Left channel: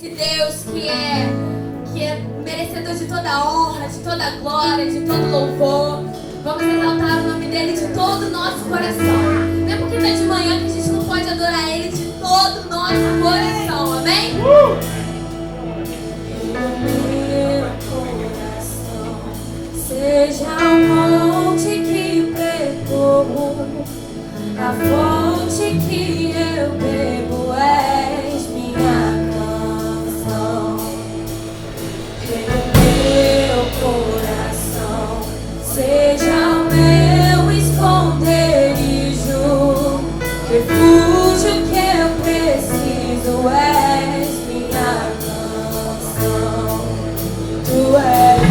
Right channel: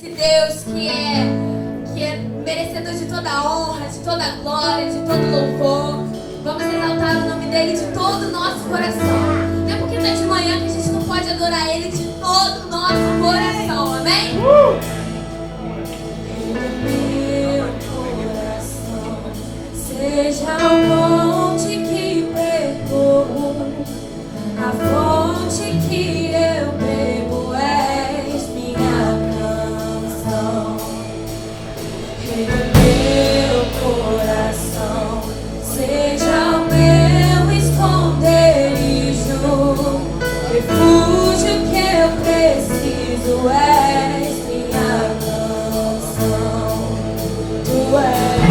Esse Deus que é merecedor de toda honra, de toda glória, de todo louvor. Vamos exaltar o nome dele de todo o nosso coração. Não é porque está de manhã que a gente não pode adorar ele de todo o nosso coração, amém? Meu coração seja o monte que pregou, a fonte que eu bebo és minha canção. Meu coração seja o meu esconderijo, refúgio que eu preciso és minha canção. Tu és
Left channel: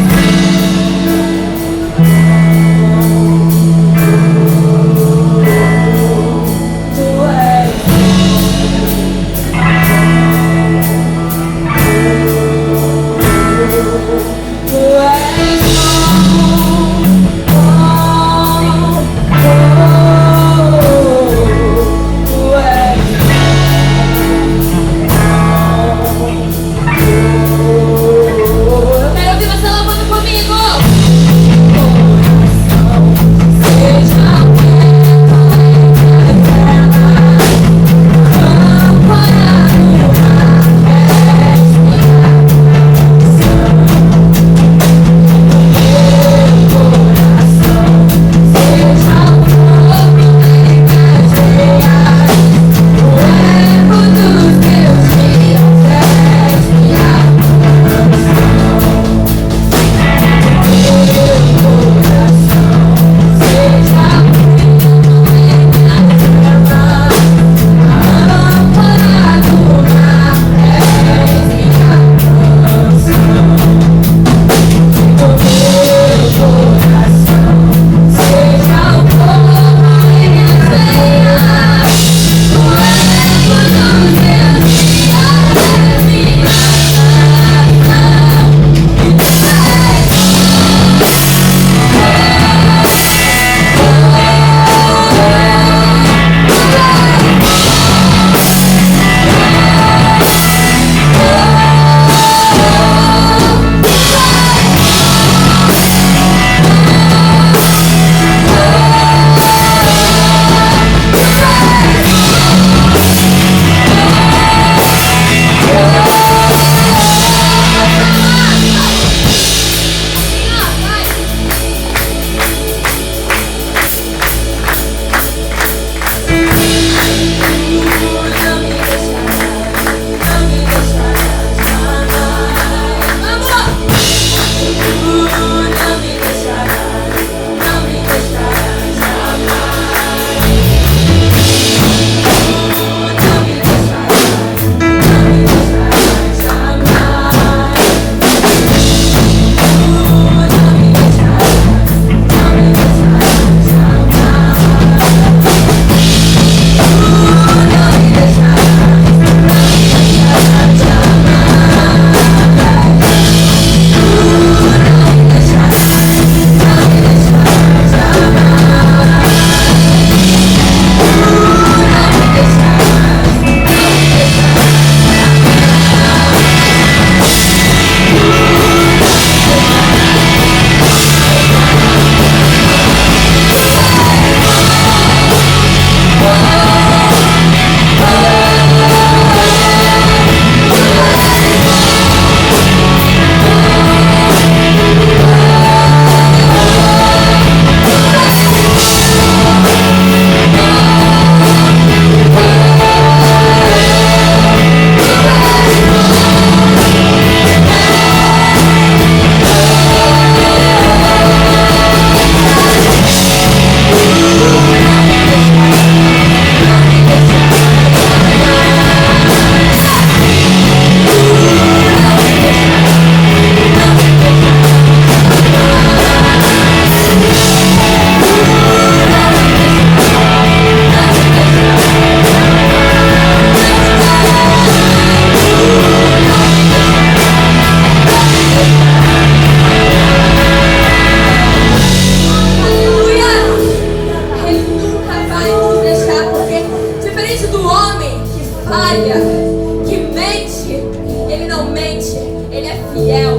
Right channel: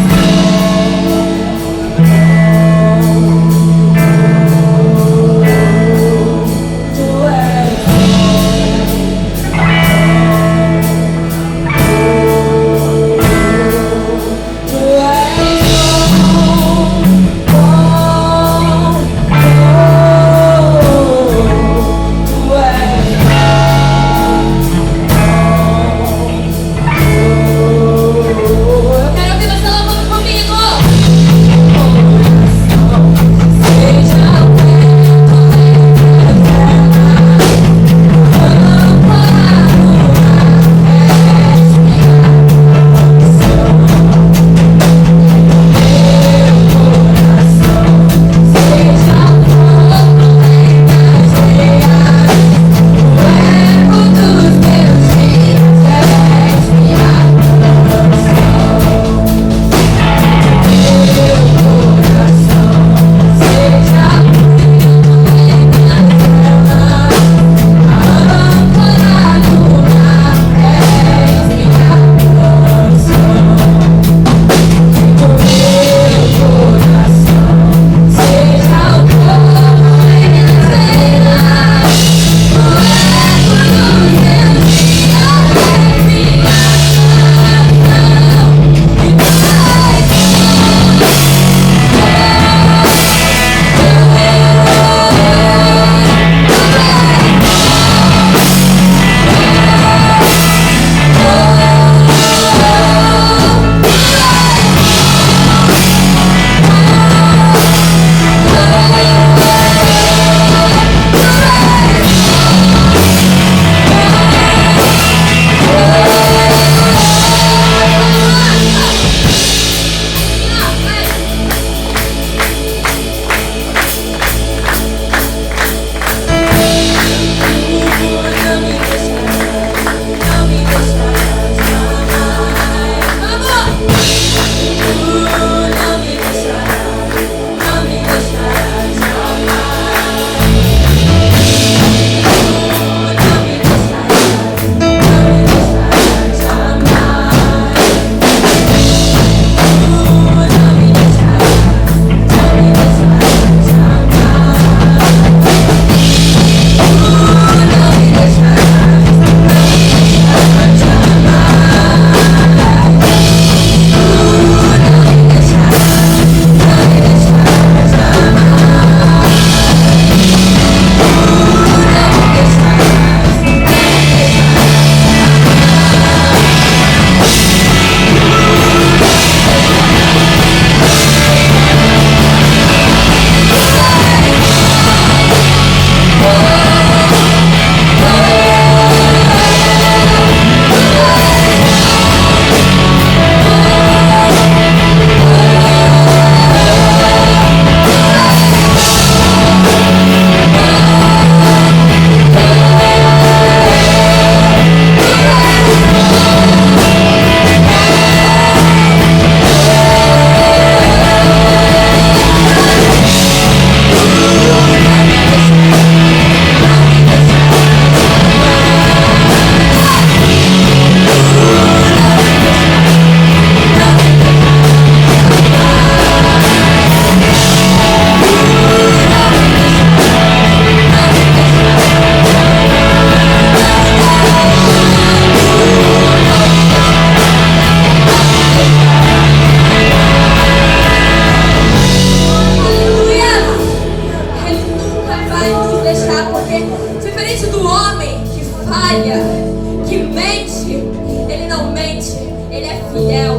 realmente Ele é fiel.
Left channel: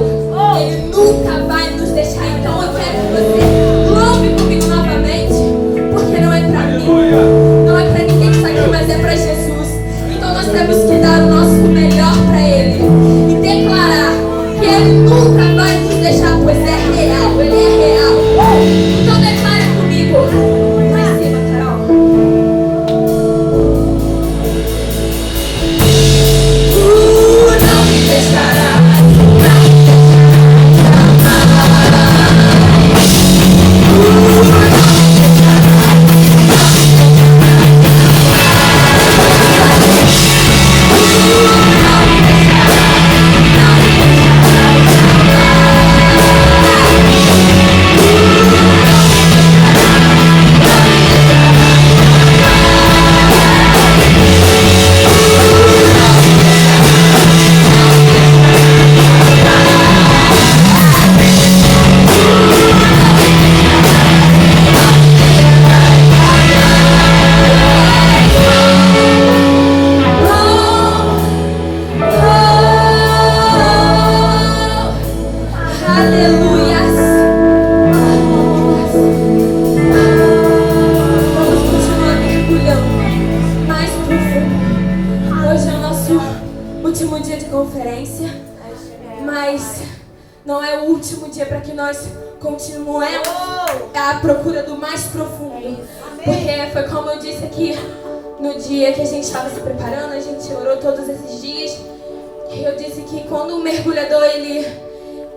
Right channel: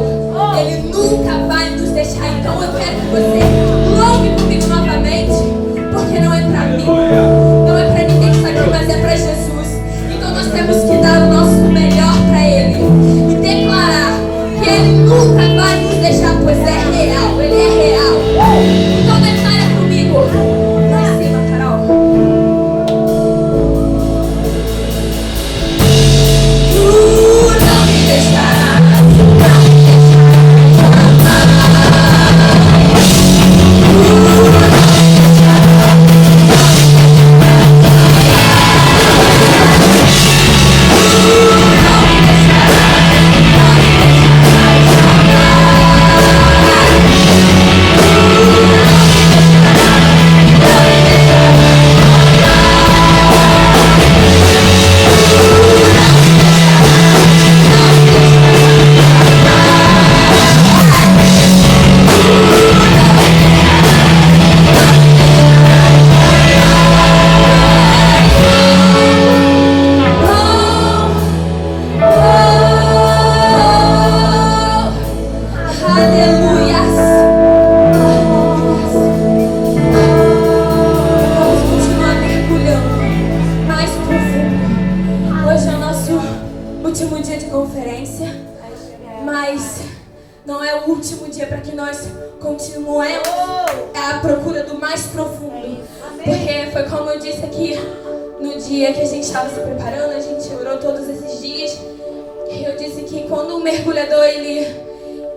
Ele nunca vai nos deixar. Então eu quero que você louve comigo novamente, porque não é pra mim, não é pra ninguém que está aqui, mas é pra Jesus. Então nós temos que dar o nosso melhor pra Ele e declarar que Ele nunca vai nos deixar, pois é real, Ele é real. Então declara comigo. Lá em cima, Carol. Tu não me deixarás.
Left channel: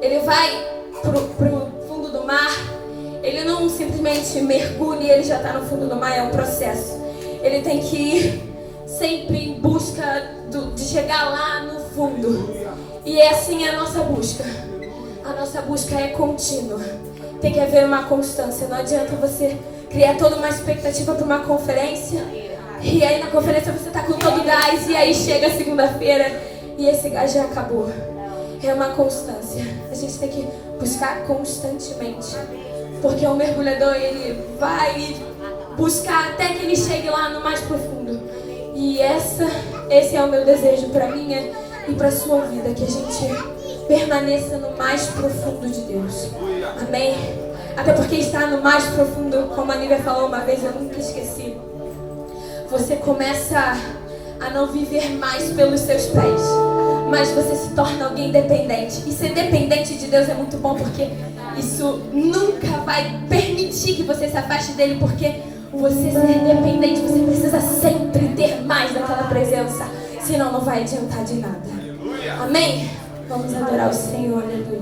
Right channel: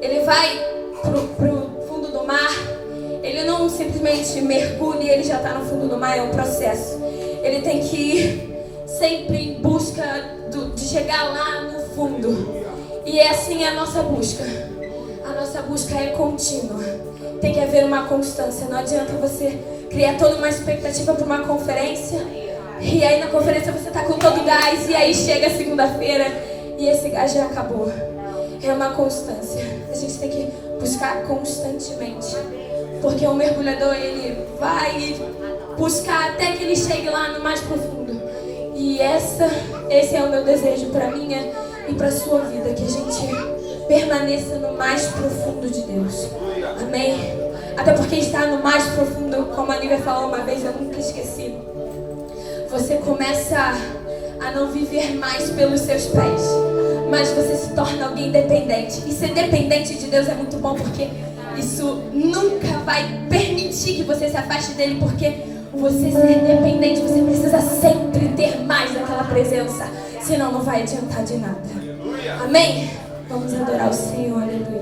Ele vai pro fundo do mar, ele não simplesmente mergulha e ele já está no fundo do mar, é um processo. Ele tem que ir sempre em busca de chegar lá no fundo. E é assim a nossa busca. A nossa busca é contínua. Tem que haver uma constância. Não adianta você criar toda uma expectativa para uma conferência e aí na conferência você está com todo gás e aí chega segunda-feira e esse gás já acabou. É uma constância. A gente tem que buscar constantemente. Porque o mergulhador, ele vai buscar até que ele chegue lá no mais profundo. E esse é o meu desejo para minha e para sua vida. Que a gente permaneça no mais profundo de Deus. Amém? Até porque estar no mais profundo, como a Nívia falou uma vez, eu nunca esqueci. Você começa a não viver mais pelos seus pés, mas você se torna alguém dependente. E ser dependente de Deus é muito bom, porque isso nunca vai permitir que você se afaste dele, porque você ser dependente, você precisa sempre ter mais daquela presença, senão não vai adiantar de nada. Amém? Vamos adorar o Senhor, aleluia.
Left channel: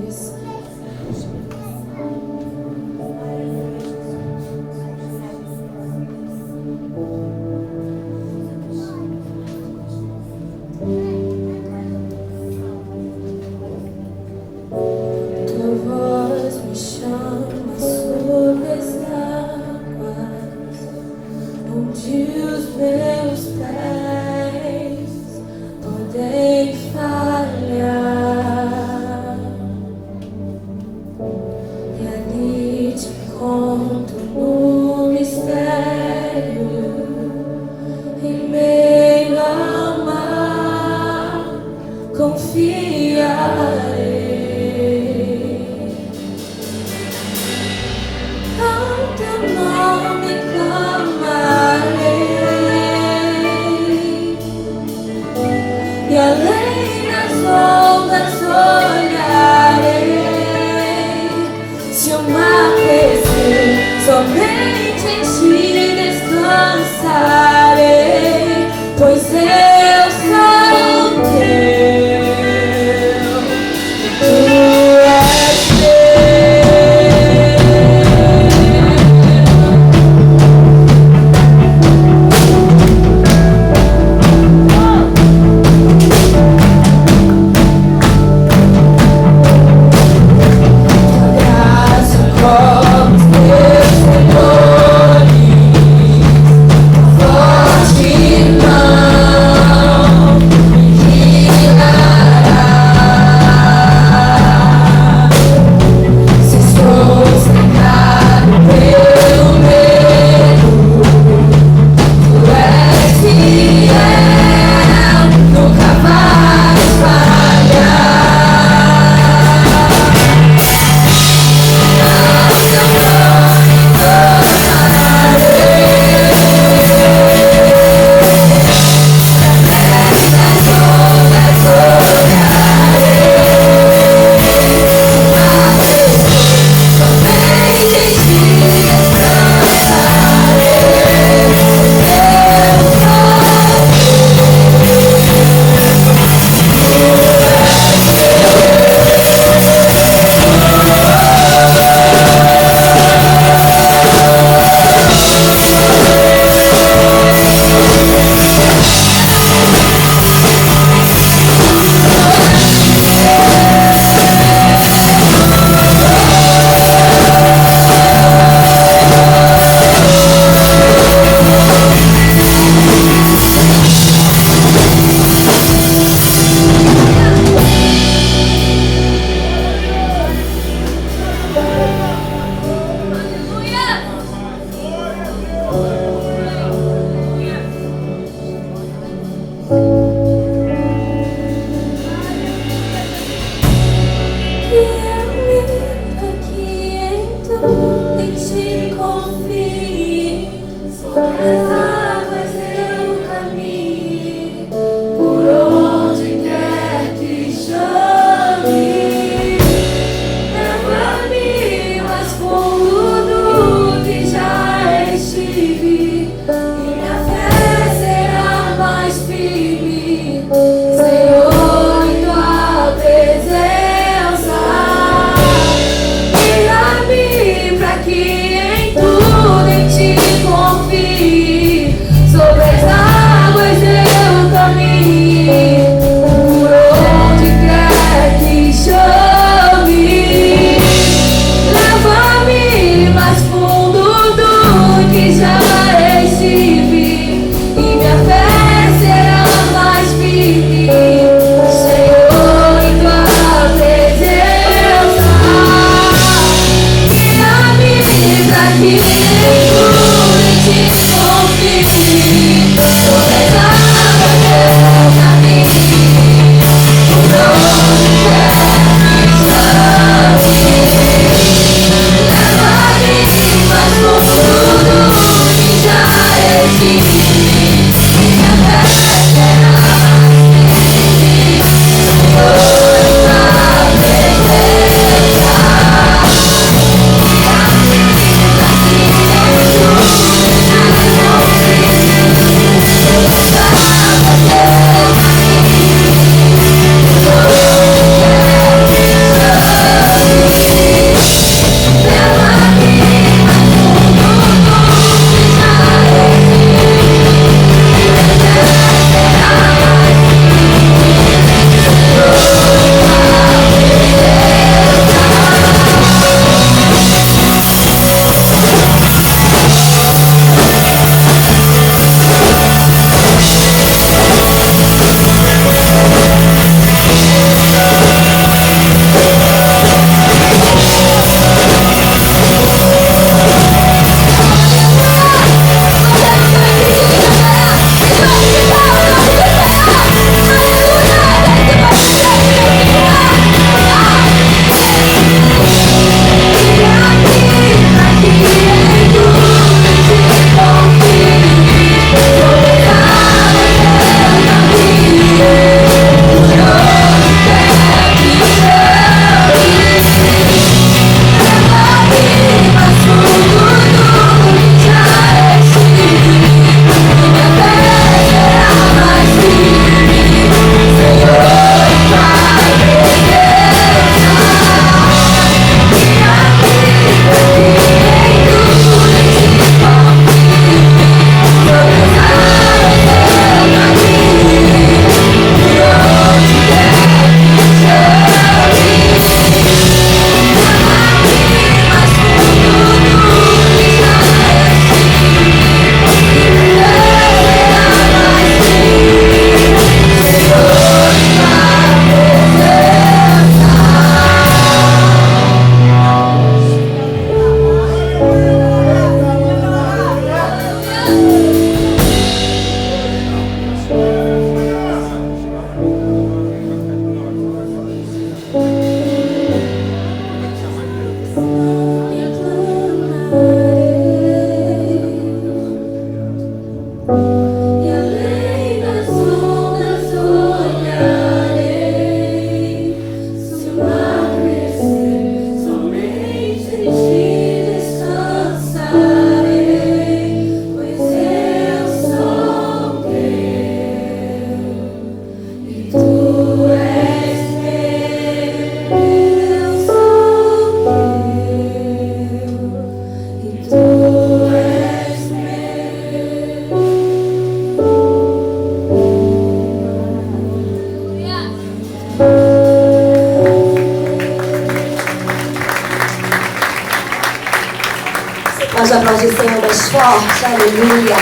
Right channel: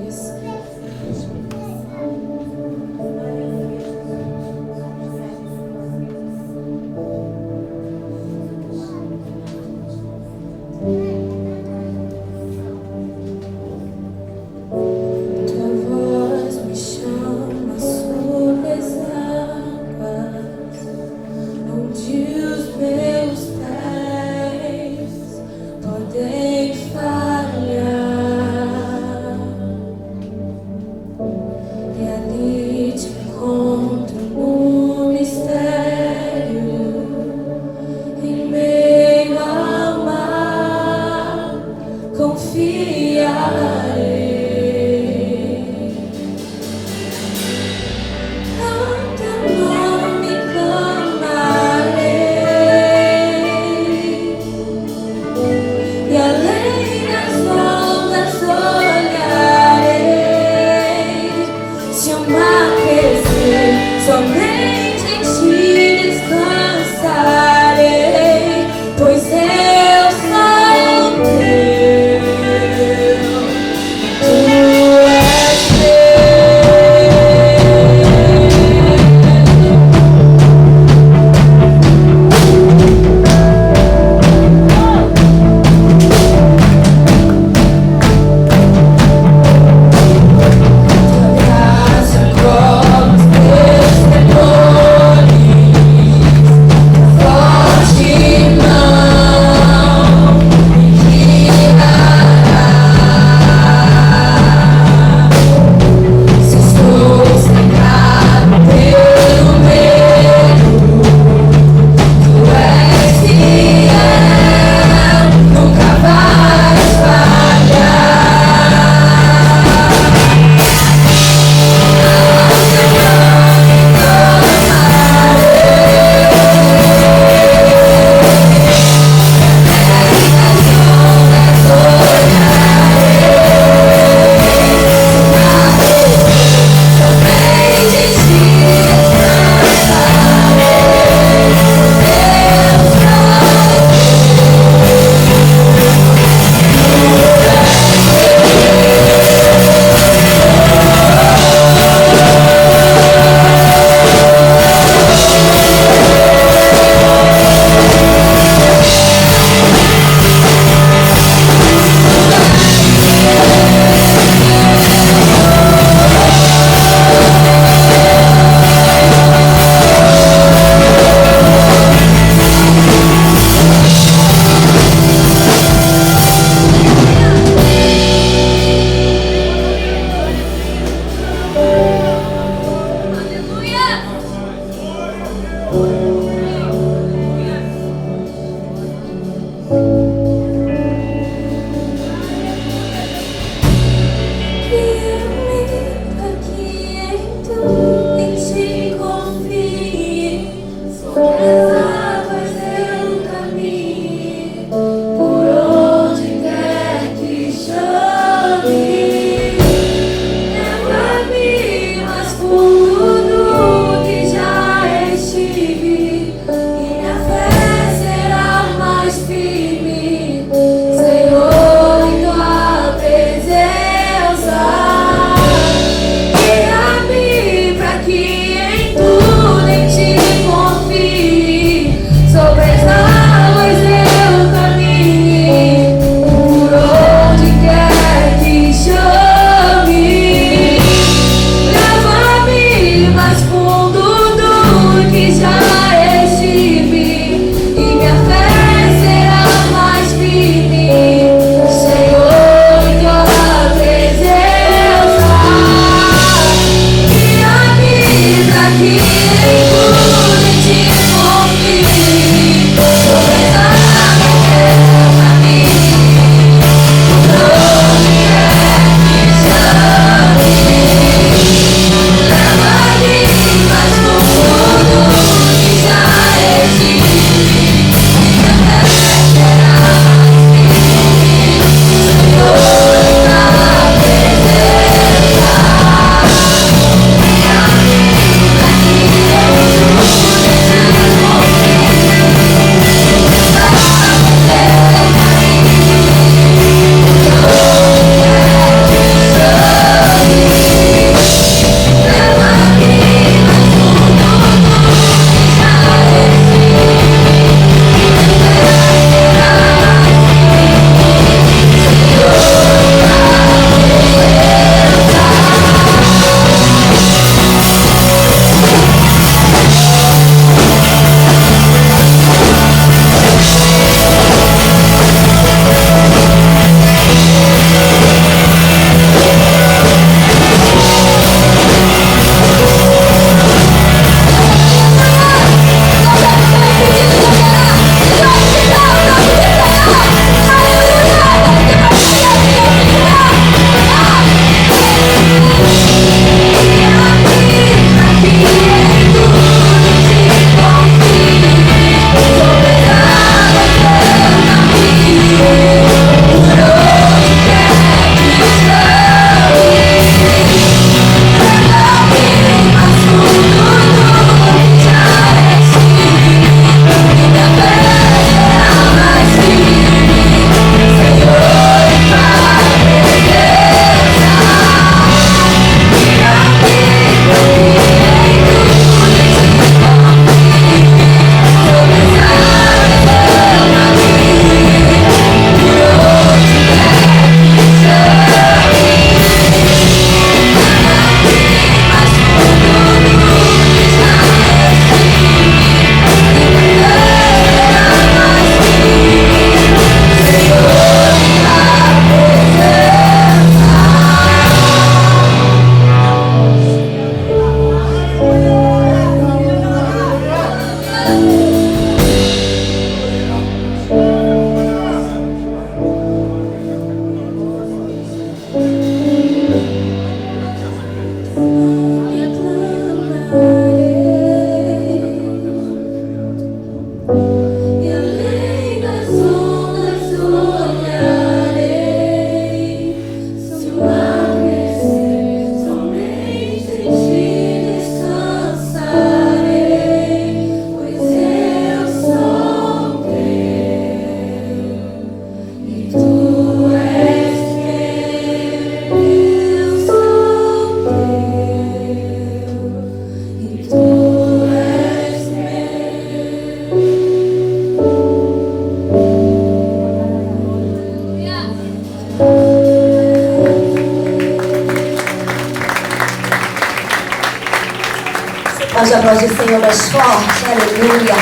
Pode aplaudir o Senhor mais forte, aleluia.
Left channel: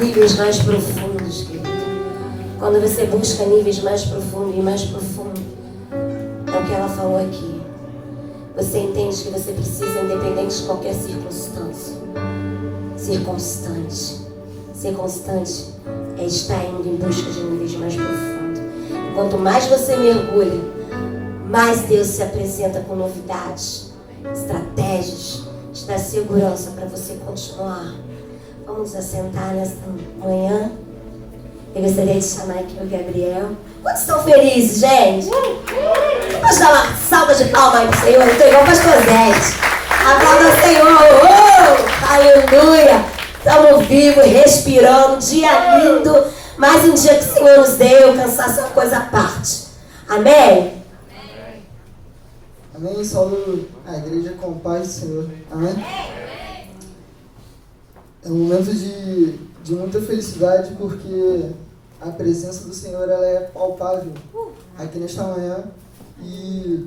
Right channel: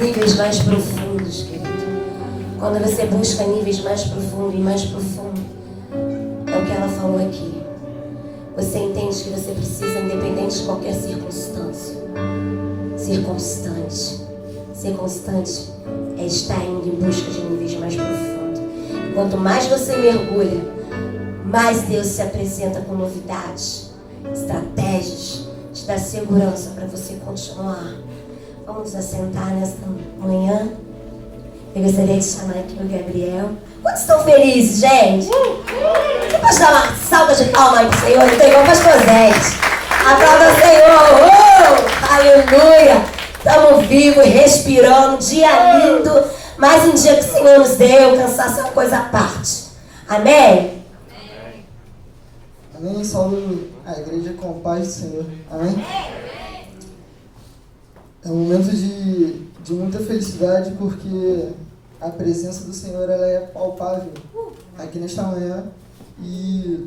Níveis mais profundos, querido. Quando você busca níveis mais profundos e mais profundos, é o que ela falou aqui. Você entende que você precisa, independente de qualquer circunstância, ser constante. Ser constante é estar indo em busca de níveis mais profundos. Quanto mais você mergulha, mais Deus se apresenta com novidades, estratégias, te dá segurança para você continuar. Vamos nos assentar nesta manhã. Eu gostaria de chamar aqui o Gabriel. Quantos estão felizes, gente? Você pode dar uma salva de palmas aí pro Senhor? Eu tô igual pastor Zé. Aplauda o Senhor. Aleluia. Estamos vivos, respirando, dia lindo. Mais um dia que o Senhor nos deu. Cansaço é uma coisa à parte. Amém? Amém. Saúdo a igreja com paz do Senhor. Amém? É um momento de muita felicidade, porque a presença do Senhor ela é palpável aqui nesta manhã, e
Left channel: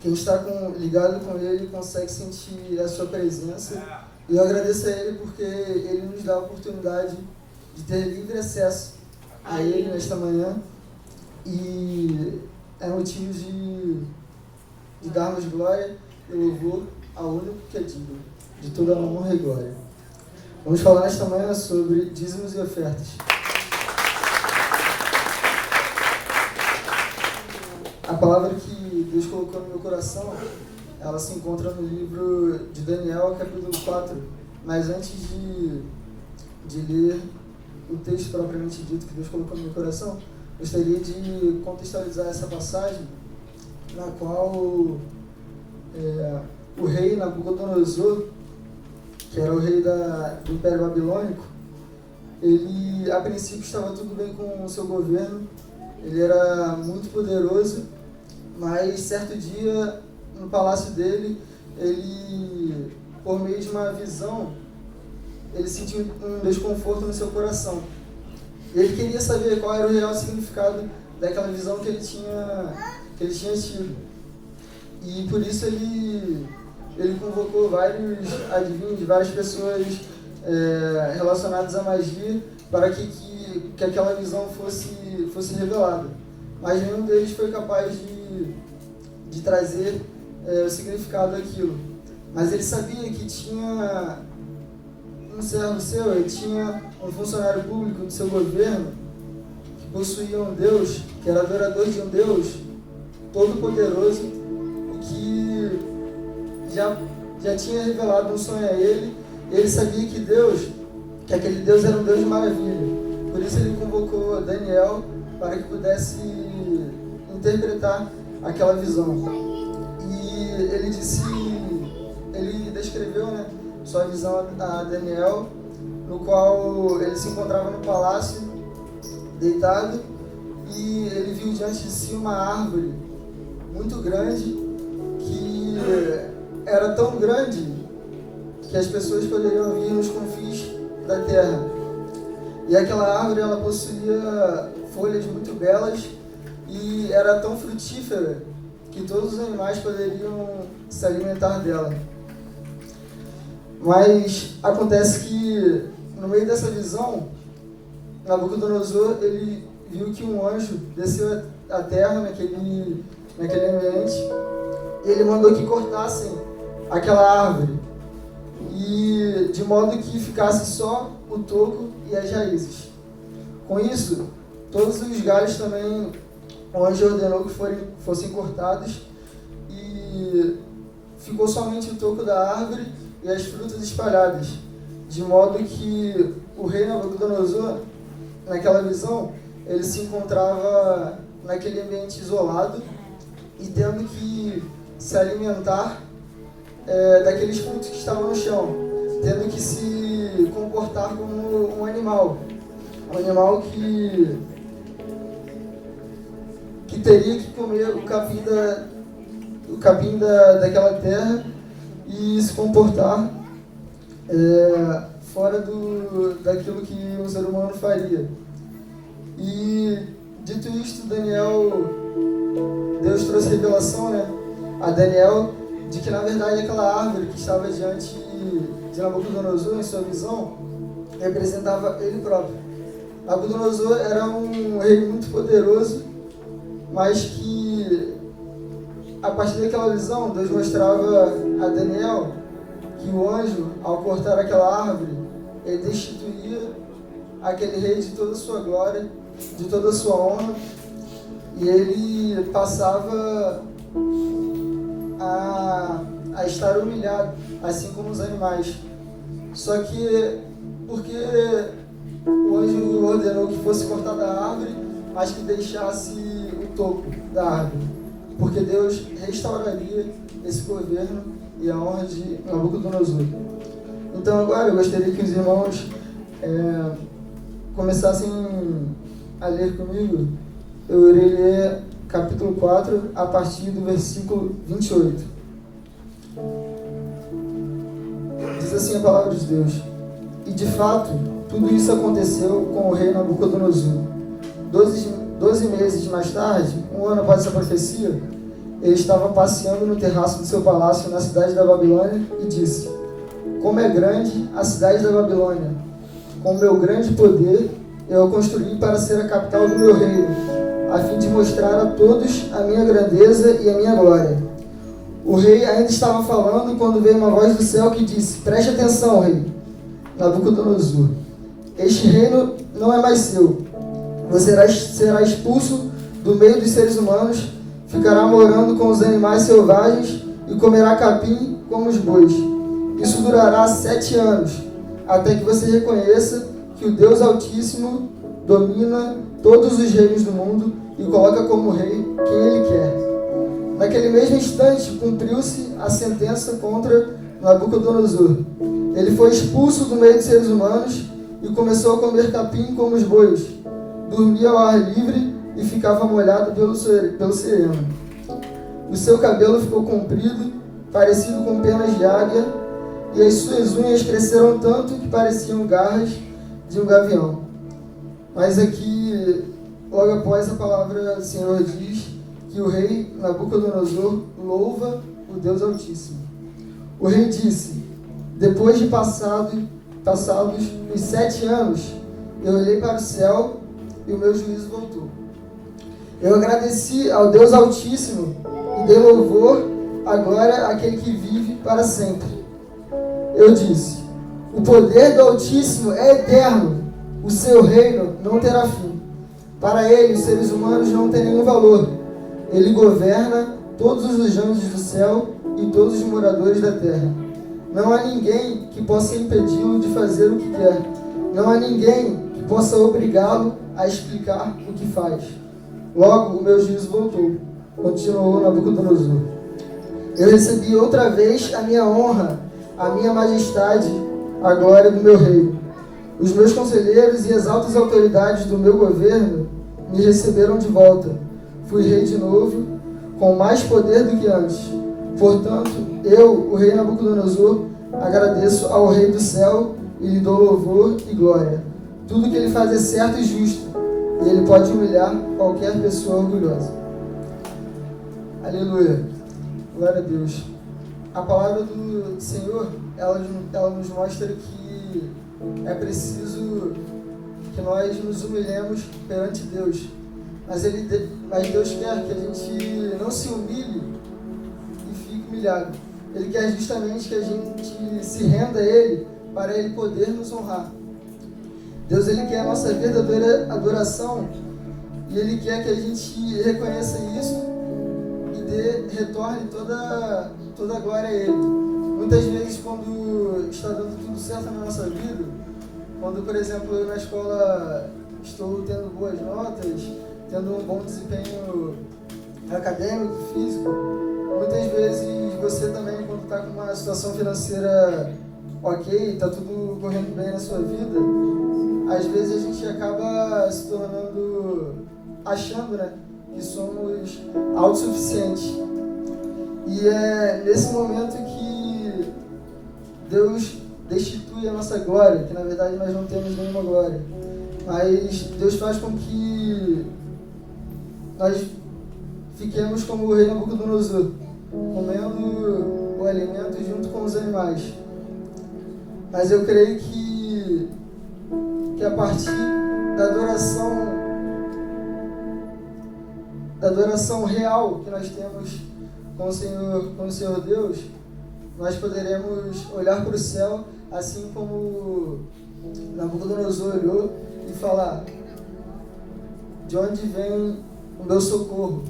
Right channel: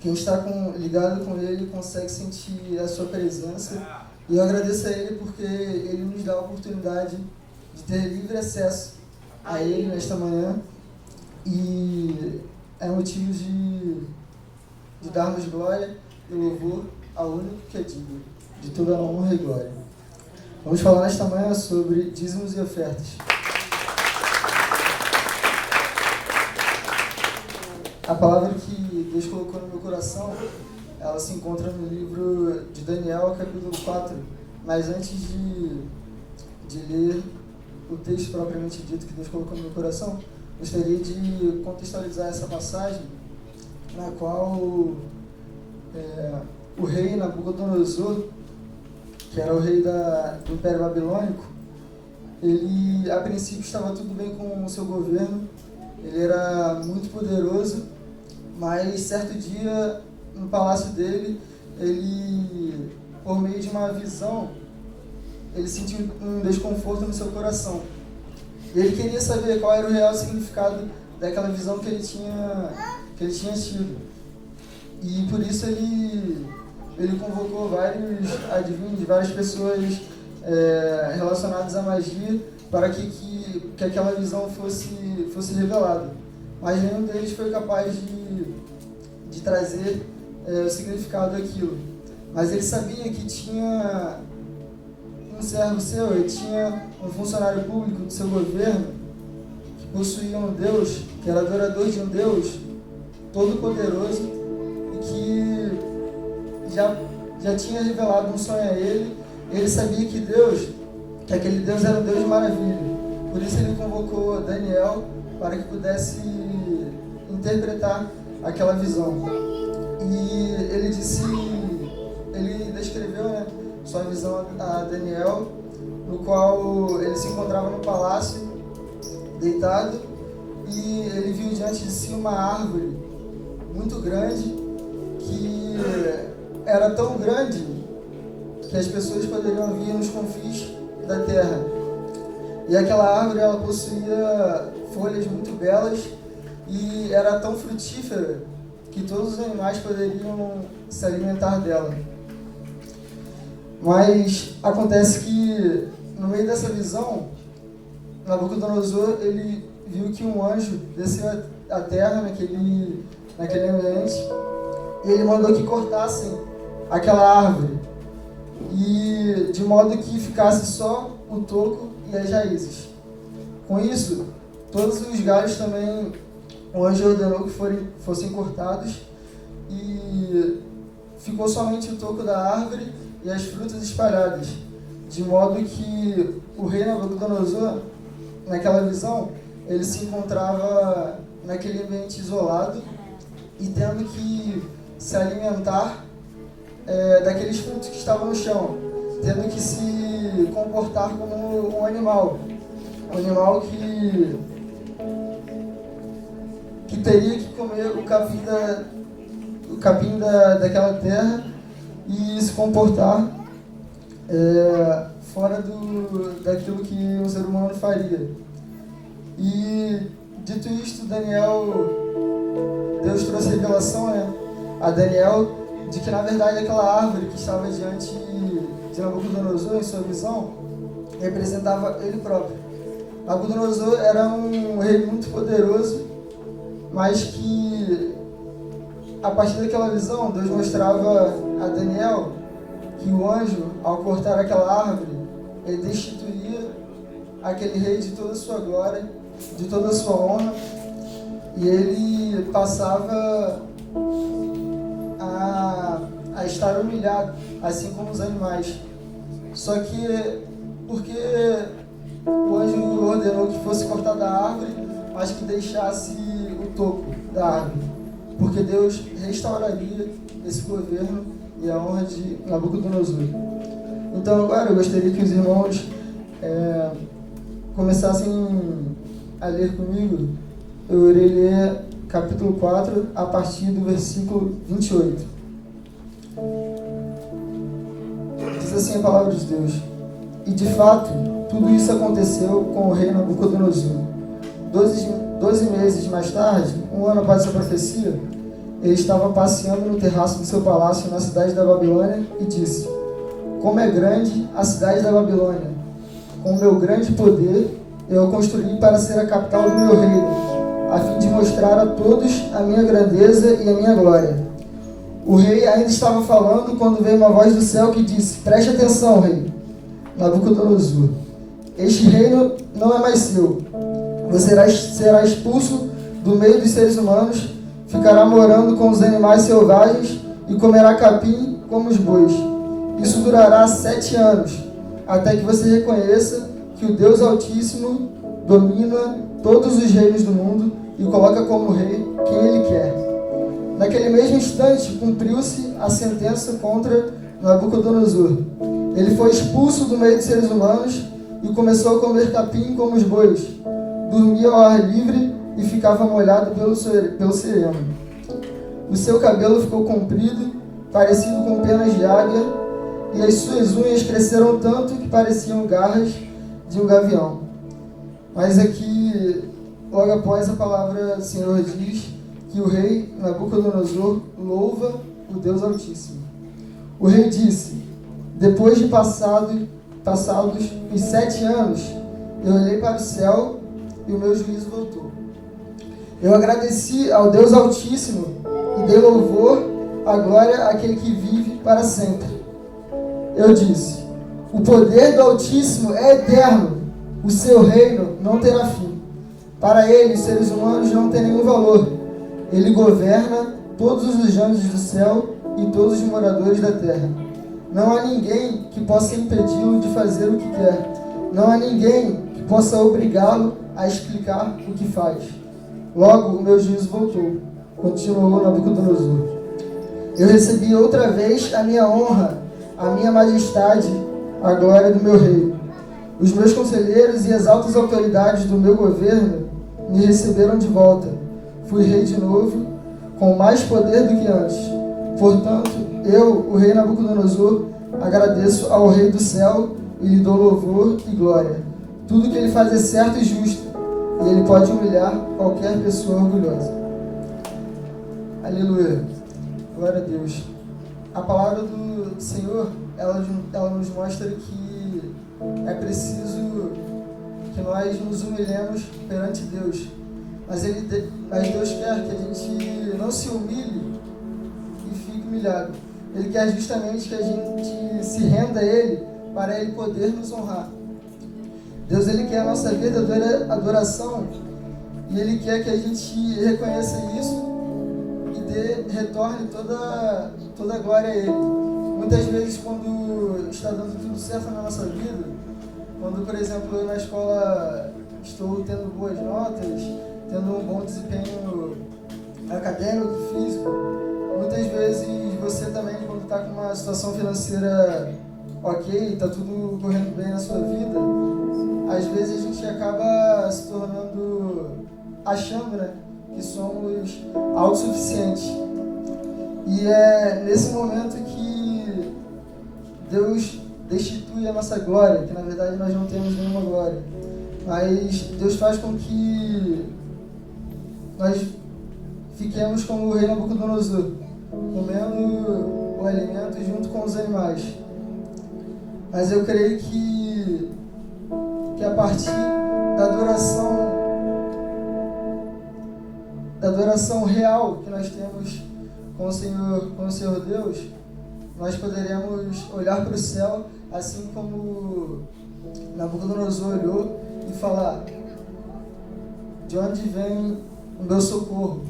quem está ligado com Ele consegue sentir a sua presença. E eu agradeço a Ele porque Ele nos dá a oportunidade de ter livre acesso a Ele nesta manhã, e é motivo de darmos glória e louvor ao único que é digno de toda a honra e glória. Vamos falar nesta manhã sobre dízimos e ofertas. A palavra que Deus colocou no meu coração, ela se encontra no livro de Daniel, capítulo 4. Mas antes de ler o texto propriamente dito que Deus colocou no meu coração, gostaria de contextualizar essa passagem, na qual o rei Nabucodonosor, que era o rei do Império Babilônico, ele a princípio estava tudo bem com o seu governo, ele era muito poderoso, mas certo dia, no palácio dele, ele, por meio de uma visão, ele sentiu um desconforto no seu coração. Ele queria saber qual era o real significado daquela visão que ele tinha tido. E por isso ele convocou vários adivinhos, várias pessoas relacionadas à magia, para que aquela visão fosse revelada. Mas nenhum deles foi capaz de trazer o significado daquilo. Mas ele sabia que tinha um servo seu, ele tinha um funcionário público do seu governo, que possuía um Deus, que era adorador de um Deus todo-poderoso, e que já tinha revelado um sonho a ele. Ele sabia que aquele Deus era um Deus de maravilha. Por isso ele convocou Daniel para que pudesse interpretar aquela visão. E ele descreveu, sua visão a Daniel, no qual ele se encontrava no palácio, deitado, e ele viu diante de si uma árvore muito grande, que era tão grande que as pessoas poderiam vir nos confins da terra. E aquela árvore, ela possuía folhas muito belas e era tão frutífera que todos os animais poderiam se alimentar dela. Mas acontece que, no meio dessa visão, Nabucodonosor, ele viu que um anjo desceu à terra naquele ambiente, e ele mandou que cortassem aquela árvore, e de modo que ficasse só o toco e as raízes. Com isso, todos os galhos também o anjo ordenou que fossem cortados, e ficou somente o toco da árvore e as frutas espalhadas, de modo que o rei Nabucodonosor, naquela visão, ele se encontrava naquele ambiente isolado e tendo que se alimentar daqueles frutos que estavam no chão, tendo que se comportar como um animal que teria que comer o capim daquela terra e se comportar fora daquilo que um ser humano faria. E dito isto, Deus trouxe revelação a Daniel, de que na verdade aquela árvore que estava diante de Nabucodonosor, em sua visão, representava ele próprio. Nabucodonosor era um rei muito poderoso, mas que a partir daquela visão, Deus mostrava a Daniel que o anjo, ao cortar aquela árvore, ele destituía aquele rei de toda a sua glória, de toda a sua honra, e ele passava a estar humilhado, assim como os animais. Só que, porque o anjo ordenou que fosse cortada a árvore, mas que deixasse o toco da árvore, porque Deus restauraria esse governo e a honra de Nabucodonosor. Então agora eu gostaria que os irmãos começassem a ler comigo. Eu irei ler capítulo 4, a partir do versículo 28. Diz assim a palavra de Deus: E de fato, tudo isso aconteceu com o rei Nabucodonosor. 12 meses mais tarde, um ano após essa profecia, ele estava passeando no terraço do seu palácio na cidade da Babilônia e disse: Como é grande a cidade da Babilônia! Com meu grande poder, eu a construí para ser a capital do meu reino, a fim de mostrar a todos a minha grandeza e a minha glória. O rei ainda estava falando quando veio uma voz do céu que disse: Preste atenção, rei Nabucodonosor. Este reino não é mais seu. Você será expulso do meio dos seres humanos, ficará morando com os animais selvagens e comerá capim como os bois. Isso durará 7 anos, até que você reconheça que o Deus Altíssimo domina todos os reinos do mundo e coloca como rei quem Ele quer. Naquele mesmo instante, cumpriu-se a sentença contra Nabucodonosor. Ele foi expulso do meio dos seres humanos e começou a comer capim como os bois. Dormia ao ar livre e ficava molhado pelo sereno. O seu cabelo ficou comprido, parecido com penas de águia, e as suas unhas cresceram tanto que pareciam garras de um gavião. Mas aqui, logo após, a palavra do Senhor diz que o rei Nabucodonosor louva o Deus Altíssimo. O rei disse: Depois de passados os 7 anos, eu olhei para o céu e o meu juízo voltou. Eu agradeci ao Deus Altíssimo e dei louvor à glória àquele que vive para sempre. Eu disse: O poder do Altíssimo é eterno, o seu reino não terá fim. Para ele, os seres humanos não têm nenhum valor. Ele governa todos os anjos do céu e todos os moradores da terra. Não há ninguém que possa impedi-lo de fazer o que quer. Não há ninguém que possa obrigá-lo a explicar o que faz. Logo, o meu juízo voltou, continuou Nabucodonosor. Eu recebi outra vez a minha honra, a minha majestade, a glória do meu rei. Os meus conselheiros e as altas autoridades do meu governo me receberam de volta. Fui rei de novo, com mais poder do que antes. Portanto, eu, o rei Nabucodonosor, agradeço ao rei do céu e lhe dou louvor e glória. Tudo que ele faz é certo e justo, e ele pode humilhar qualquer pessoa orgulhosa. Aleluia. Glória a Deus. A palavra do Senhor, ela nos mostra que é preciso que nós nos humilhemos perante Deus. Mas Deus quer que a gente não se humilhe e fique humilhado. Ele quer justamente que a gente se renda a Ele para Ele poder nos honrar. Deus, Ele quer a nossa verdadeira adoração e Ele quer que a gente reconheça isso e retorne toda a glória a Ele. Muitas vezes, quando está dando tudo certo na nossa vida, quando, por exemplo, eu na escola estou tendo boas notas, tendo um bom desempenho acadêmico, físico, muitas vezes você também, quando está com uma situação financeira ok, está tudo correndo bem na sua vida, às vezes a gente acaba se tornando, achando, né, que somos autossuficientes. E é nesse momento que Deus destitui a nossa glória, que na verdade nós não temos nenhuma glória. Mas Deus faz com que nós fiquemos como o rei Nabucodonosor, comendo o alimento junto com os animais. Mas eu creio que a partir da adoração real que nós temos com o Senhor Deus, nós poderemos olhar para o céu, assim como Nabucodonosor olhou, e falar: de onde vem o meu socorro?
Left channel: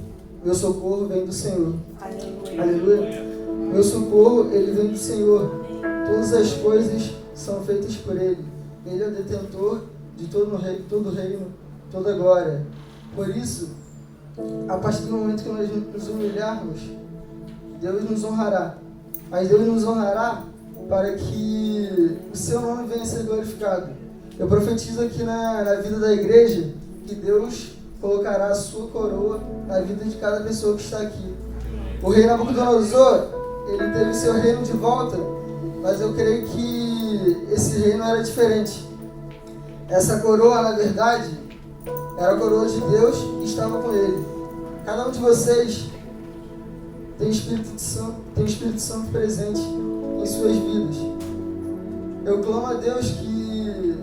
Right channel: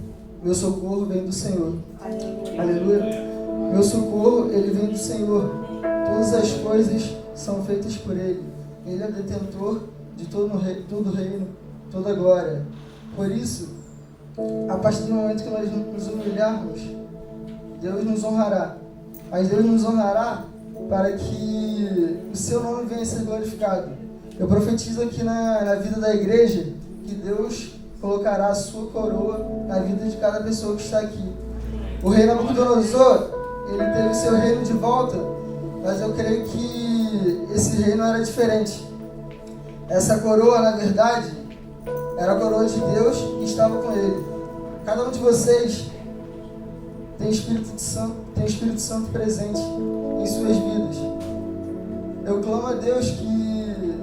Meu socorro vem do Senhor. Aleluia. Meu socorro, ele vem do Senhor. Todas as coisas são feitas por Ele. Ele é o detentor de todo o reino, toda a glória. Por isso, a partir do momento que nós nos humilharmos, Deus nos honrará. Mas Deus nos honrará para que o seu nome venha a ser glorificado. Eu profetizo aqui na vida da igreja que Deus colocará a sua coroa na vida de cada pessoa que está aqui. O rei Nabucodonosor, ele teve o seu reino de volta, mas eu creio que esse reino era diferente. Essa coroa, na verdade, era a coroa de Deus que estava com ele. Cada um de vocês tem o Espírito Santo presente em suas vidas. Eu clamo a Deus que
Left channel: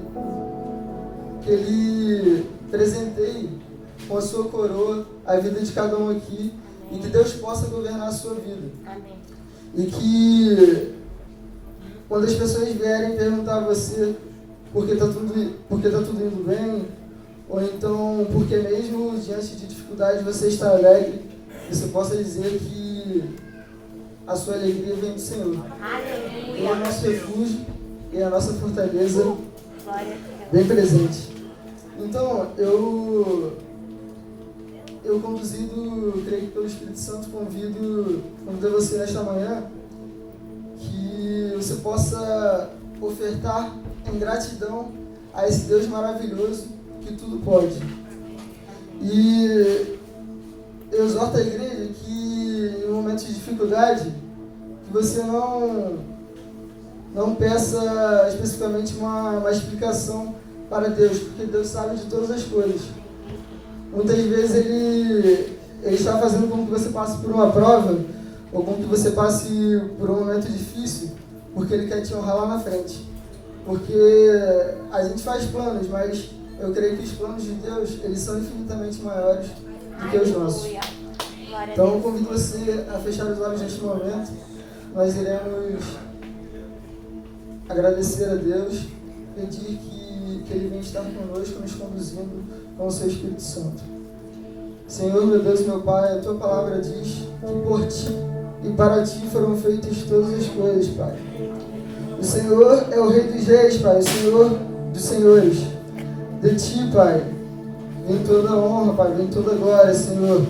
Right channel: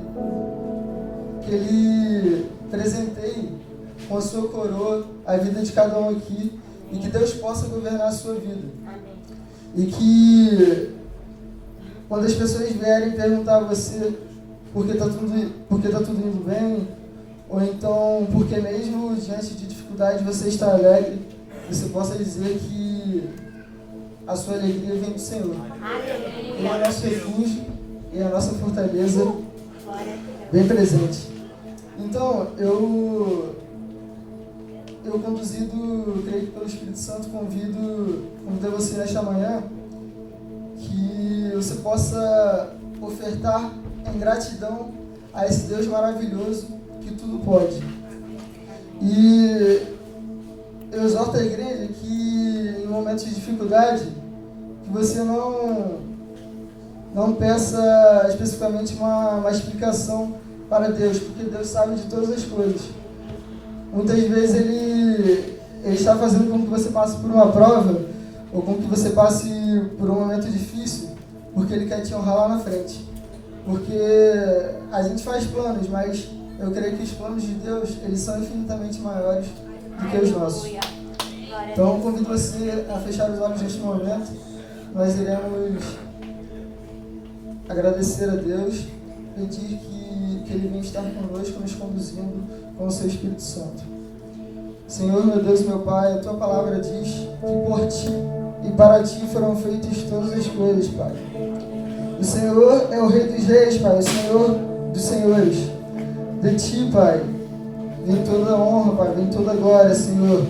Ele presenteie com a sua coroa a vida de cada um aqui e que Deus possa governar a sua vida. Amém. E que quando as pessoas vierem perguntar a você por que está tudo indo bem, ou então porque mesmo diante de dificuldade você está alegre, você possa dizer que a sua alegria vem do Senhor. Ele é o nosso refúgio e a nossa fortaleza bem presente. Então, eu conduzido, creio que pelo Espírito Santo, convido você nesta manhã que você possa ofertar em gratidão a esse Deus maravilhoso que tudo pode. E eu exorto a igreja que em momentos de dificuldade, que você não peça especificamente uma explicação para Deus, porque Deus sabe de todas as coisas. Muitas vezes Ele está fazendo com que você passe por uma prova, ou com que você passe por um momento difícil, porque Ele quer te honrar lá na frente. Porque a gente faz planos, mas eu creio que os planos de Deus, eles são infinitamente maiores do que os nossos. Então eu convido você a fechar os olhos neste momento. Nós iremos agradecer a Deus, pedir que Ele venha estar conosco, nos conduzindo com o Seu Espírito Santo. Senhor, meu Deus e meu Pai, a Tua palavra diz que por Ti e para Ti foram feitas todas as coisas, Pai. O Senhor é o Rei dos Reis, Pai, o Senhor dos Senhores. De Ti, Pai, vem toda a honra, Pai, vem toda a glória, Senhor.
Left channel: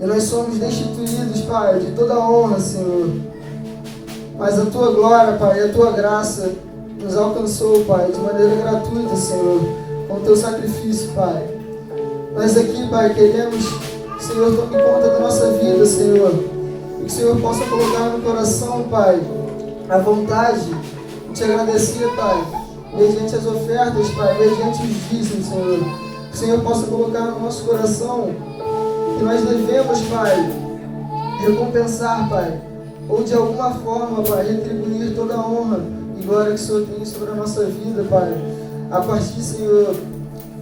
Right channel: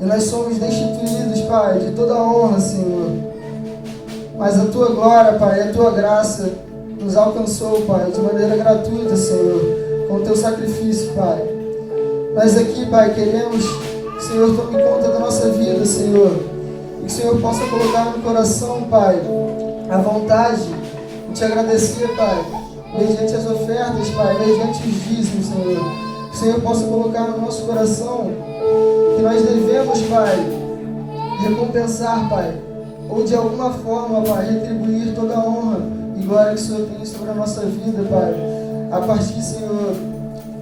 E nós somos destituídos, Pai, de toda a honra, Senhor. Mas a Tua glória, Pai, a Tua graça nos alcançou, Pai, de maneira gratuita, Senhor, com o Teu sacrifício, Pai. Nós aqui, Pai, queremos, Senhor, tome conta da nossa vida, Senhor. E que o Senhor possa colocar no coração, Pai, a vontade de Te agradecer, Pai, mediante as ofertas, Pai, mediante os dízimos, Senhor. Que o Senhor possa colocar no nosso coração que nós devemos, Pai, recompensar, Pai, ou de alguma forma, Pai, retribuir toda a honra e glória que o Senhor tem sobre a nossa vida, Pai, a partir, Senhor,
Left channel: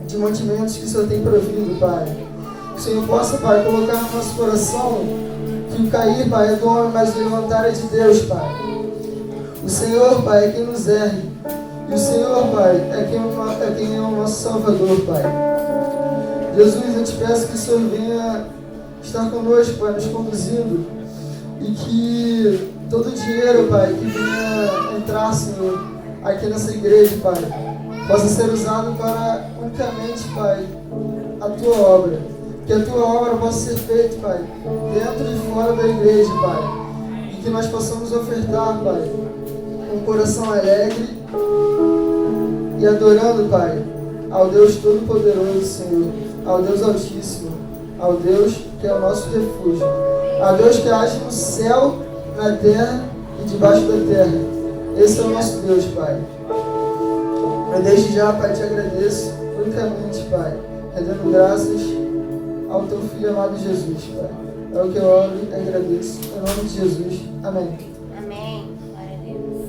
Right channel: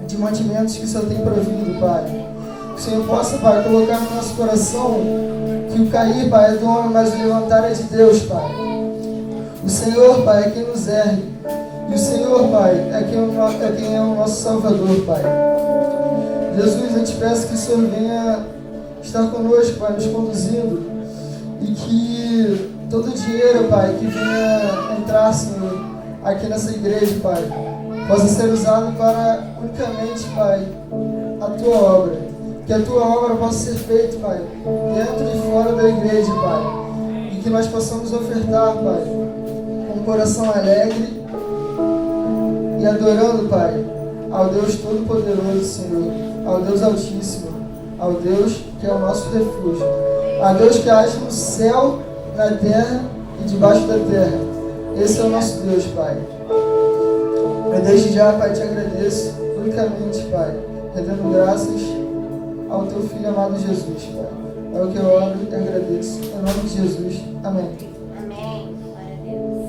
de mantimentos que o Senhor tem provido, Pai. Que o Senhor possa, Pai, colocar no nosso coração que o cair, Pai, é do homem, mas o levantar é de Deus, Pai. O Senhor, Pai, é quem nos ergue. E o Senhor, Pai, é quem é o nosso Salvador, Pai. Jesus, eu te peço que o Senhor venha estar conosco, Pai, nos conduzindo. E que todo o dinheiro, Pai, que venha entrar, Senhor, aqui nessa igreja, Pai, possa ser usado para unicamente, Pai, a Tua obra. Que a Tua obra possa ser feita, Pai, dentro e fora da igreja, Pai. E que nós possamos ofertar, Pai, com um coração alegre e adorando, Pai, ao Deus Todo-Poderoso, Senhor, ao Deus Altíssimo, ao Deus que é o nosso refúgio, a Deus que age no céu, na terra e debaixo da terra. Esse é o nosso Deus, Pai. Eu desde já, Pai, te agradeço unicamente, Pai, rendendo graças ao Teu Filho amado Jesus, Pai. É o que eu oro e agradeço. Em nome de Jesus. Amém. Amém. Glória a Deus.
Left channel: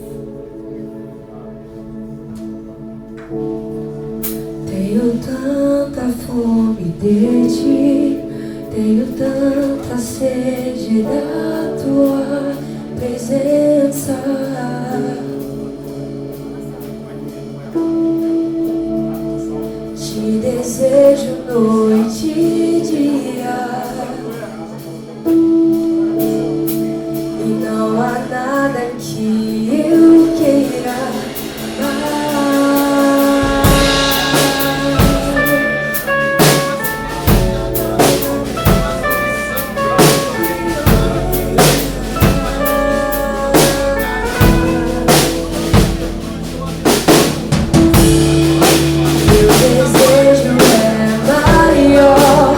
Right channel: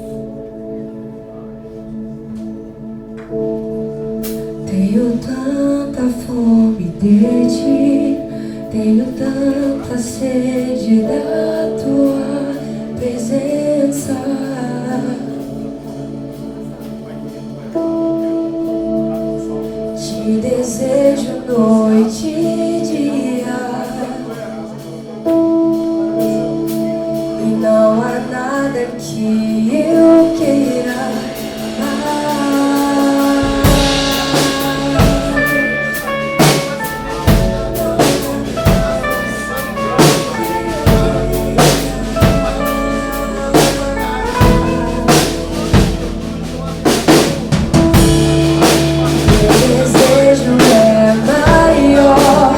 Tenho tanta fome de ti, tenho tanta sede da tua presença. Te desejo noite e dia, e não há nada que eu queira mais. Meu desejo é maior.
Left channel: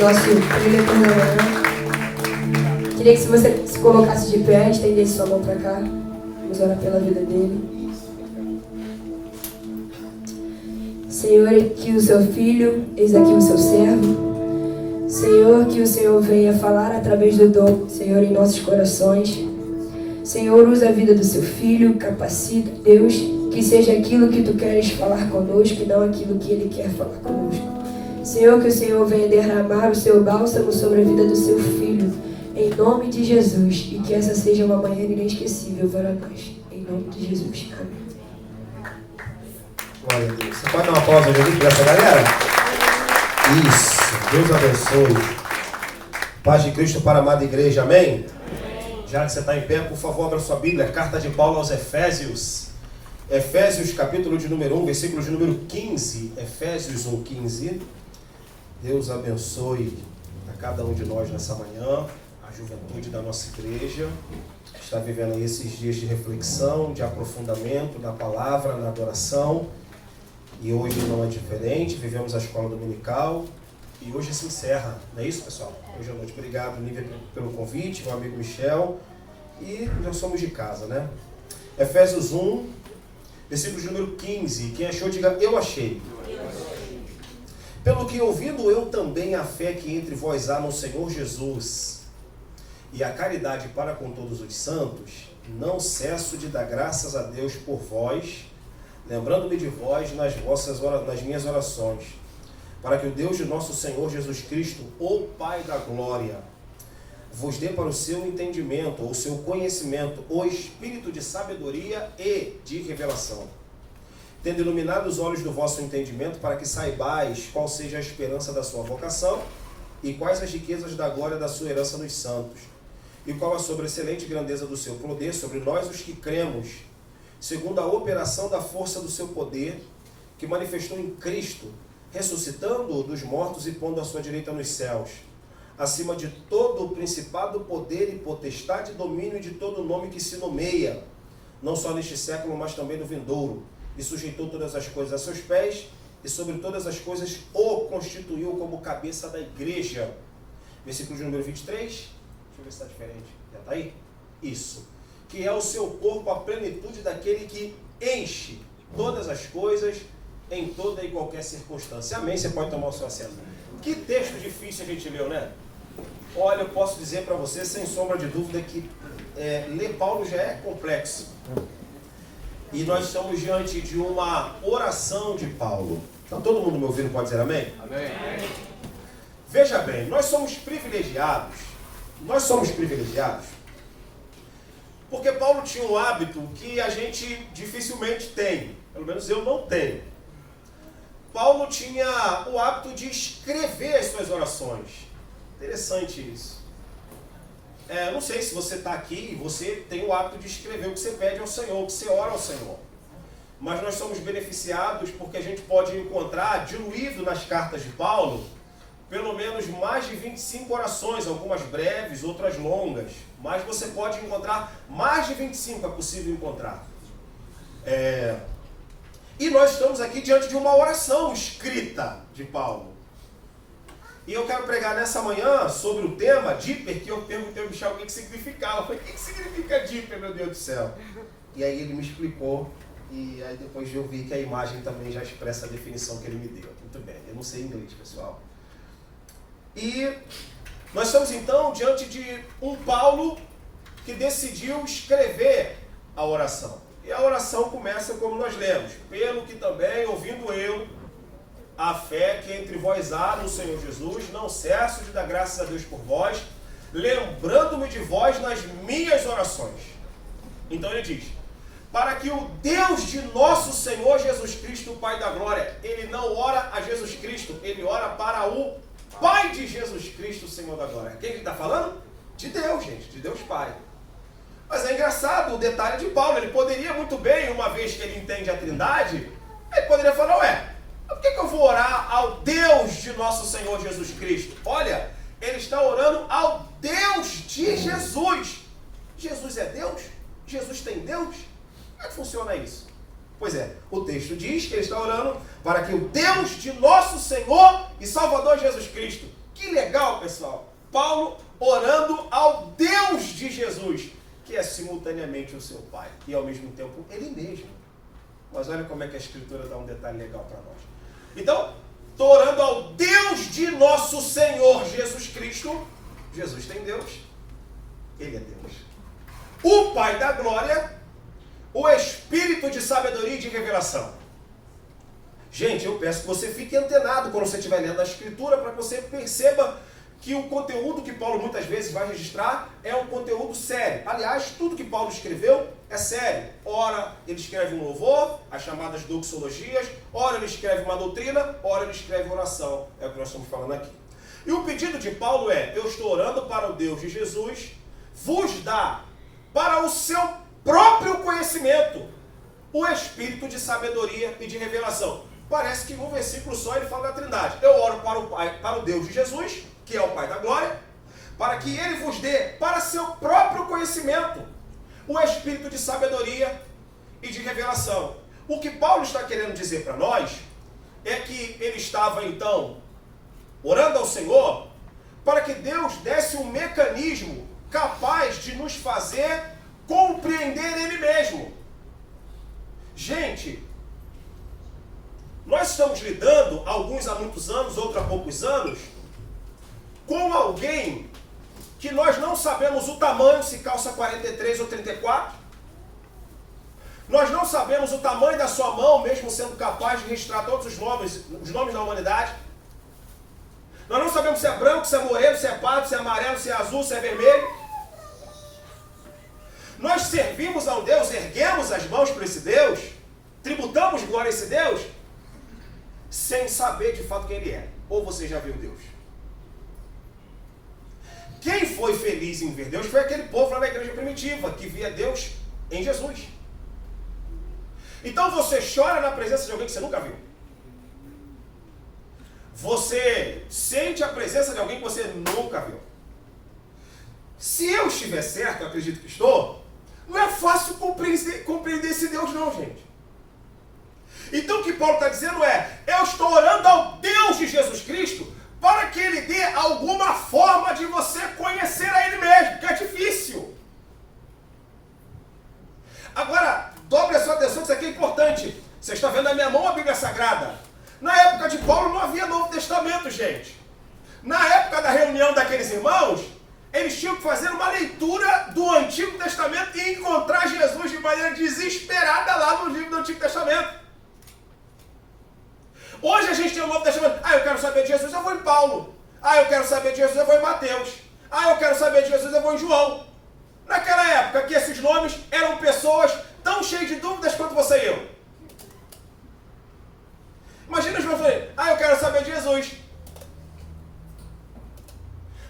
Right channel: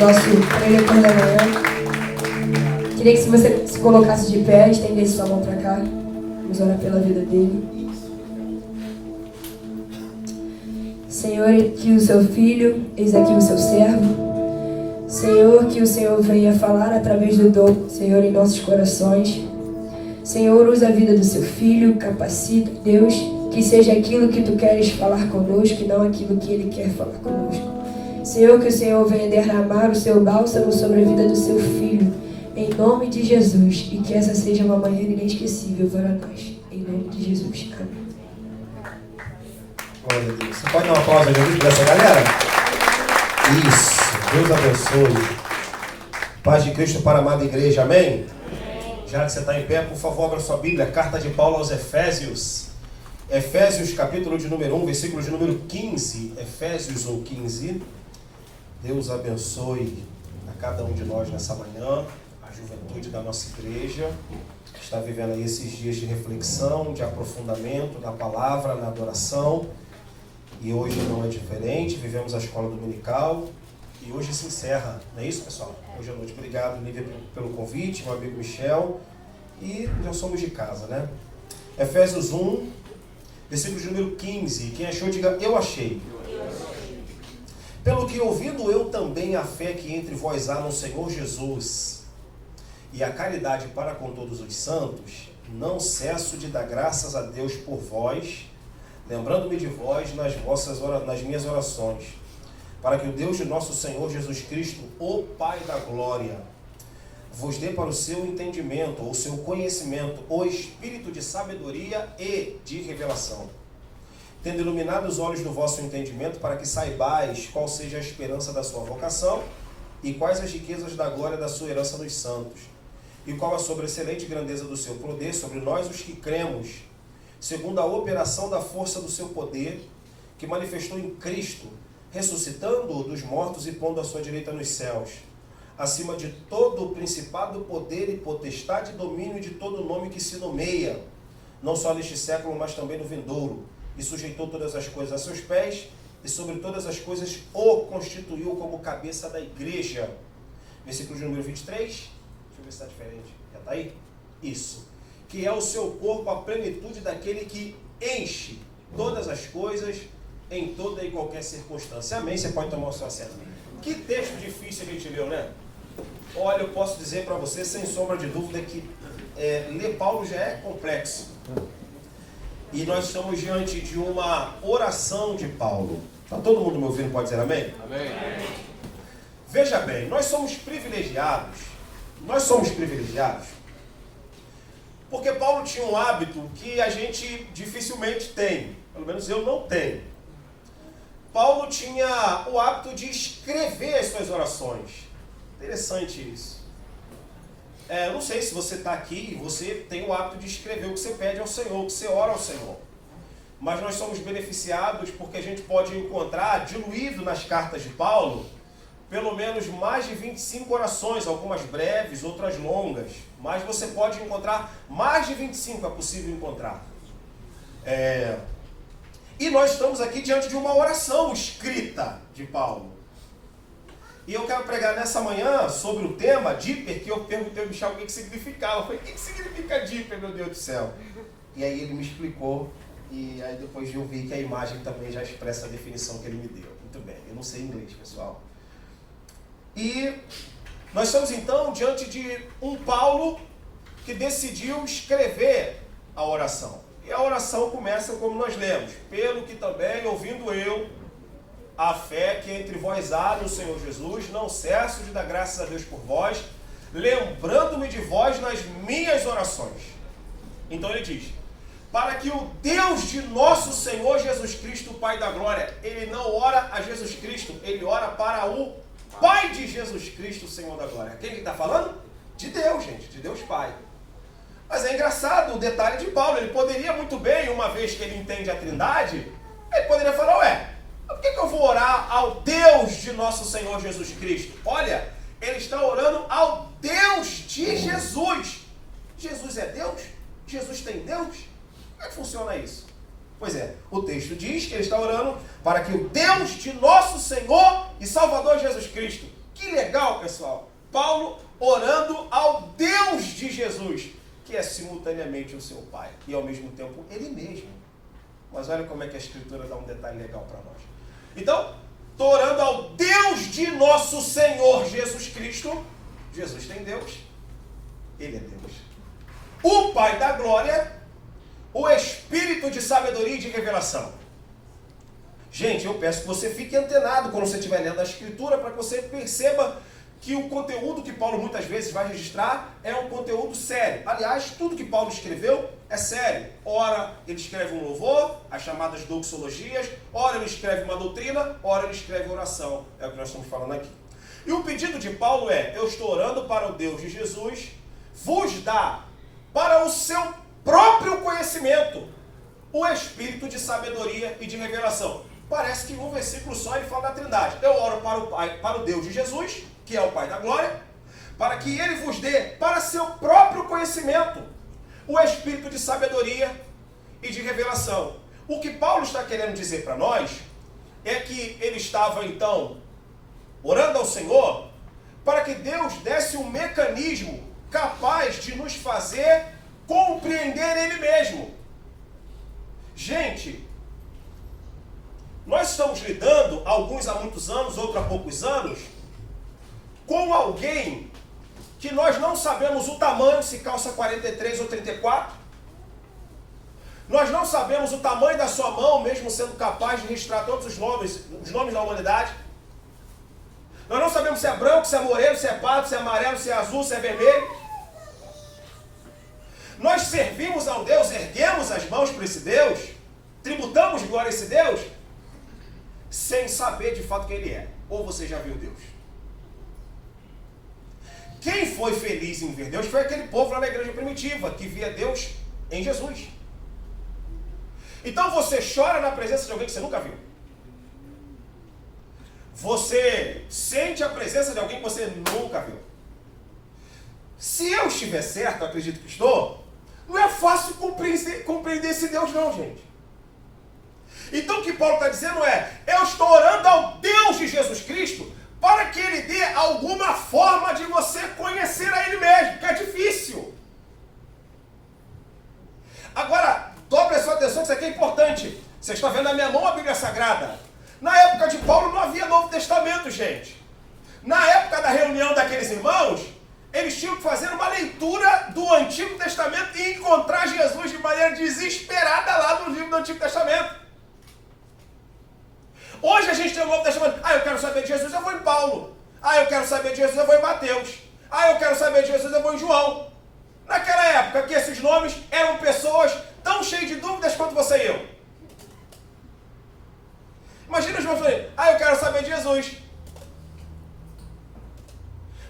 nosso preletor da manhã. Queria que se você se colocasse de pé, estendesse sua mão para cá. Vamos orar pela vida dele. Senhor, aqui o seu filho, eis aqui o seu servo. Senhor, que o Senhor venha falar através do dom, Senhor, em nossos corações. Senhor, usa a vida do seu filho, capacita, Deus, que seja aquilo que tu queres falar conosco e não aquilo que ele quer falar conosco. Senhor, que o Senhor venha derramar o seu bálsamo sobre a vida do seu filho, em nome de Jesus, e que essa seja uma manhã inesquecível para nós, em nome de Jesus. Amém. Glória a Deus. Você pode dar uma pausa para essa galera? Isso. Deus abençoe. Paz de Cristo para a amada igreja. Amém? Já que você está em pé, por favor, abra sua Bíblia. Carta de Paulo aos Efésios. Efésios, capítulo de número 1, versículo de número 15. Efésios 1, 15. Deus abençoe a cada um de nós nessa manhã. A juventude da nossa igreja está vivendo aí esses dias de reflexão, de aprofundamento na palavra, na adoração. E hoje não é diferente, vivemos a escola dominical e hoje se encerra, não é isso, pessoal? Hoje à noite. Obrigado, Nívia, pelo convite, meu amigo Michel, e nós somos de casa, né? Efésios 1, versículo de número 15, quem achou, diga, eu achei. Pelo que ouvindo eu também a fé que entre vós há no Senhor Jesus e a caridade para com todos os santos, não cesso de dar graças a Deus por vós, lembrando-me de vós nas minhas orações, para que o Deus de nosso Senhor Jesus Cristo, o Pai da glória, vos dê para o seu entendimento, o seu conhecimento, o espírito de sabedoria e de revelação, tendo iluminado os olhos do vosso entendimento, para que saibais qual seja a esperança da sua vocação e quais as riquezas da glória da sua herança nos santos, e qual a sobreexcelente grandeza do seu poder sobre nós os que cremos, segundo a operação da força do seu poder, que manifestou em Cristo, ressuscitando-o dos mortos e pondo à sua direita nos céus, acima de todo o principado, poder e potestade, domínio e de todo nome que se nomeia, não só neste século, mas também no vindouro, e sujeitou todas as coisas a seus pés, e sobre todas as coisas o constituiu como cabeça da igreja. Versículo de número 23, deixa eu ver se está diferente, já está aí? Isso. Que é o seu corpo, a plenitude daquele que enche todas as coisas em toda e qualquer circunstância. Amém? Você pode tomar o seu assento. Que texto difícil a gente leu, né? Olha, eu posso dizer para você, sem sombra de dúvida, que ler Paulo já é complexo. E nós estamos diante de uma oração de Paulo. Está todo mundo me ouvindo? Pode dizer amém? Amém. Veja bem, nós somos privilegiados. Porque Paulo tinha um hábito que a gente dificilmente tem, pelo menos eu não tenho. Paulo tinha o hábito de escrever as suas orações. Interessante isso. Não sei se você está aqui e você tem o hábito de escrever o que você pede ao Senhor, o que você ora ao Senhor. Mas nós somos beneficiados porque a gente pode encontrar, diluído nas cartas de Paulo, pelo menos mais de 25 orações, algumas breves, outras longas. Mas você pode encontrar mais de 25, é possível encontrar. E nós estamos aqui diante de uma oração escrita de Paulo. E eu quero pregar nessa manhã sobre o tema Díper, que eu perguntei ao Michel o que significava. Eu falei, o que significa Díper, meu Deus do céu? E aí ele me explicou, e aí depois eu vi que a imagem também já expressa a definição que ele me deu. Muito bem, eu não sei inglês, pessoal. E nós estamos então diante de um Paulo que decidiu escrever a oração. E a oração começa como nós lemos. Pelo que também, ouvindo eu, a fé que entre vós há no Senhor Jesus, não cesso de dar graças a Deus por vós, lembrando-me de vós nas minhas orações. Então ele diz, para que o Deus de nosso Senhor Jesus Cristo, o Pai da glória, ele não ora a Jesus Cristo, ele ora para o Pai de Jesus Cristo, o Senhor da glória. Quem ele está falando? De Deus, gente, de Deus Pai. Mas é engraçado o detalhe de Paulo, ele poderia muito bem, uma vez que ele entende a Trindade, ele poderia falar, por que eu vou orar ao Deus de nosso Senhor Jesus Cristo? Olha, ele está orando ao Deus de Jesus. Jesus é Deus? Jesus tem Deus? Como é que funciona isso? Pois é, o texto diz que ele está orando para que o Deus de nosso Senhor e Salvador Jesus Cristo, Que legal, pessoal. Paulo orando ao Deus de Jesus, que é simultaneamente o seu Pai e ao mesmo tempo Ele mesmo. Mas olha como é que a Escritura dá um detalhe legal para nós. Então, estou orando ao Deus de nosso Senhor Jesus Cristo. Jesus tem Deus, Ele é Deus. O Pai da glória, o Espírito de sabedoria e de revelação. Gente, eu peço que você fique antenado quando você estiver lendo a Escritura, para que você perceba que o conteúdo que Paulo muitas vezes vai registrar é um conteúdo sério. Aliás, tudo que Paulo escreveu é sério. Ora, ele escreve um louvor, as chamadas doxologias, ora ele escreve uma doutrina, ora ele escreve oração. É o que nós estamos falando aqui. E o pedido de Paulo é: eu estou orando para o Deus de Jesus vos dar para o seu próprio conhecimento o espírito de sabedoria e de revelação. Parece que em um versículo só ele fala da Trindade. Eu oro para o Pai, para o Deus de Jesus, que é o Pai da glória, para que Ele vos dê para seu próprio conhecimento o espírito de sabedoria e de revelação. O que Paulo está querendo dizer para nós é que ele estava então orando ao Senhor para que Deus desse um mecanismo capaz de nos fazer compreender Ele mesmo. Gente, nós estamos lidando, alguns há muitos anos, outros há poucos anos, com alguém que nós não sabemos o tamanho, se calça 43 ou 34. Nós não sabemos o tamanho da sua mão, mesmo sendo capaz de registrar todos os nomes da humanidade. Nós não sabemos se é branco, se é moreno, se é pardo, se é amarelo, se é azul, se é vermelho. Nós servimos a um Deus, erguemos as mãos para esse Deus, tributamos glória a esse Deus, sem saber de fato quem Ele é. Ou você já viu Deus? Quem foi feliz em ver Deus foi aquele povo lá na igreja primitiva, que via Deus em Jesus. Então você chora na presença de alguém que você nunca viu. Você sente a presença de alguém que você nunca viu. Se eu estiver certo, eu acredito que estou, não é fácil compreender esse Deus não, gente. Então o que Paulo está dizendo é: eu estou orando ao Deus de Jesus Cristo para que Ele dê alguma forma de você conhecer a Ele mesmo, que é difícil. Agora, dobre a sua atenção, que isso aqui é importante. Você está vendo na minha mão a Bíblia Sagrada. Na época de Paulo não havia Novo Testamento, gente. Na época da reunião daqueles irmãos, eles tinham que fazer uma leitura do Antigo Testamento e encontrar Jesus de maneira desesperada lá no livro do Antigo Testamento. Hoje a gente tem o Novo Testamento. Ah, eu quero saber de Jesus, eu vou em Paulo. Ah, eu quero saber de Jesus, eu vou em Mateus. Ah, eu quero saber de Jesus, eu vou em João. Naquela época que esses nomes eram pessoas tão cheias de dúvidas quanto você e eu. Imagina João falando: ah, eu quero saber de Jesus.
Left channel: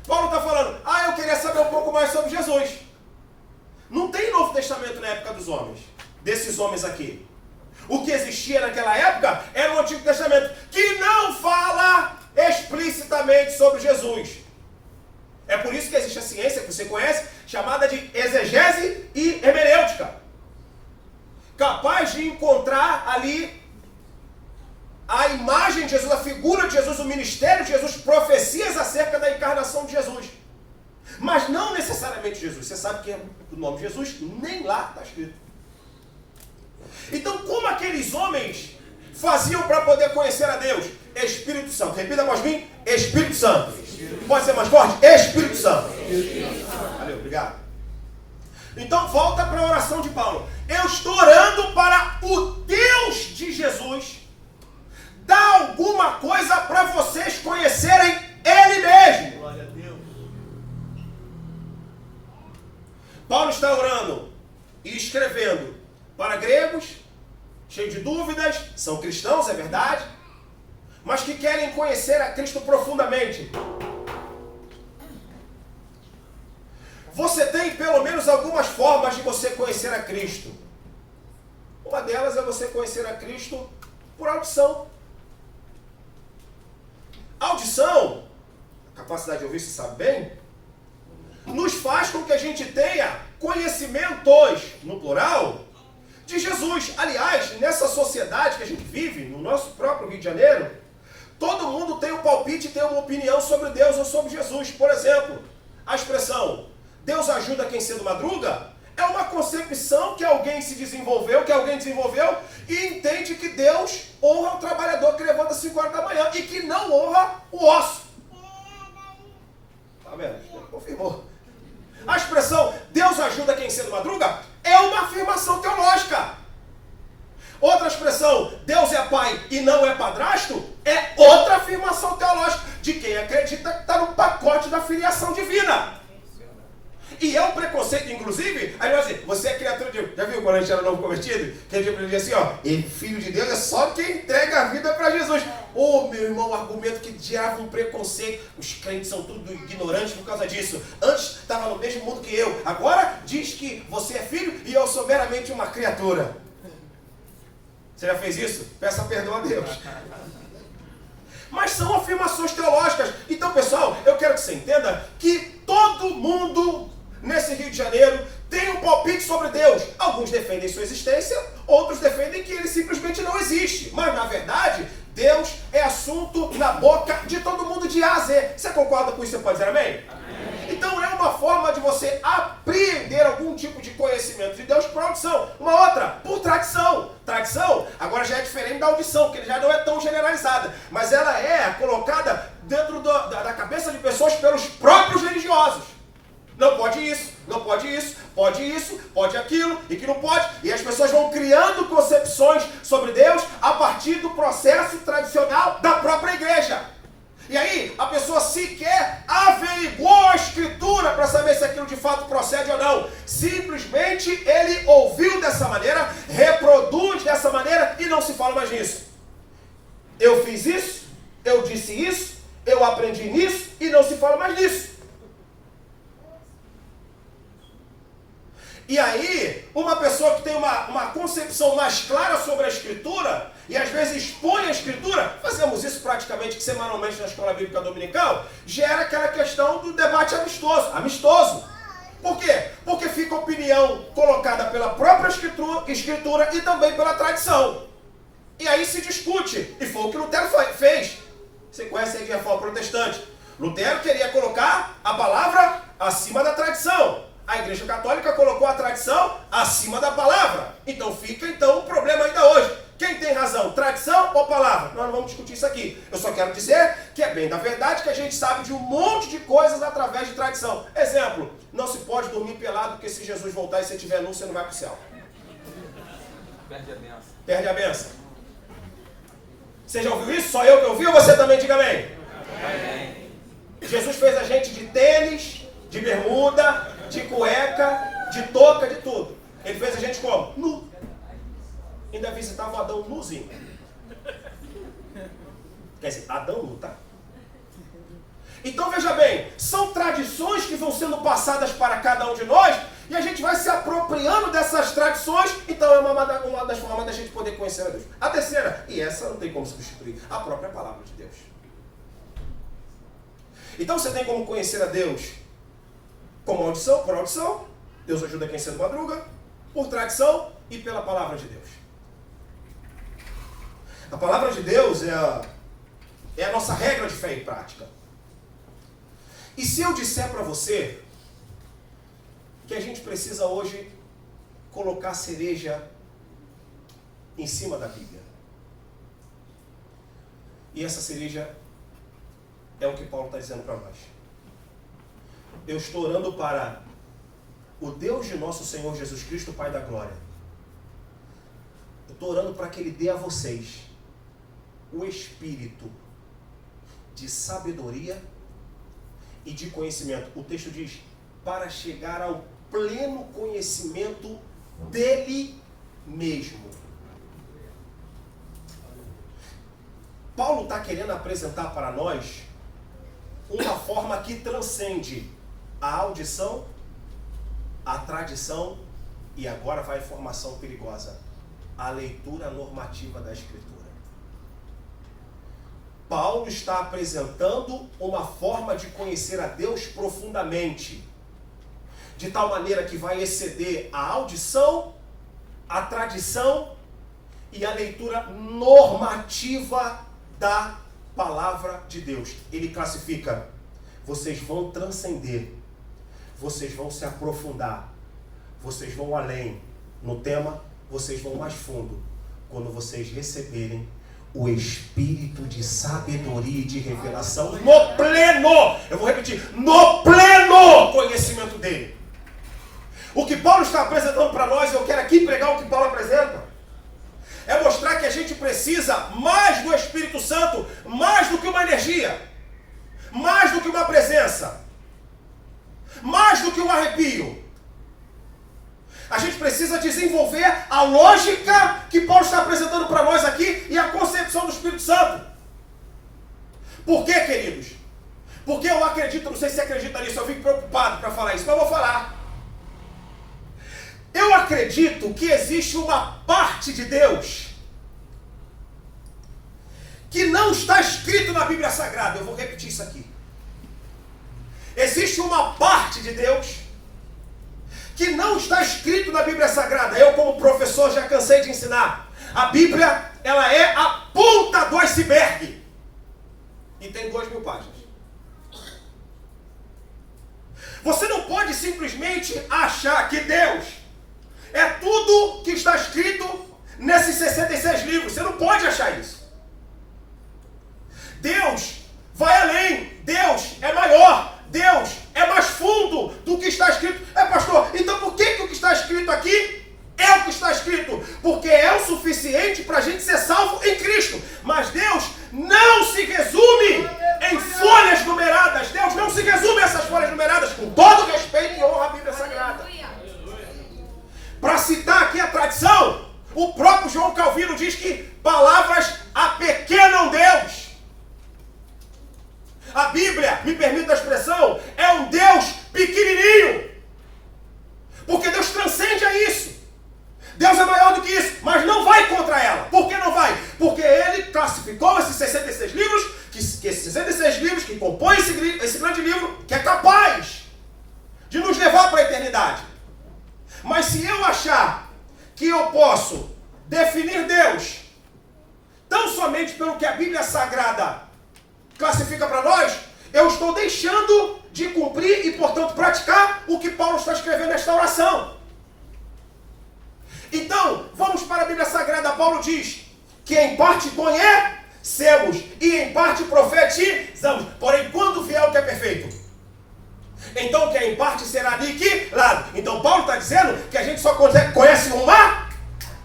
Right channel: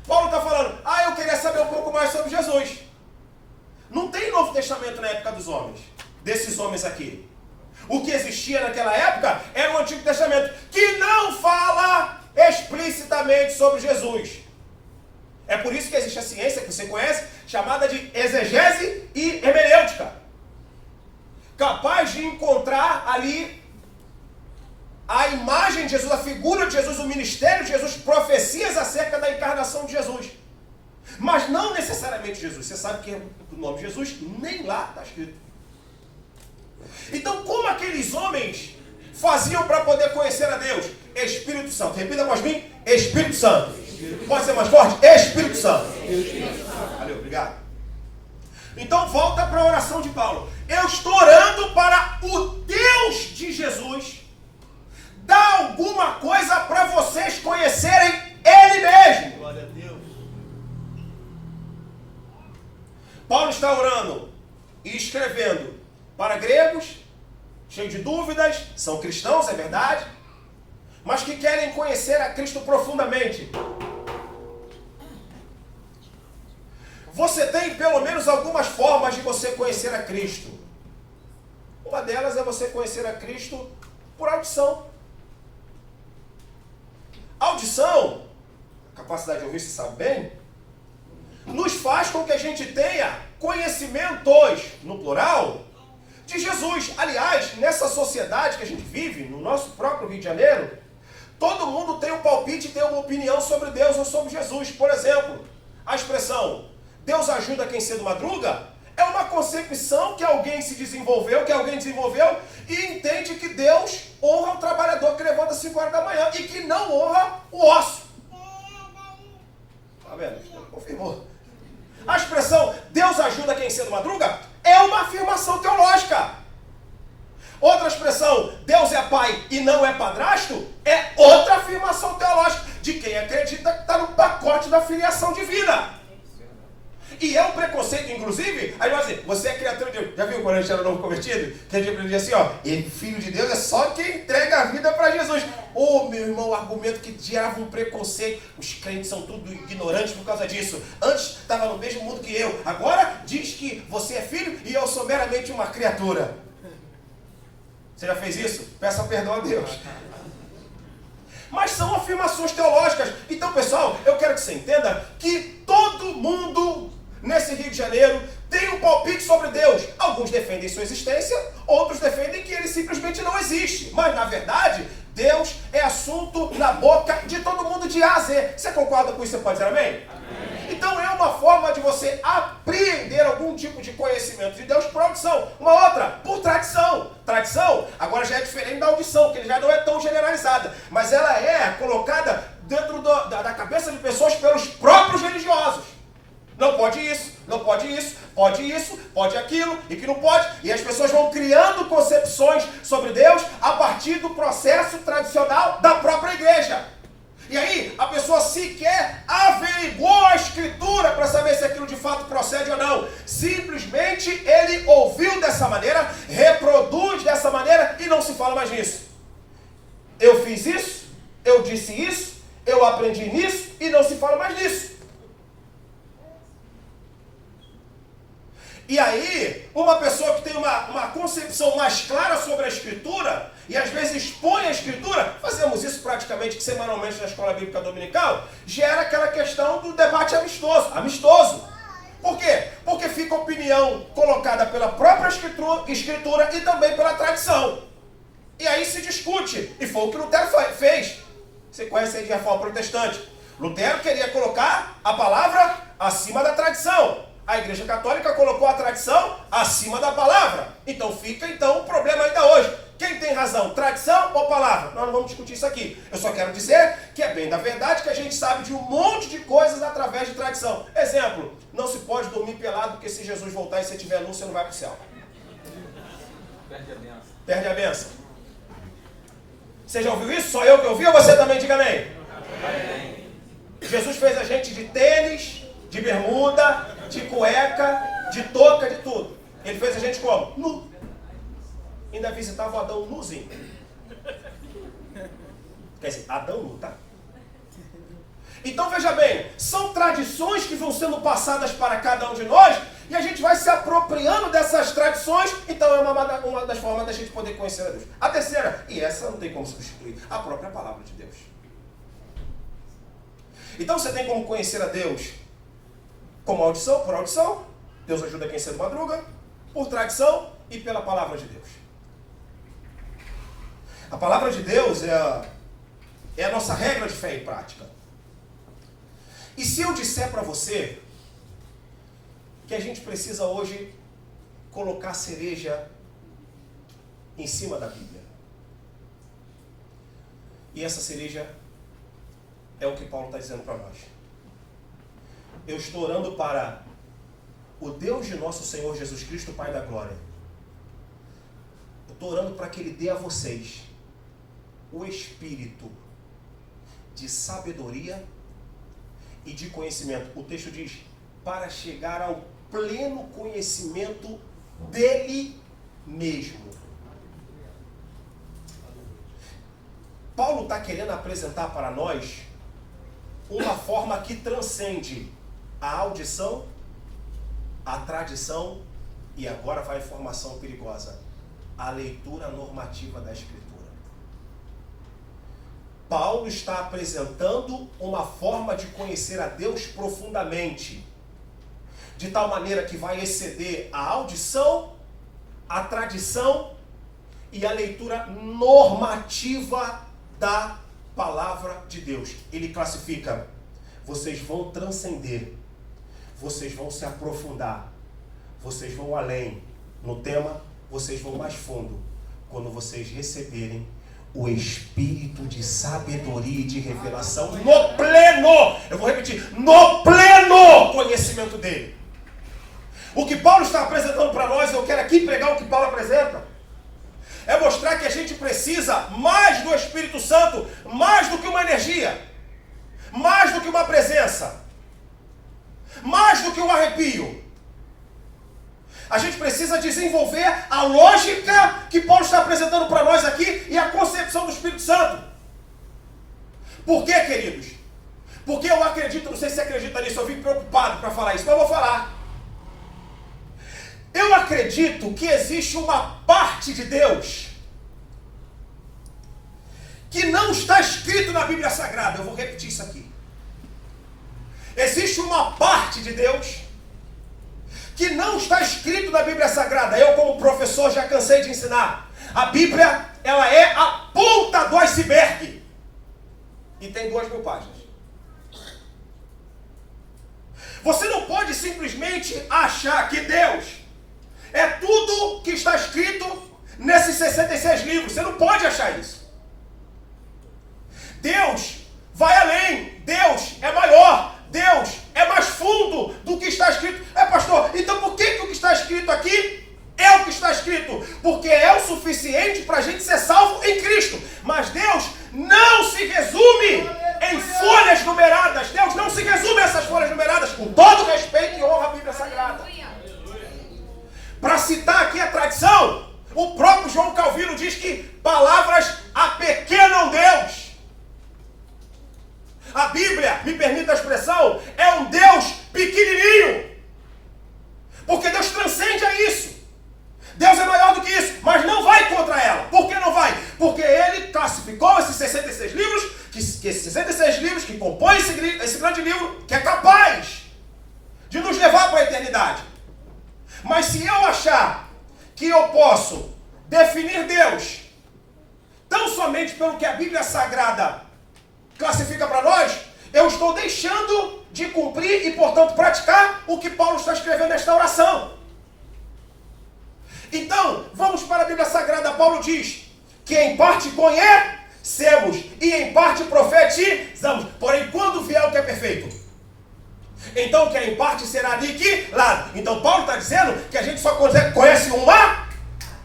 Paulo está falando: ah, eu queria saber um pouco mais sobre Jesus. Não tem Novo Testamento na época dos homens, desses homens aqui. O que existia naquela época era o Antigo Testamento, que não fala explicitamente sobre Jesus. É por isso que existe a ciência que você conhece, chamada de exegese e hermenêutica, capaz de encontrar ali a imagem de Jesus, a figura de Jesus, o ministério de Jesus, profecias acerca da encarnação de Jesus. Mas não necessariamente Jesus. Você sabe que o nome Jesus nem lá está escrito. Então, como aqueles homens faziam para poder conhecer a Deus? Espírito Santo. Repita após mim: Espírito Santo. Pode ser mais forte? Espírito Santo. Valeu, obrigado. Então, volta para a oração de Paulo. Eu estou orando para o Deus de Jesus dar alguma coisa para vocês conhecerem Ele mesmo. Glória a Deus. Paulo está orando e escrevendo para gregos, cheios de dúvidas, são cristãos, é verdade, mas que querem conhecer a Cristo profundamente. Você tem pelo menos algumas formas de você conhecer a Cristo. Uma delas é você conhecer a Cristo por audição. Audição, a capacidade de ouvir, se sabe bem, nos faz com que a gente tenha conhecimentos, no plural, de Jesus. Aliás, nessa sociedade que a gente vive, no nosso próprio Rio de Janeiro, todo mundo tem um palpite, tem uma opinião sobre Deus ou sobre Jesus. Por exemplo, a expressão Deus ajuda quem cedo madruga é uma concepção que alguém desenvolveu e entende que Deus honra o trabalhador que levanta às 5 horas da manhã e que não honra o osso. Tá vendo? Confirmou. A expressão Deus ajuda quem cedo madruga é uma afirmação teológica. Outra expressão, Deus é pai e não é padrasto, é outra afirmação teológica de quem acredita que está no pacote da filiação divina. E é um preconceito, inclusive, aí vai dizer, você é criatura de Deus. Já viu quando a gente era novo convertido? Que a gente aprendia assim, ó, e filho de Deus é só quem entrega a vida para Jesus. Ô, meu irmão, argumento que gerava um preconceito. Os crentes são tudo ignorantes por causa disso. Antes estava no mesmo mundo que eu. Agora diz que você é filho e eu sou meramente uma criatura. Você já fez isso? Peça perdão a Deus. Mas são afirmações teológicas. Então, pessoal, eu quero que você entenda que todo mundo nesse Rio de Janeiro tem um palpite sobre Deus. Alguns defendem sua existência, outros defendem que ele simplesmente não existe. Mas, na verdade, Deus é assunto na boca de todo mundo de A a Z. Você concorda com isso? Você pode dizer amém? Amém. Então é uma forma de você apreender algum tipo de conhecimento de Deus por audição. Uma outra, por tradição. Tradição agora já é diferente da audição, que já não é tão generalizada. Mas ela é colocada dentro da cabeça de pessoas pelos próprios religiosos. Não pode isso, não pode isso, pode aquilo e que não pode. E as pessoas vão criando concepções sobre Deus a partir do processo tradicional da própria igreja. E aí a pessoa sequer averiguou a escritura para saber se aquilo de fato procede ou não. Simplesmente ele ouviu dessa maneira, reproduz dessa maneira e não se fala mais nisso. Eu fiz isso, eu disse isso, eu aprendi nisso e não se fala mais nisso. E aí, uma pessoa que tem uma concepção mais clara sobre a Escritura, e às vezes expõe a Escritura, fazemos isso praticamente semanalmente na Escola Bíblica Dominical, gera aquela questão do debate amistoso. Por quê? Porque fica opinião colocada pela própria Escritura e também pela tradição. E aí se discute, e foi o que Lutero fez. Você conhece aí de Reforma Protestante. Lutero queria colocar a palavra acima da tradição. A Igreja Católica colocou a tradição acima da palavra. Então fica o problema ainda hoje. Quem tem razão, tradição ou palavra? Nós não vamos discutir isso aqui. Eu só quero dizer que é bem da verdade que a gente sabe de um monte de coisas através de tradição. Exemplo, não se pode dormir pelado porque se Jesus voltar e você estiver nu, você não vai para o céu. Perde a benção. Perde a benção. Você já ouviu isso? Só eu que ouvi ou você também? Diga amém. Amém. Jesus fez a gente de tênis, de bermuda, de cueca, de touca, de tudo. Ele fez a gente como? Nu. Ainda visitava o Adão nuzinho. Quer dizer, Adão nu, tá? Então veja bem, são tradições que vão sendo passadas para cada um de nós e a gente vai se apropriando dessas tradições. Então é uma das formas da gente poder conhecer a Deus. A terceira, e essa não tem como substituir, a própria palavra de Deus. Então você tem como conhecer a Deus como audição, por audição, Deus ajuda quem cedo madruga, por tradição e pela palavra de Deus. A palavra de Deus é a nossa regra de fé e prática. E se eu disser para você que a gente precisa hoje colocar cereja em cima da Bíblia, e essa cereja é o que Paulo está dizendo para nós. Eu estou orando para o Deus de nosso Senhor Jesus Cristo, Pai da Glória. Eu estou orando para que Ele dê a vocês o espírito de sabedoria e de conhecimento. O texto diz, para chegar ao pleno conhecimento dele mesmo. Paulo está querendo apresentar para nós uma forma que transcende a audição, a tradição e agora vai a informação perigosa, a leitura normativa da Escritura. Paulo está apresentando uma forma de conhecer a Deus profundamente, de tal maneira que vai exceder a audição, a tradição e a leitura normativa da palavra de Deus. Ele classifica: vocês vão transcender, vocês vão se aprofundar, vocês vão além. No tema, vocês vão mais fundo quando vocês receberem o espírito de sabedoria e de revelação no pleno, eu vou repetir, no pleno conhecimento dele. O que Paulo está apresentando para nós, eu quero aqui pregar o que Paulo apresenta, é mostrar que a gente precisa mais do Espírito Santo, mais do que uma energia, mais do que uma presença, mais do que um arrepio. A gente precisa desenvolver a lógica que Paulo está apresentando para nós aqui e a concepção do Espírito Santo. Por quê, queridos? Porque eu acredito, não sei se você acredita nisso, eu vim preocupado para falar isso, mas eu vou falar. Eu acredito que existe uma parte de Deus que não está escrito na Bíblia Sagrada. Eu vou repetir isso aqui. Existe uma parte de Deus que não está escrito na Bíblia Sagrada. Eu, como professor, já cansei de ensinar. A Bíblia, ela é a ponta do iceberg. E tem 2.000 páginas. Você não pode simplesmente achar que Deus é tudo que está escrito nesses 66 livros. Você não pode achar isso. Deus vai além. Deus é maior. Deus é mais fundo do que está escrito. Pastor, então por que o que está escrito aqui é o que está escrito? Porque é o suficiente para a gente ser salvo em Cristo. Mas Deus não se resume em folhas numeradas. Deus não se resume a essas folhas numeradas, com todo respeito e honra à Bíblia Sagrada. Para citar aqui a tradição, o próprio João Calvino diz que palavras apequenam Deus. A Bíblia, me permita a expressão, é um Deus pequenininho. Porque Deus transcende a isso. Deus é maior do que isso, mas não vai contra ela. Por que não vai? Porque ele classificou esses 66 livros, que esses 66 livros que compõem esse grande livro, que é capaz de nos levar para a eternidade. Mas se eu achar que eu posso definir Deus tão somente pelo que a Bíblia Sagrada classifica para nós, eu estou deixando de cumprir e, portanto, praticar o que Paulo está escrevendo nesta oração. Então, vamos para a Bíblia Sagrada. Paulo diz que em parte conhecemos e em parte profetizamos. Porém, quando vier o que é perfeito, então o que é em parte será aniquilado. Então, Paulo está dizendo que a gente só conhece uma.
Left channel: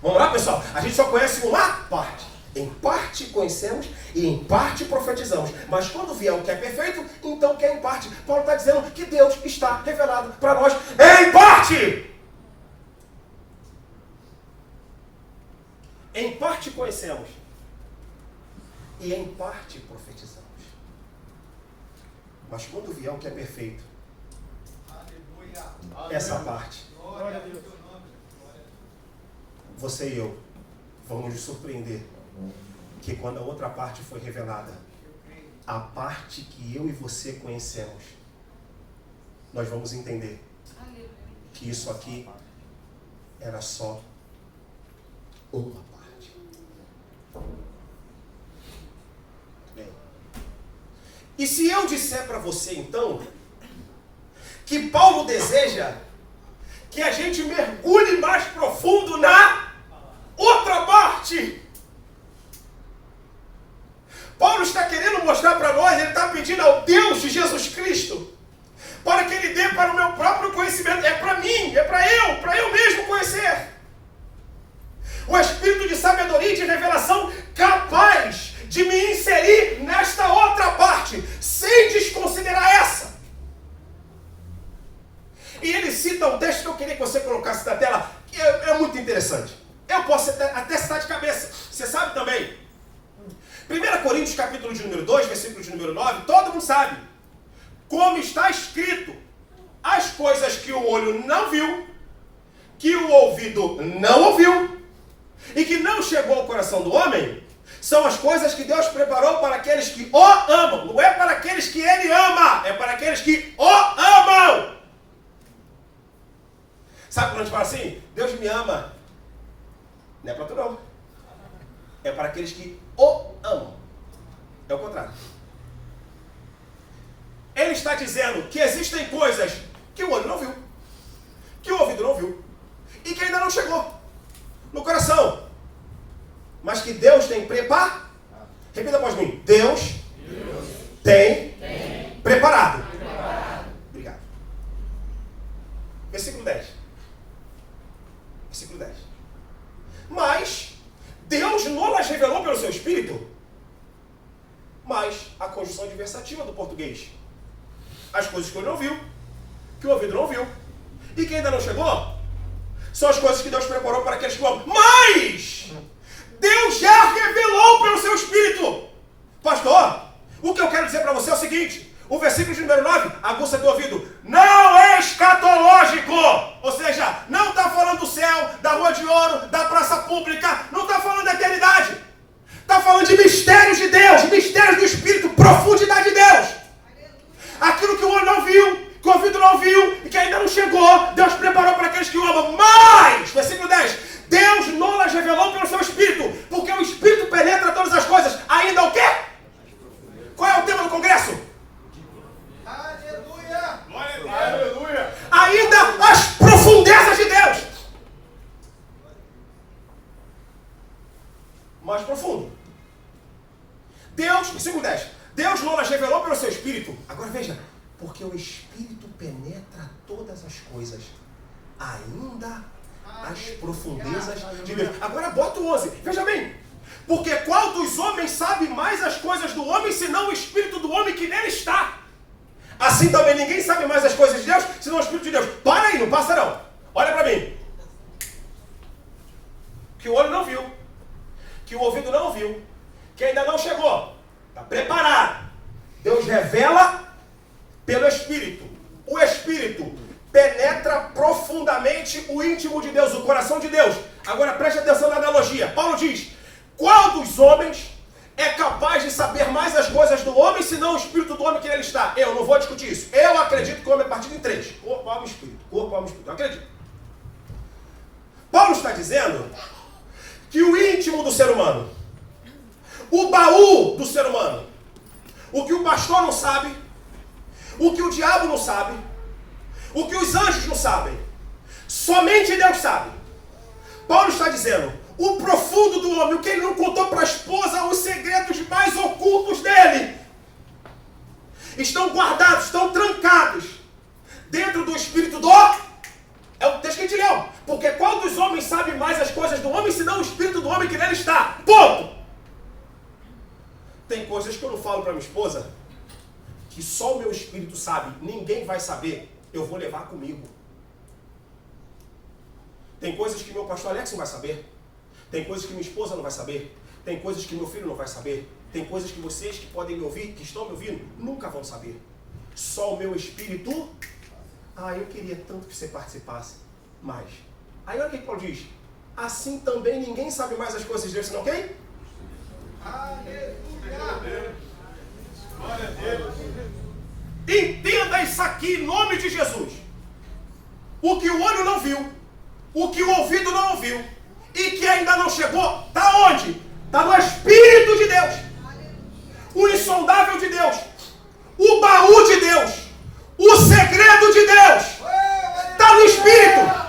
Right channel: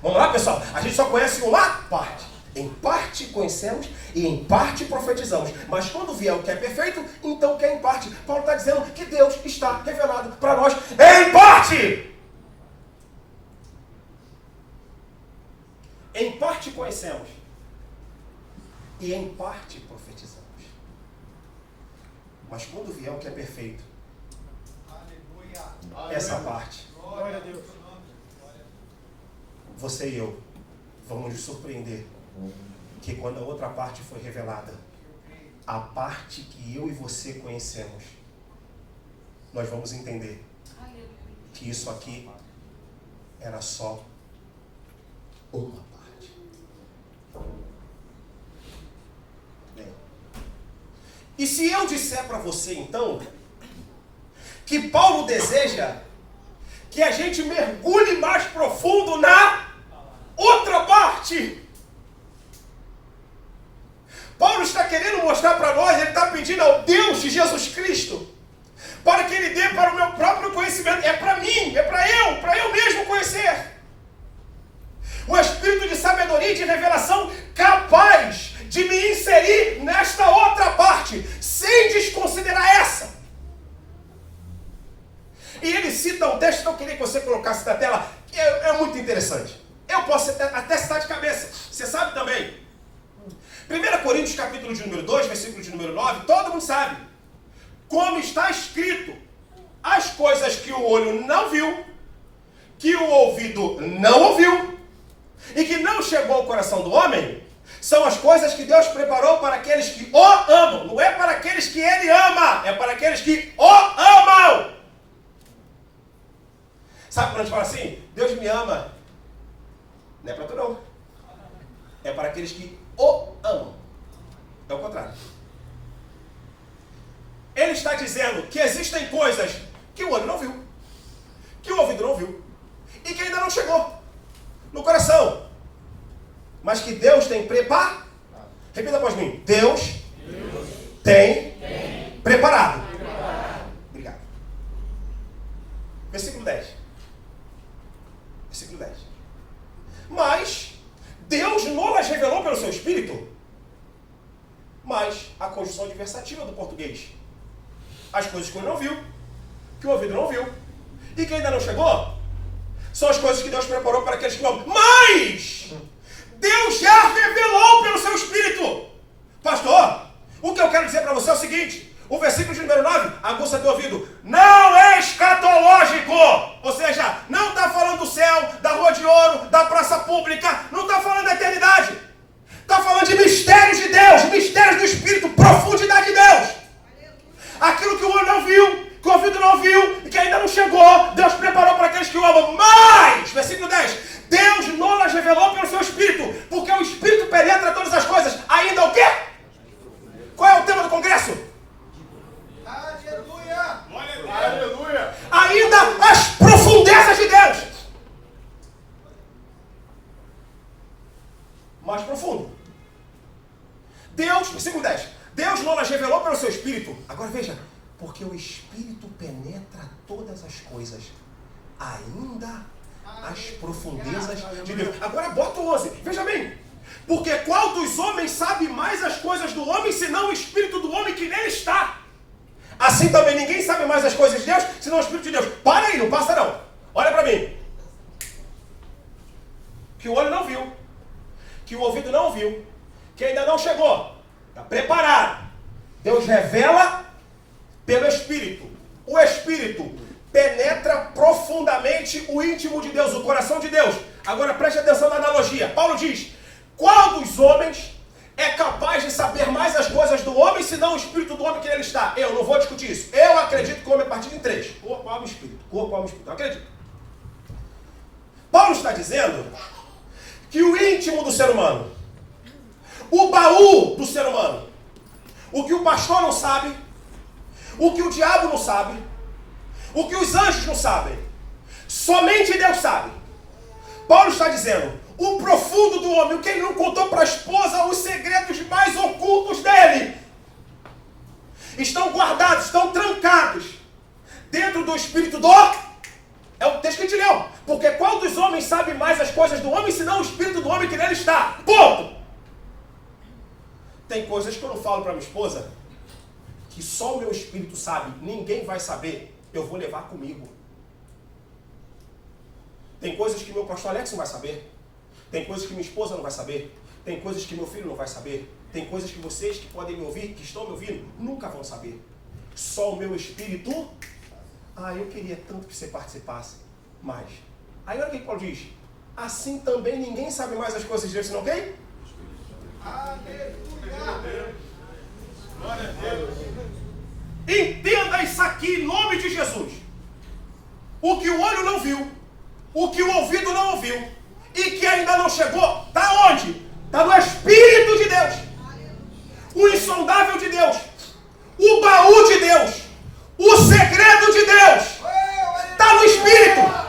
Vamos lá, pessoal? A gente só conhece uma parte. Em parte conhecemos e em parte profetizamos. Mas quando vier o que é perfeito, então o que é em parte? Paulo está dizendo que Deus está revelado para nós em parte. Em parte conhecemos e em parte profetizamos. Mas quando vier o que é perfeito, essa parte, você e eu vamos nos surpreender que quando a outra parte foi revelada, a parte que eu e você conhecemos, nós vamos entender que isso aqui era só uma parte. Bem, e se eu disser para você então que Paulo deseja que a gente mergulhe mais profundo na outra parte? Paulo está querendo mostrar para nós, ele está pedindo ao Deus de Jesus Cristo, para que ele dê para o meu próprio conhecimento. É para mim, é para eu mesmo conhecer. O espírito de sabedoria e de revelação capaz de me inserir nesta outra parte, sem desconsiderar essa. E ele cita um texto que eu queria que você colocasse na tela, que é muito interessante. Eu posso até citar de cabeça, você sabe também. 1 Coríntios capítulo de número 2, versículo de número 9, todo mundo sabe. Como está escrito, as coisas que o olho não viu, que o ouvido não ouviu, e que não chegou ao coração do homem, são as coisas que Deus preparou para aqueles que o amam. Não é para aqueles que ele ama, é para aqueles que o amam. Sabe quando a gente fala assim? Deus me ama. Não é para tu não. É para aqueles que o amam. É o contrário. Ele está dizendo que existem coisas que o olho não viu, que o ouvido não viu, e que ainda não chegou no coração. Mas que Deus tem preparado. Repita após mim. Deus tem preparado. Obrigado. Versículo 10. Versículo 10. Mas Deus não las revelou pelo seu Espírito. Mas a conjunção adversativa do português. As coisas que o olho não viu, que o ouvido não viu, e que ainda não chegou, são as coisas que Deus preparou para aqueles que o amam. Mas Deus já revelou pelo seu Espírito. Pastor, o que eu quero dizer para você é o seguinte: o versículo de número 9, aguça teu ouvido, não é escatológico. Ou seja, não está falando do céu, da rua de ouro, da praça pública, não está falando da eternidade. Está falando de mistérios de Deus, mistérios do Espírito, profundidade de Deus. Aquilo que o olho não viu, que o ouvido não viu e que ainda não chegou, Deus preparou para aqueles que o amam. Mas, versículo 10, Deus não as revelou pelo seu Espírito, porque o Espírito penetra todas as coisas. Ainda o quê? Qual é o tema do congresso? Aleluia! Glória a Deus! Aleluia! Ainda as profundezas de Deus. Mais profundo. Deus, versículo 10, Deus não as revelou pelo seu Espírito. Agora veja, porque o Espírito penetra todas as coisas, ainda as profundezas de Deus. Agora bota o 11, veja bem. Porque qual dos homens sabe mais as coisas do homem, senão o Espírito do homem que nele está? Assim também ninguém sabe mais as coisas de Deus, senão o Espírito de Deus. Para aí, não passa não. Olha para mim. Que o olho não viu, que o ouvido não viu, que ainda não chegou. Está preparado. Deus revela pelo Espírito. O Espírito penetra profundamente o íntimo de Deus, o coração de Deus. Agora preste atenção na analogia. Paulo diz, qual dos homens é capaz de saber mais as coisas do homem, senão o Espírito do homem que nele está? Eu não vou discutir isso. Eu acredito que o homem é partido em três. Corpo, alma e Espírito. Corpo, alma e Espírito. Eu acredito. Paulo está dizendo que o íntimo do ser humano, o baú do ser humano, o que o pastor não sabe, o que o diabo não sabe, o que os anjos não sabem, somente Deus sabe. Paulo está dizendo, o profundo do homem, o que ele não contou para a esposa, os segredos mais ocultos dele, estão guardados, estão trancados dentro do Espírito do... É o texto que a gente leu. Porque qual dos homens sabe mais as coisas do homem, senão o Espírito do homem que nele está? Ponto! Tem coisas que eu não falo para minha esposa, que só o meu Espírito sabe, ninguém vai saber, eu vou levar comigo. Tem coisas que meu pastor Alex não vai saber, tem coisas que minha esposa não vai saber, tem coisas que meu filho não vai saber, tem coisas que vocês que podem me ouvir, que estão me ouvindo, nunca vão saber. Só o meu Espírito... eu queria tanto que você participasse, mas... Aí olha o que Paulo diz, assim também ninguém sabe mais as coisas de Deus, senão quem? Aleluia! Glória a Deus! Entenda isso aqui em nome de Jesus. O que o olho não viu, o que o ouvido não ouviu, e que ainda não chegou, está onde? Está no Espírito de Deus. O insondável de Deus. O baú de Deus. O segredo de Deus. Está no Espírito.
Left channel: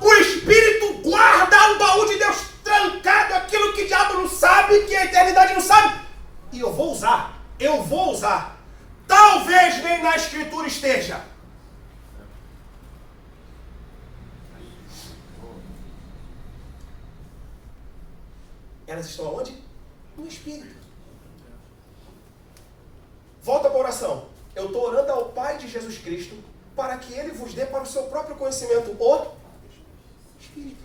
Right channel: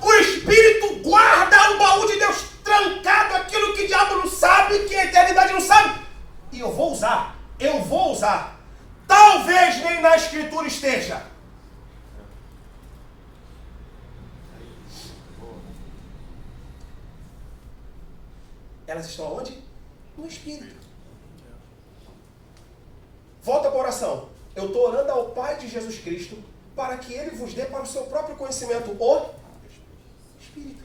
O Espírito guarda o baú de Deus trancado, aquilo que o diabo não sabe, que a eternidade não sabe. E eu vou usar. Talvez nem na Escritura esteja. Elas estão onde? No Espírito. Volta para a oração. Eu estou orando ao Pai de Jesus Cristo para que Ele vos dê para o seu próprio conhecimento o Espírito.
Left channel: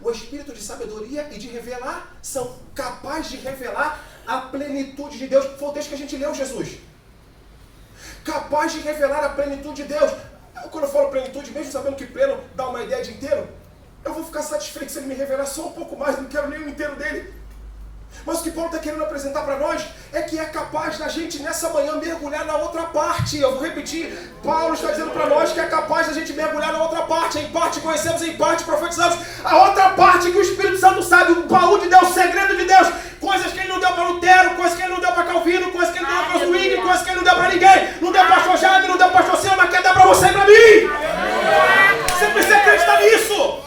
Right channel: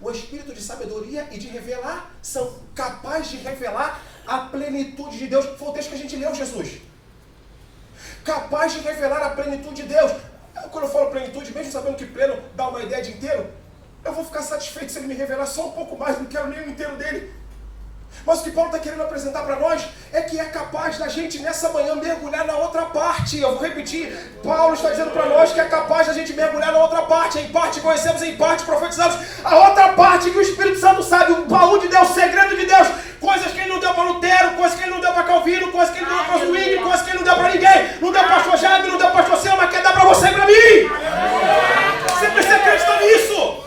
O Espírito de sabedoria e de revelação, capaz de revelar a plenitude de Deus. Foi o texto que a gente leu, Jesus. Capaz de revelar a plenitude de Deus. Quando eu falo plenitude, mesmo sabendo que pleno dá uma ideia de inteiro, eu vou ficar satisfeito se Ele me revelar só um pouco mais, não quero nem o inteiro dele. Mas o que Paulo está querendo apresentar para nós é que é capaz da gente nessa manhã mergulhar na outra parte. Eu vou repetir, Paulo está dizendo para nós que é capaz da gente mergulhar na outra parte. Em parte conhecemos, em parte profetizamos. A outra parte que o Espírito Santo sabe, o baú de Deus, o segredo de Deus. Coisas que ele não deu para Lutero, coisas que ele não deu para Calvino, coisas que ele não deu para Zwingli, coisas que ele não deu para ninguém. Não deu para pastor Jaime, não deu para pastor Silva, mas quer dar para você e para mim. Você precisa acreditar nisso.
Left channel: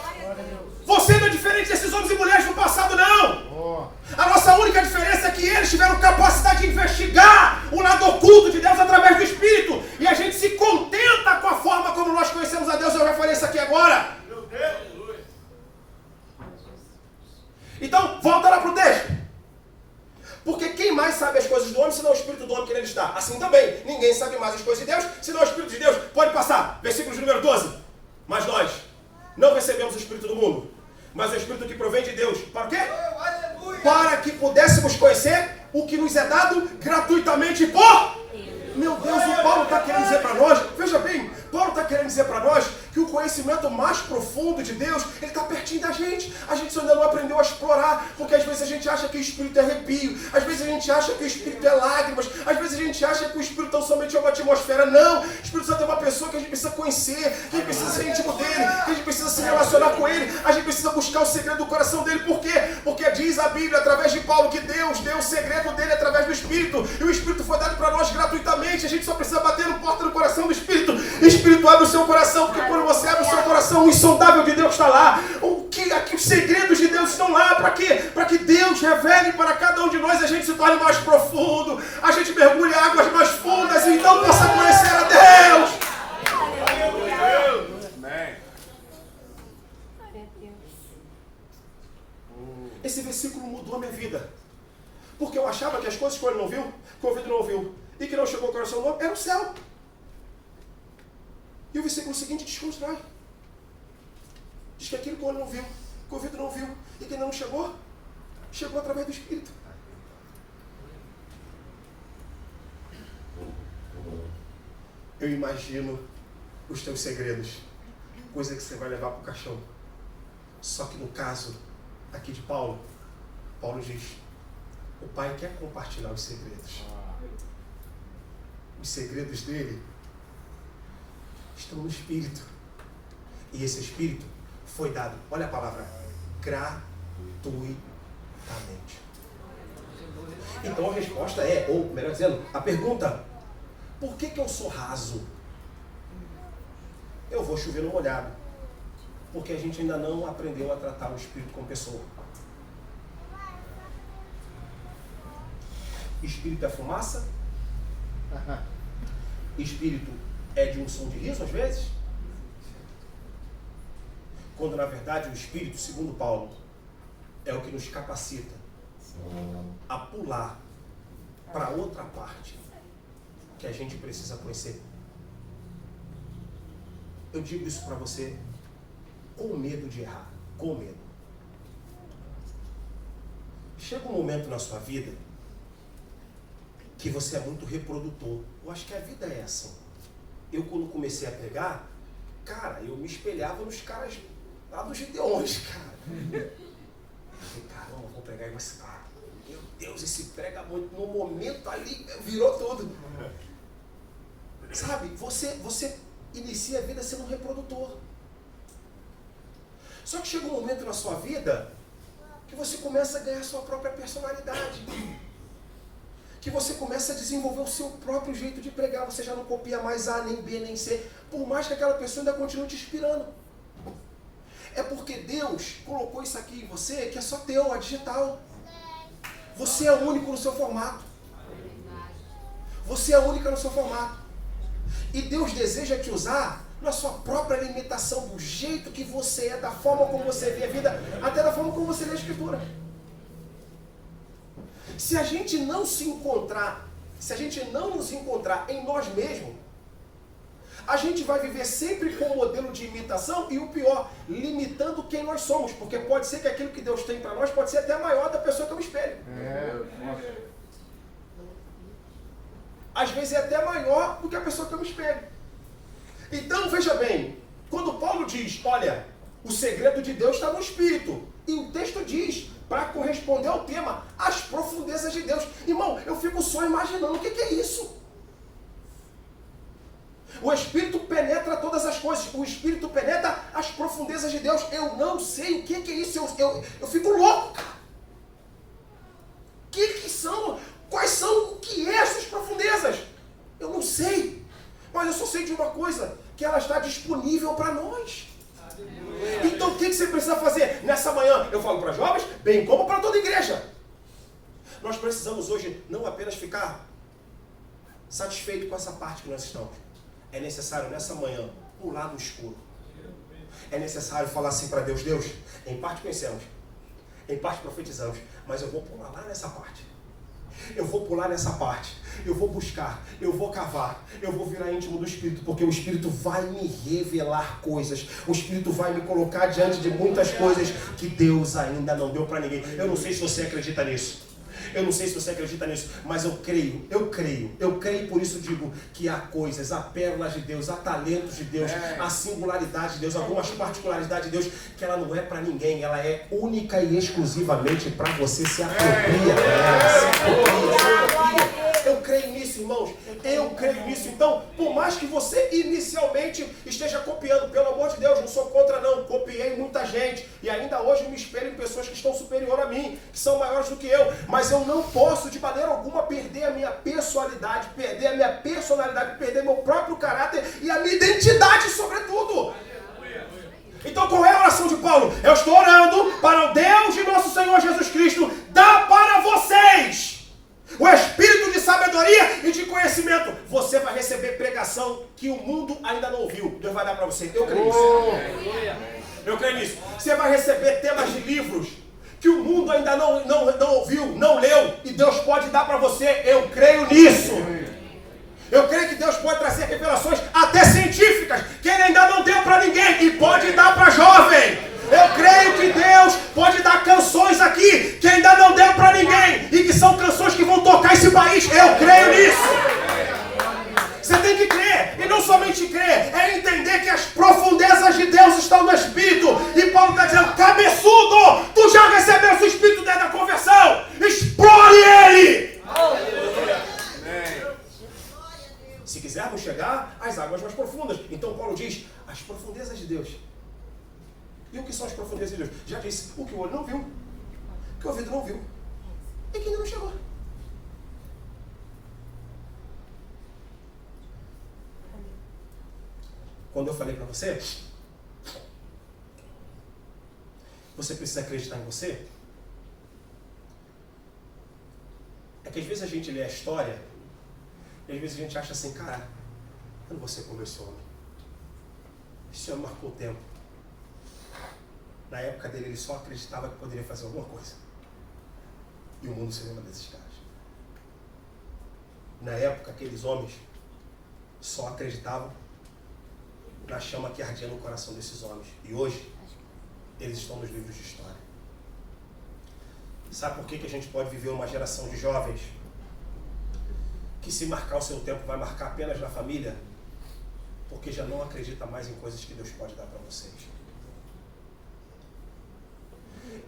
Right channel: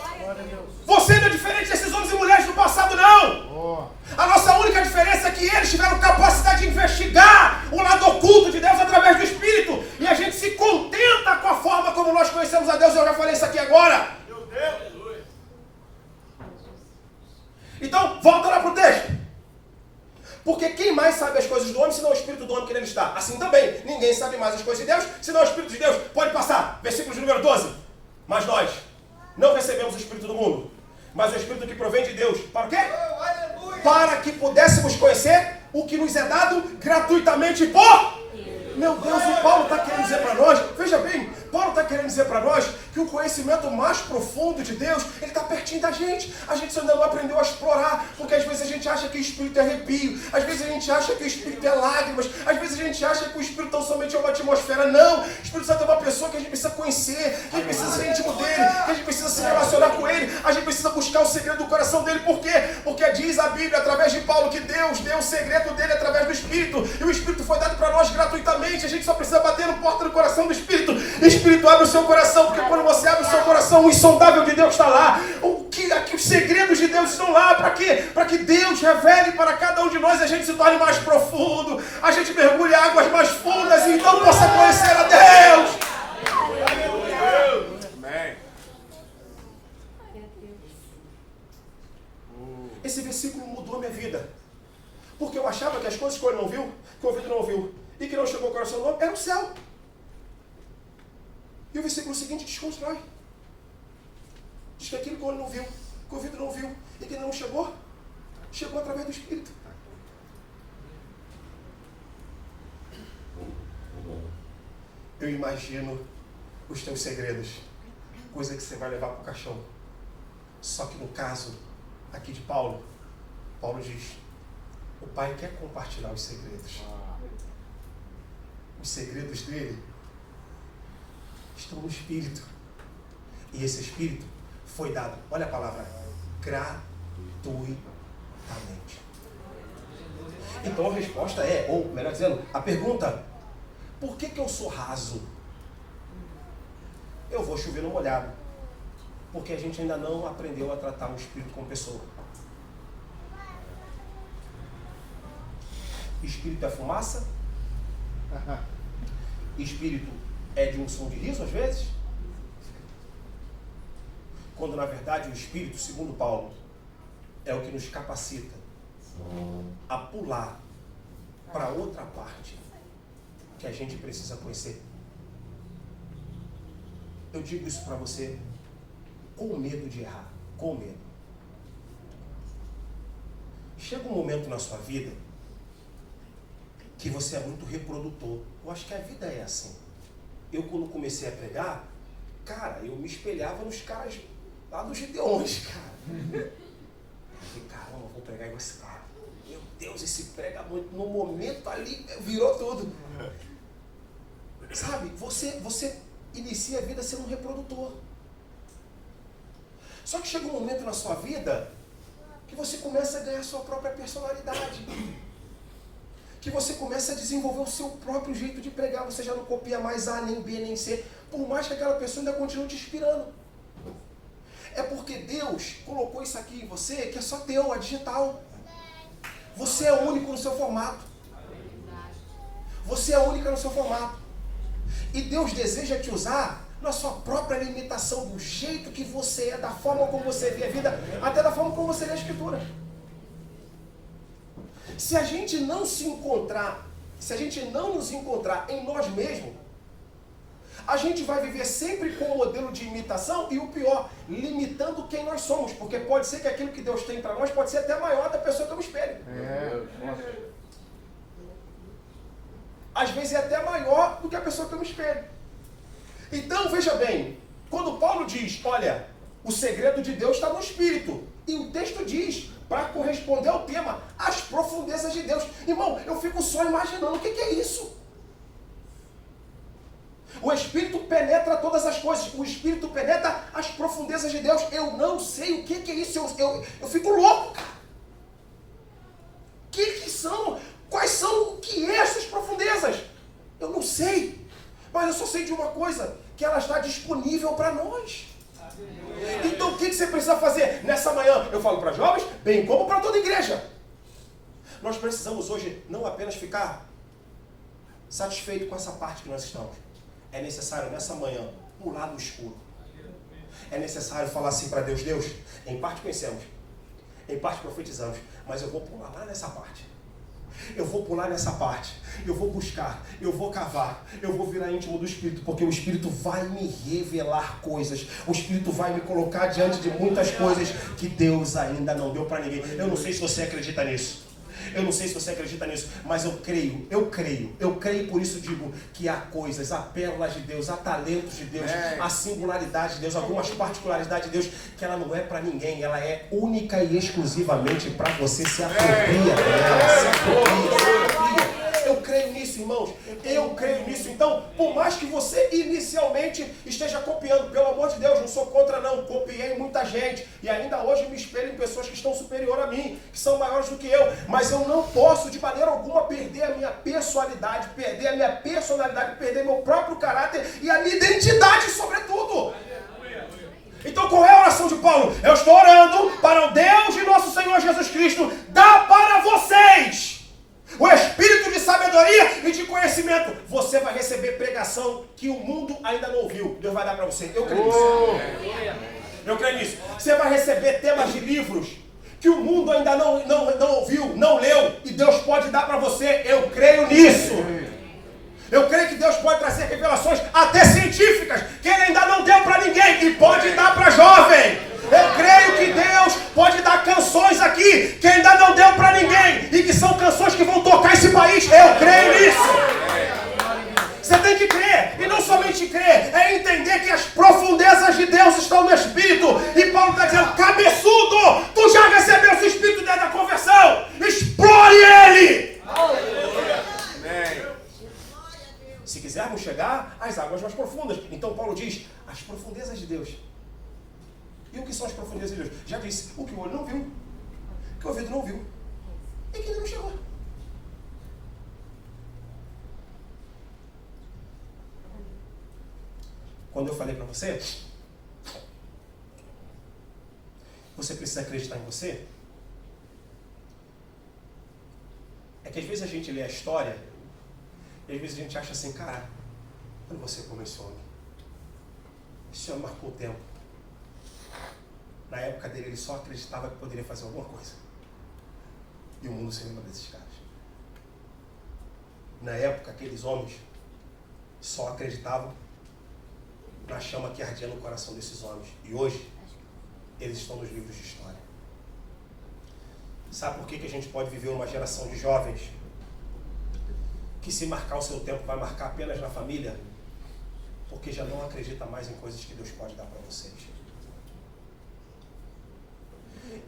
Você não é diferente desses homens e mulheres do passado, não. A nossa única diferença é que eles tiveram capacidade de investigar o lado oculto de Deus através do Espírito. E a gente se contenta com a forma como nós conhecemos a Deus. Eu já falei isso aqui agora. Meu Deus. Então, volta lá para o texto. Porque quem mais sabe as coisas do homem, senão o Espírito do homem que nele está? Assim também, ninguém sabe mais as coisas de Deus, senão o Espírito de Deus. Pode passar. Versículo de número 12. Mas nós não recebemos o Espírito do mundo, mas o Espírito que provém de Deus. Para o quê? Para que pudéssemos conhecer o que nos é dado gratuitamente por... Meu Deus, o Paulo está querendo dizer para nós, veja bem, Paulo está querendo dizer para nós que o conhecimento mais profundo de Deus, ele está pertinho da gente. A gente ainda não aprendeu a explorar, porque às vezes a gente acha que o Espírito é arrepio, às vezes a gente acha que o Espírito é lágrimas, às vezes a gente acha que o Espírito tão somente é uma atmosfera. Não, o Espírito Santo é uma pessoa que a gente precisa conhecer, que a gente precisa ser íntimo dele, que a gente precisa se relacionar com ele, a gente precisa buscar o segredo do coração dele. Por quê? Porque diz a Bíblia, através de Paulo, que Deus deu o segredo dele através do Espírito, e o Espírito foi dado para nós gratuitamente. A gente só precisa bater no porta do coração do Espírito. O Espírito abre o seu coração, porque quando você abre o seu coração, o insondável de Deus está lá. Aqui os segredos de Deus estão lá. Para quê? Para que Deus revele para cada um de nós, a gente se torne mais profundo, a gente mergulhe em águas mais fundas e então possa conhecer a Deus. Amém. Esse versículo mudou a minha vida, porque eu achava que as coisas que o olho não viu, que o ouvido não ouviu e que não chegou ao coração do homem, era o céu. E o versículo seguinte desconstrói. Diz que aquilo que o olho não viu, que o ouvido não viu e que ainda não chegou, chegou através do Espírito. Eu imagino os teus segredos, coisa que você vai levar para o caixão. Só que no caso aqui de Paulo, Paulo diz: o Pai quer compartilhar os segredos. Os segredos dele estão no Espírito. E esse Espírito foi dado, olha a palavra, gratuitamente. Então a resposta é, ou melhor dizendo, a pergunta: por que eu sou raso? Eu vou chover no molhado. Porque a gente ainda não aprendeu a tratar o Espírito como pessoa. Espírito é fumaça? Espírito é de um som de riso às vezes? Quando na verdade o Espírito, segundo Paulo, é o que nos capacita a pular para outra parte que a gente precisa conhecer. Eu digo isso para você com medo de errar, com medo. Chega um momento na sua vida que você é muito reprodutor. Eu acho que a vida é assim. Eu, quando comecei a pregar, cara, eu me espelhava nos caras lá dos Gideões, cara. Eu falei, caramba, vou pregar igual esse cara. Meu Deus, esse prega muito. No momento ali, virou tudo. Sabe, você inicia a vida sendo um reprodutor. Só que chega um momento na sua vida que você começa a ganhar a sua própria personalidade. Que você começa a desenvolver o seu próprio jeito de pregar. Você já não copia mais A, nem B, nem C. Por mais que aquela pessoa ainda continue te inspirando. É porque Deus colocou isso aqui em você, que é só teu, é digital. Você é único no seu formato. Você é única no seu formato. E Deus deseja te usar na sua própria limitação, do jeito que você é, da forma como você vê a vida, até da forma como você lê a Escritura. Se a gente não se encontrar, se a gente não nos encontrar em nós mesmos, a gente vai viver sempre com um modelo de imitação e o pior, limitando quem nós somos, porque pode ser que aquilo que Deus tem para nós pode ser até maior da pessoa que eu me espelho. Às vezes é até maior do que a pessoa que eu me espelho. Então, veja bem, quando Paulo diz, olha, o segredo de Deus está no Espírito, e o texto diz, para corresponder ao tema, as profundezas de Deus. Irmão, eu fico só imaginando, o que é isso? O Espírito penetra todas as coisas, o Espírito penetra as profundezas de Deus. Eu não sei o que é isso, eu fico louco, cara. Mas eu só sei de uma coisa, que ela está disponível para nós. Então o que você precisa fazer nessa manhã? Eu falo para jovens, bem como para toda a igreja. Nós precisamos hoje não apenas ficar satisfeito com essa parte que nós estamos. É necessário nessa manhã pular do escuro. É necessário falar assim para Deus, Deus, em parte conhecemos, em parte profetizamos, mas eu vou pular lá nessa parte. Eu vou pular nessa parte, eu vou buscar, eu vou cavar, eu vou virar íntimo do Espírito, porque o Espírito vai me revelar coisas, o Espírito vai me colocar diante de muitas coisas que Deus ainda não deu para ninguém. Eu não sei se você acredita nisso. Eu não sei se você acredita nisso, mas eu creio, por isso digo que há coisas, há pérolas de Deus, há talentos de Deus, há singularidade de Deus, algumas particularidades de Deus, que ela não é para ninguém, ela é única e exclusivamente para você. Se apropria dela, se apropria. Eu creio nisso, irmãos, eu creio nisso. Então, por mais que você inicialmente esteja copiando, pelo amor de Deus, não sou contra não, copiei muita gente, e ainda hoje me espelho em pessoas que estão superior a mim, que são maiores do que eu, mas eu não posso de maneira alguma perder a minha pessoalidade, perder meu próprio caráter e a minha identidade sobretudo. Então qual é a oração de Paulo? Eu estou orando para o Deus de nosso Senhor Jesus Cristo dar para vocês o espírito de sabedoria e de conhecimento. Você vai receber pregação que o mundo ainda não ouviu. Deus vai dar para você. Eu creio nisso. Eu creio nisso. Você vai receber temas de livros que o mundo ainda não ouviu, não leu, e Deus pode dar para você. Eu creio nisso. Eu creio que Deus pode trazer revelações até científicas que Ele ainda não deu para ninguém e pode dar para jovem. Eu creio que Deus pode dar canções aqui que ainda não deu para ninguém e que são canções que vão tocar esse país. Eu creio nisso. Você tem que crer, e não somente crer, é entender que as profundezas de Deus estão no Espírito. E Paulo está dizendo, cabeçudo, tu já recebeu o Espírito dentro da conversão, explore ele. Se quisermos chegar às águas mais profundas. Então Paulo diz, as profundezas de Deus. E o que são as profundezas de Deus? Já disse, o que o olho não viu, o que o ouvido não viu, e que ainda não chegou. Quando eu falei para você, você precisa acreditar em você, é que às vezes a gente lê a história, e às vezes a gente acha assim, cara, eu não vou ser como esse homem. Esse homem marcou o tempo. Na época dele, ele só acreditava que poderia fazer alguma coisa. E o mundo seria uma desses caras. Na época, aqueles homens só acreditavam na chama que ardia no coração desses homens. E hoje, eles estão nos livros de história. Sabe por que a gente pode viver uma geração de jovens que, se marcar o seu tempo, vai marcar apenas na família? Porque já não acredita mais em coisas que Deus pode dar para vocês.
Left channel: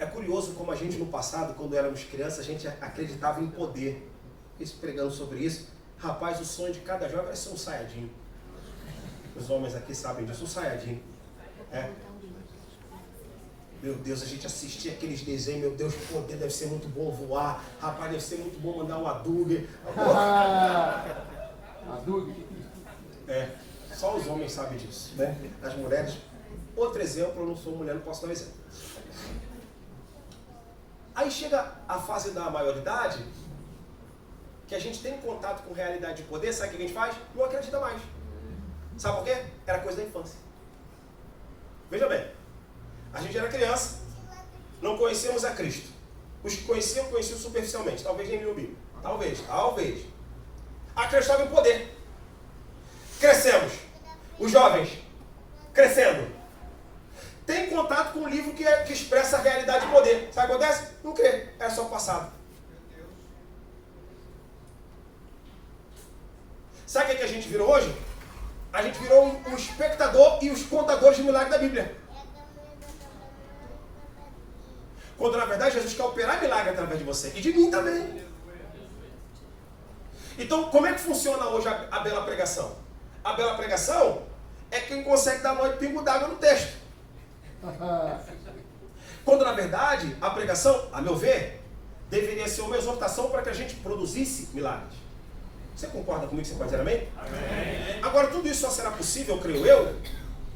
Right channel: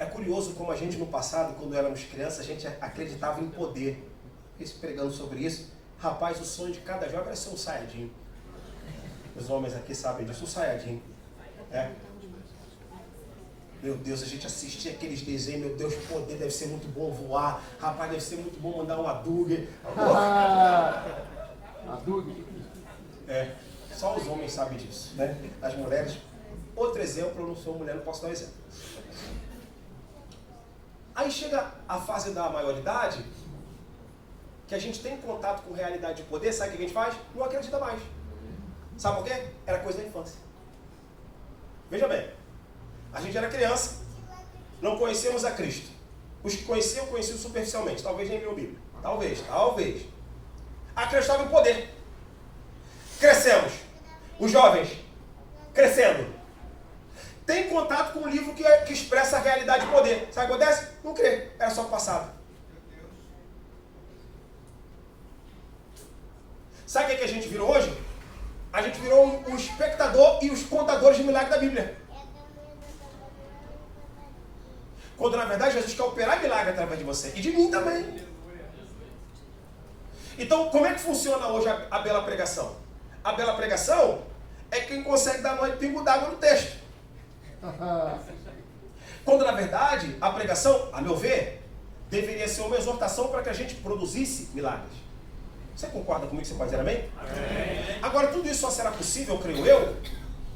É curioso como a gente no passado, quando éramos crianças, a gente acreditava em poder. Isso, pregando sobre isso, rapaz, o sonho de cada jovem é ser um saiadinho. Os homens aqui sabem disso, um saiadinho. É. Meu Deus, a gente assistia aqueles desenhos, meu Deus, poder deve ser muito bom voar, rapaz, deve ser muito bom mandar um Hadouken. Hadouken. É, só os homens sabem disso, né? As mulheres, outro exemplo, eu não sou mulher, não posso dar um exemplo. Aí chega a fase da maioridade, que a gente tem contato com realidade de poder, sabe o que a gente faz? Não acredita mais. Sabe por quê? Era coisa da infância. Veja bem, a gente era criança, não conhecíamos a Cristo. Os que conheciam superficialmente, talvez nem liam Bíblia. Talvez. Acreditavam em poder. Crescemos. Os jovens, crescendo. Tem contato com um livro que expressa a realidade de poder. Sabe o que acontece? Não crê, era só o passado. Sabe o que a gente virou hoje? A gente virou o espectador e os contadores de milagres da Bíblia. Quando na verdade Jesus quer operar milagre através de você e de mim também. Então, como é que funciona hoje a bela pregação? A bela pregação é quem consegue dar nó e pingo d'água no texto. Quando na verdade a pregação, a meu ver, deveria ser uma exortação para que a gente produzisse milagres. Você concorda comigo que você pode dizer amém? Amém. Agora, Agora, tudo isso só será possível, creio eu,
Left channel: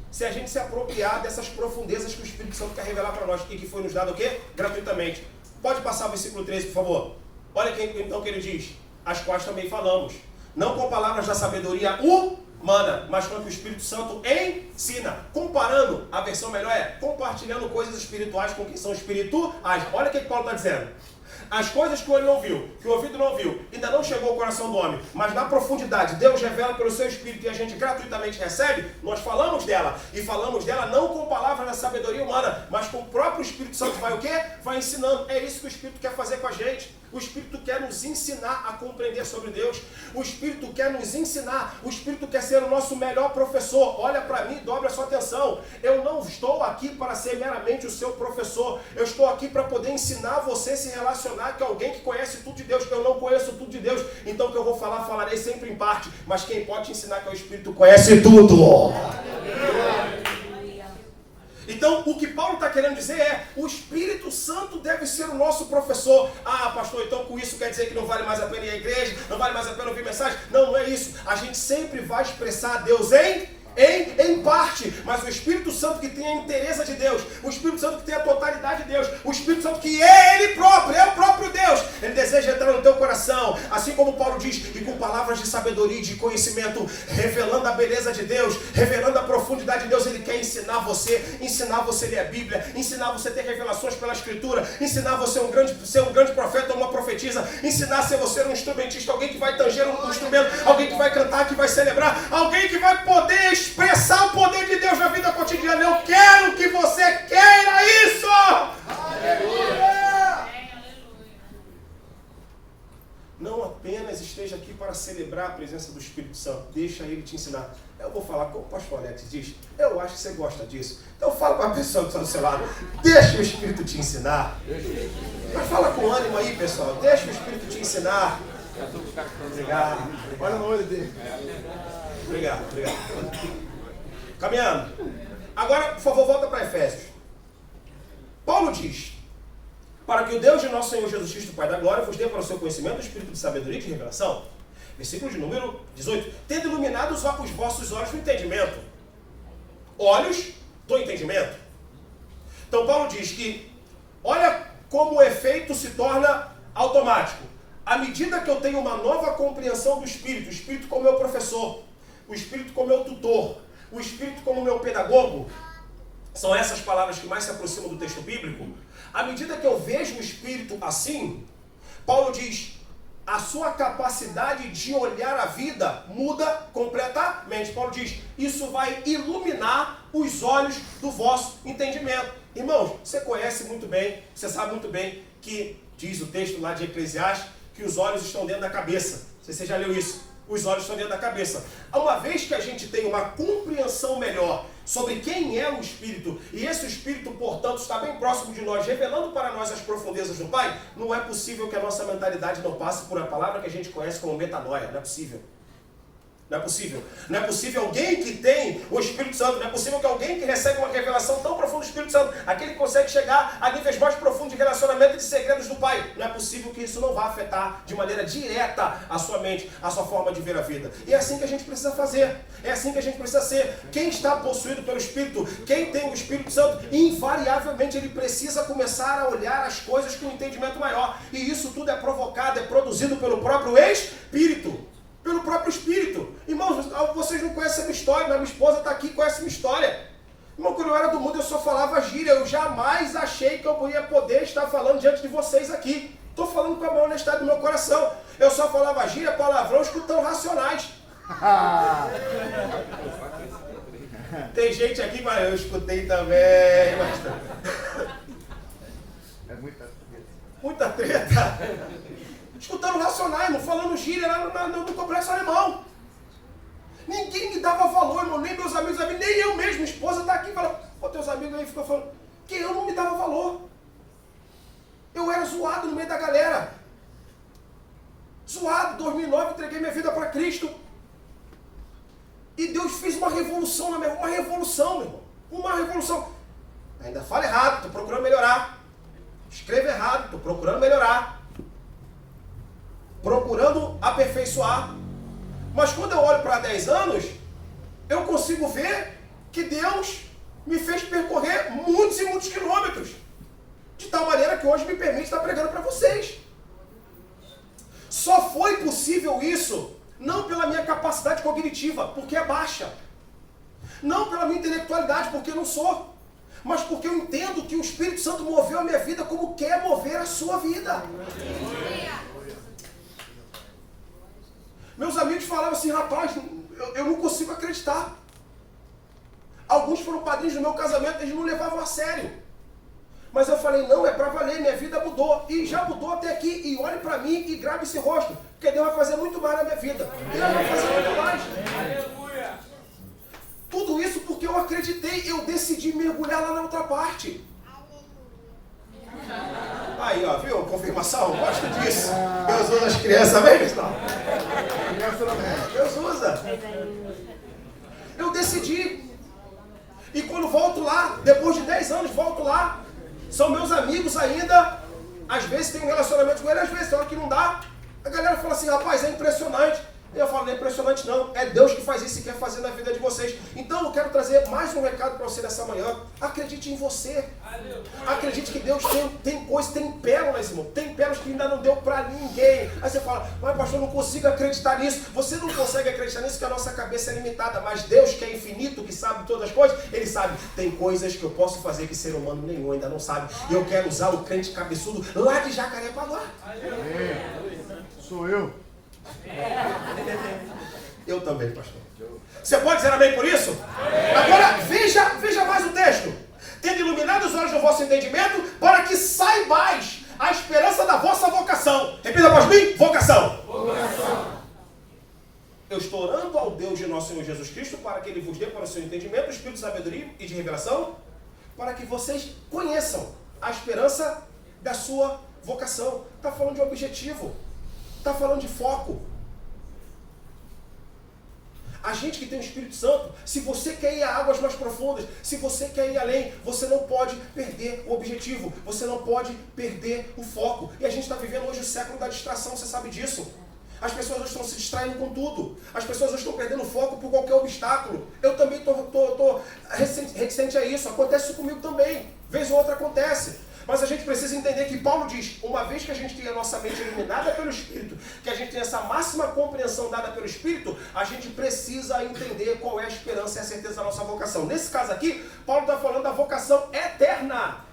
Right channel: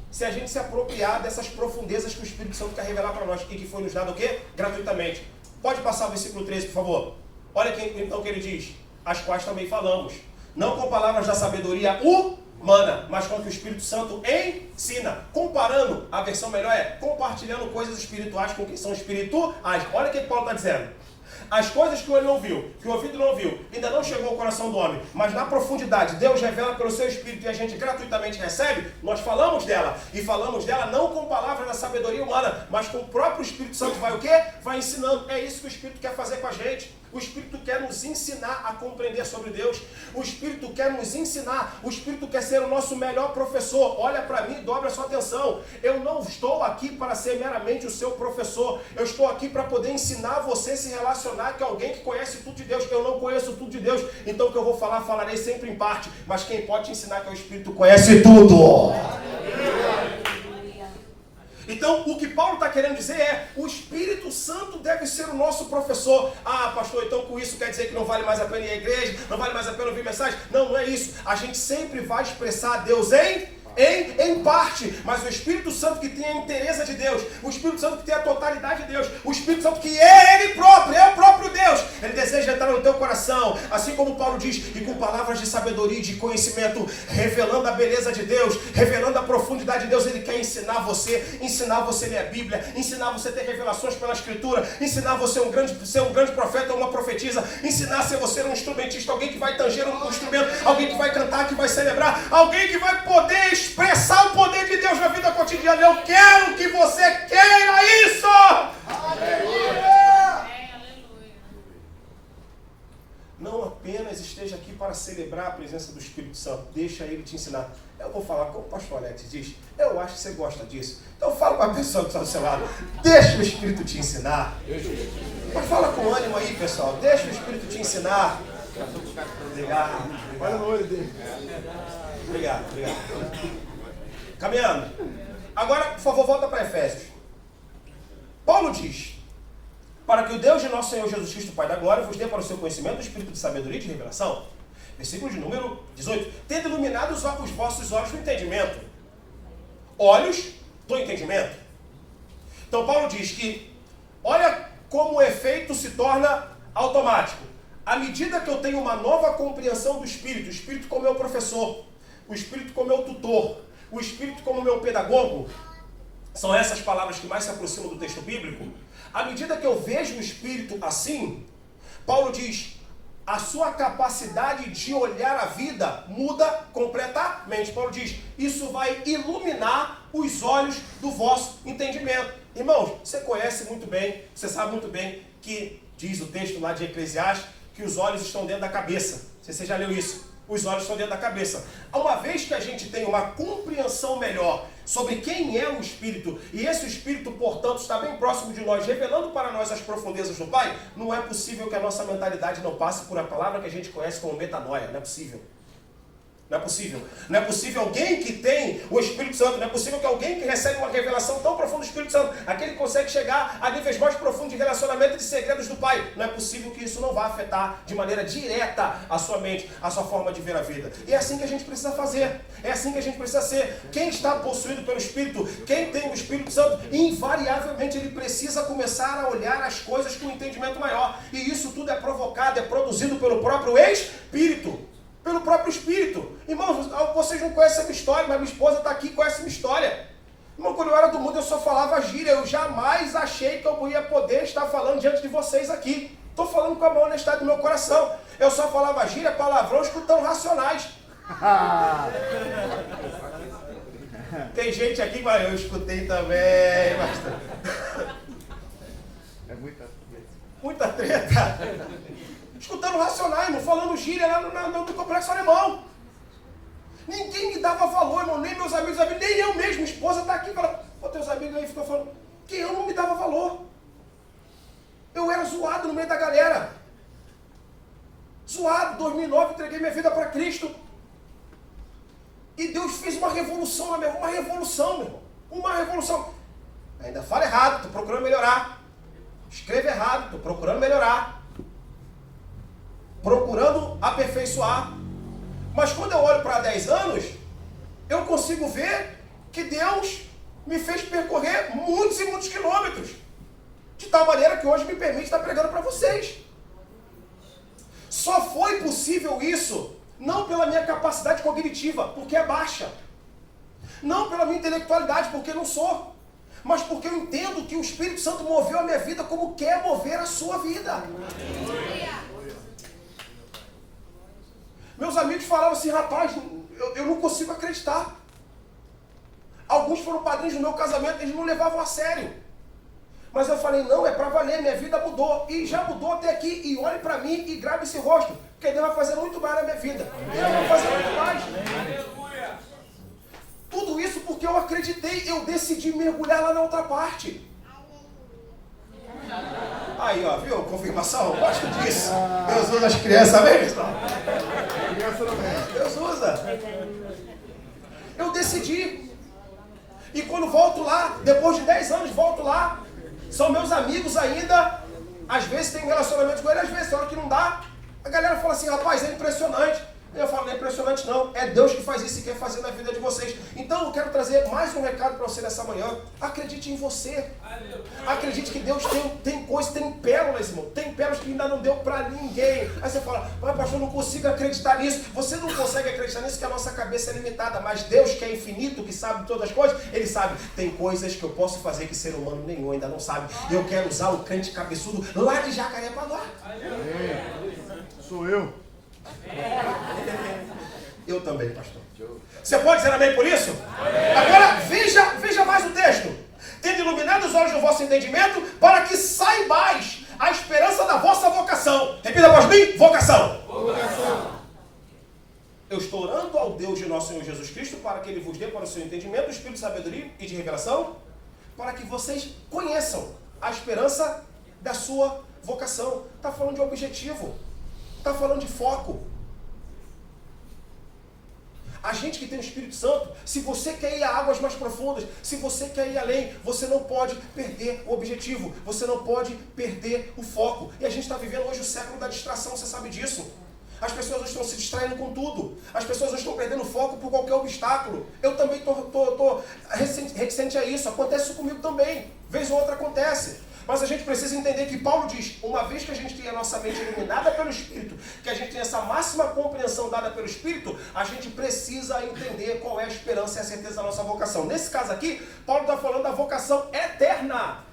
se a gente se apropriar dessas profundezas que o Espírito Santo quer revelar para nós e que foi nos dado o quê? Gratuitamente. Pode passar o versículo 13, por favor. Olha então o que ele diz. As quais também falamos. Não com palavras da sabedoria humana, mas com o que o Espírito Santo ensina. Comparando, a versão melhor é compartilhando coisas espirituais com quem são espirituais. Olha o que Paulo está dizendo. As coisas que o olho não viu, que o ouvido não viu, ainda não chegou ao coração do homem, mas na profundidade, Deus revela pelo seu Espírito e a gente gratuitamente recebe, nós falamos dela. E falamos dela não com palavras da sabedoria humana, mas com o próprio Espírito Santo. Vai o quê? Vai ensinando. É isso que o Espírito quer fazer com a gente. O Espírito quer nos ensinar a compreender sobre Deus. O Espírito quer nos ensinar. O Espírito quer ser o nosso melhor professor. Olha para mim, dobra a sua atenção. Eu não estou aqui para ser meramente o seu professor. Eu estou aqui para poder ensinar você a se relacionar com alguém que conhece tudo de Deus. Eu não conheço tudo de Deus. Então o que eu vou falar, falarei sempre em parte. Mas quem pode te ensinar que é o Espírito conhece tudo. Então, o que Paulo está querendo dizer é, o Espírito Santo deve ser o nosso professor. Ah, pastor, então com isso quer dizer que não vale mais a pena ir à igreja, não vale mais a pena ouvir mensagem? Não, não é isso. A gente sempre vai expressar a Deus em parte, mas o Espírito Santo que tem a inteireza de Deus, o Espírito Santo que tem a totalidade de Deus, o Espírito Santo que é Ele próprio, é o próprio Deus, Ele deseja entrar no teu coração, assim como Paulo diz, e com palavras de sabedoria e de conhecimento, revelando a beleza de Deus, revelando a profundidade de Deus. Ele quer ensinar você a ler a Bíblia, ensinar você a ter revelações pela Escritura, ensinar você ser um grande profeta ou uma profetisa, ensinar a ser você um instrumentista, alguém que vai tanger um instrumento, alguém que vai cantar, que vai celebrar, alguém que vai poder expressar o poder de Deus na vida cotidiana. Eu quero que você queira isso! Aleluia! Não apenas esteja aqui para celebrar a presença do Espírito Santo, deixa Ele te ensinar. Eu vou falar como o pastor Alex diz, eu acho que você gosta disso. Então fala para a pessoa que está do seu lado, deixa o Espírito te ensinar. Mas fala com ânimo aí, pessoal, deixa o Espírito te ensinar. Obrigado. Olha no olho dele. Obrigado. Caminhando. Agora, por favor, volta para Efésios. Paulo diz, para que o Deus de nosso Senhor Jesus Cristo, Pai da Glória, vos dê para o seu conhecimento o Espírito de sabedoria e de revelação. Versículo de número 18. Tendo iluminado os vossos olhos do entendimento. Olhos do entendimento. Então Paulo diz que, olha como o efeito se torna automático. À medida que eu tenho uma nova compreensão do Espírito, o Espírito como meu professor, o Espírito como meu tutor, o Espírito como meu pedagogo, são essas palavras que mais se aproximam do texto bíblico. À medida que eu vejo o Espírito assim, Paulo diz, a sua capacidade de olhar a vida muda completamente. Paulo diz, isso vai iluminar os olhos do vosso entendimento. Irmãos, você conhece muito bem, você sabe muito bem que diz o texto lá de Eclesiastes, que os olhos estão dentro da cabeça. Não sei se você já leu isso. Os olhos estão dentro da cabeça. Uma vez que a gente tem uma compreensão melhor sobre quem é o Espírito, e esse Espírito, portanto, está bem próximo de nós, revelando para nós as profundezas do Pai, não é possível que a nossa mentalidade não passe por uma palavra que a gente conhece como metanoia. Não é possível. Não é possível. Não é possível alguém que tem o Espírito Santo, não é possível que alguém que recebe uma revelação tão profunda do Espírito Santo, aquele que consegue chegar a níveis mais profundos de relacionamento e de segredos do Pai. Não é possível que isso não vá afetar de maneira direta a sua mente, a sua forma de ver a vida. E é assim que a gente precisa fazer. É assim que a gente precisa ser. Quem está possuído pelo Espírito, quem tem o Espírito Santo, invariavelmente ele precisa começar a olhar as coisas com um entendimento maior. E isso tudo é provocado, é produzido pelo próprio Espírito. Pelo próprio Espírito. Irmãos, vocês não conhecem a minha história, mas minha esposa está aqui e conhece a minha história. Irmão, quando eu era do mundo eu só falava gíria. Eu jamais achei que eu ia poder estar falando diante de vocês aqui. Estou falando com a maior honestidade do meu coração. Eu só falava gíria, palavrão, escutando racionais. Tem gente aqui, mas eu escutei também. É muita treta. Muita treta. Escutando racionais, não falando gíria lá no complexo alemão. Ninguém me dava valor, irmão, nem meus amigos, nem eu mesmo. Minha esposa está aqui e fala, pô, teus amigos aí ficam falando que eu não me dava valor. Eu era zoado no meio da galera. Zoado, 2009, entreguei minha vida para Cristo. E Deus fez uma revolução na minha vida, uma revolução, meu irmão. Uma revolução. Ainda fala errado, estou procurando melhorar. Escreve errado, estou procurando melhorar. Procurando aperfeiçoar. Mas quando eu olho para 10 anos, eu consigo ver que Deus me fez percorrer muitos e muitos quilômetros. De tal maneira que hoje me permite estar pregando para vocês. Só foi possível isso, não pela minha capacidade cognitiva, porque é baixa. Não pela minha intelectualidade, porque não sou. Mas porque eu entendo que o Espírito Santo moveu a minha vida como quer mover a sua vida. Meus amigos falavam assim, rapaz, eu não consigo acreditar. Alguns foram padrinhos do meu casamento, eles não levavam a sério. Mas eu falei, não, é para valer, minha vida mudou. E já mudou até aqui. E olhe para mim e grave esse rosto. Porque Deus vai fazer muito mais na minha vida. Deus vai fazer muito mais. Aleluia. Tudo isso porque eu acreditei. Eu decidi mergulhar lá na outra parte. Aí, ó, viu? Confirmação. Eu gosto disso. Deus usa as crianças mesmo. Deus usa. Eu decidi. E quando volto lá, depois de 10 anos, volto lá. São meus amigos ainda. Às vezes tem um relacionamento com ele, às vezes tem hora que não dá. A galera fala assim, rapaz, é impressionante. Eu falo, não é impressionante não. É Deus que faz isso e quer fazer na vida de vocês. Então eu quero trazer mais um recado para você nessa manhã. Acredite em você. Acredite que Deus tem coisas, tem pérolas, irmão. Tem pérolas que ainda não deu para ninguém. Aí você fala, mas pastor, eu não consigo acreditar nisso. Você não consegue acreditar nisso porque a nossa cabeça é limitada. Mas Deus, que é infinito, que sabe todas as coisas, Ele sabe. Tem coisas que eu posso fazer que ser humano nenhum ainda não sabe. E eu quero usar o crente cabeçudo lá de Jacarepaguá. Sou eu. Eu também, pastor. Você pode dizer amém por isso? Agora, veja mais o texto. Tendo iluminado os olhos do vosso entendimento, para que saibais a esperança da vossa vocação. Repita após mim, vocação. Eu estou orando ao Deus de nosso Senhor Jesus Cristo, para que Ele vos dê para o seu entendimento o espírito de sabedoria e de revelação, para que vocês conheçam a esperança da sua vocação. Está falando de objetivo. Está falando de foco. A gente que tem o Espírito Santo, se você quer ir a águas mais profundas, se você quer ir além, você não pode perder o objetivo, você não pode perder o foco. E a gente está vivendo hoje o século da distração, você sabe disso. As pessoas hoje estão se distraindo com tudo. As pessoas hoje estão perdendo foco por qualquer obstáculo. Eu também estou reticente a isso. Acontece isso comigo também. Vez ou outra acontece. Mas a gente precisa entender que Paulo diz, uma vez que a gente tem a nossa mente iluminada pelo Espírito, que a gente tem essa máxima compreensão dada pelo Espírito, a gente precisa entender qual é a esperança e a certeza da nossa vocação. Nesse caso aqui, Paulo está falando da vocação eterna.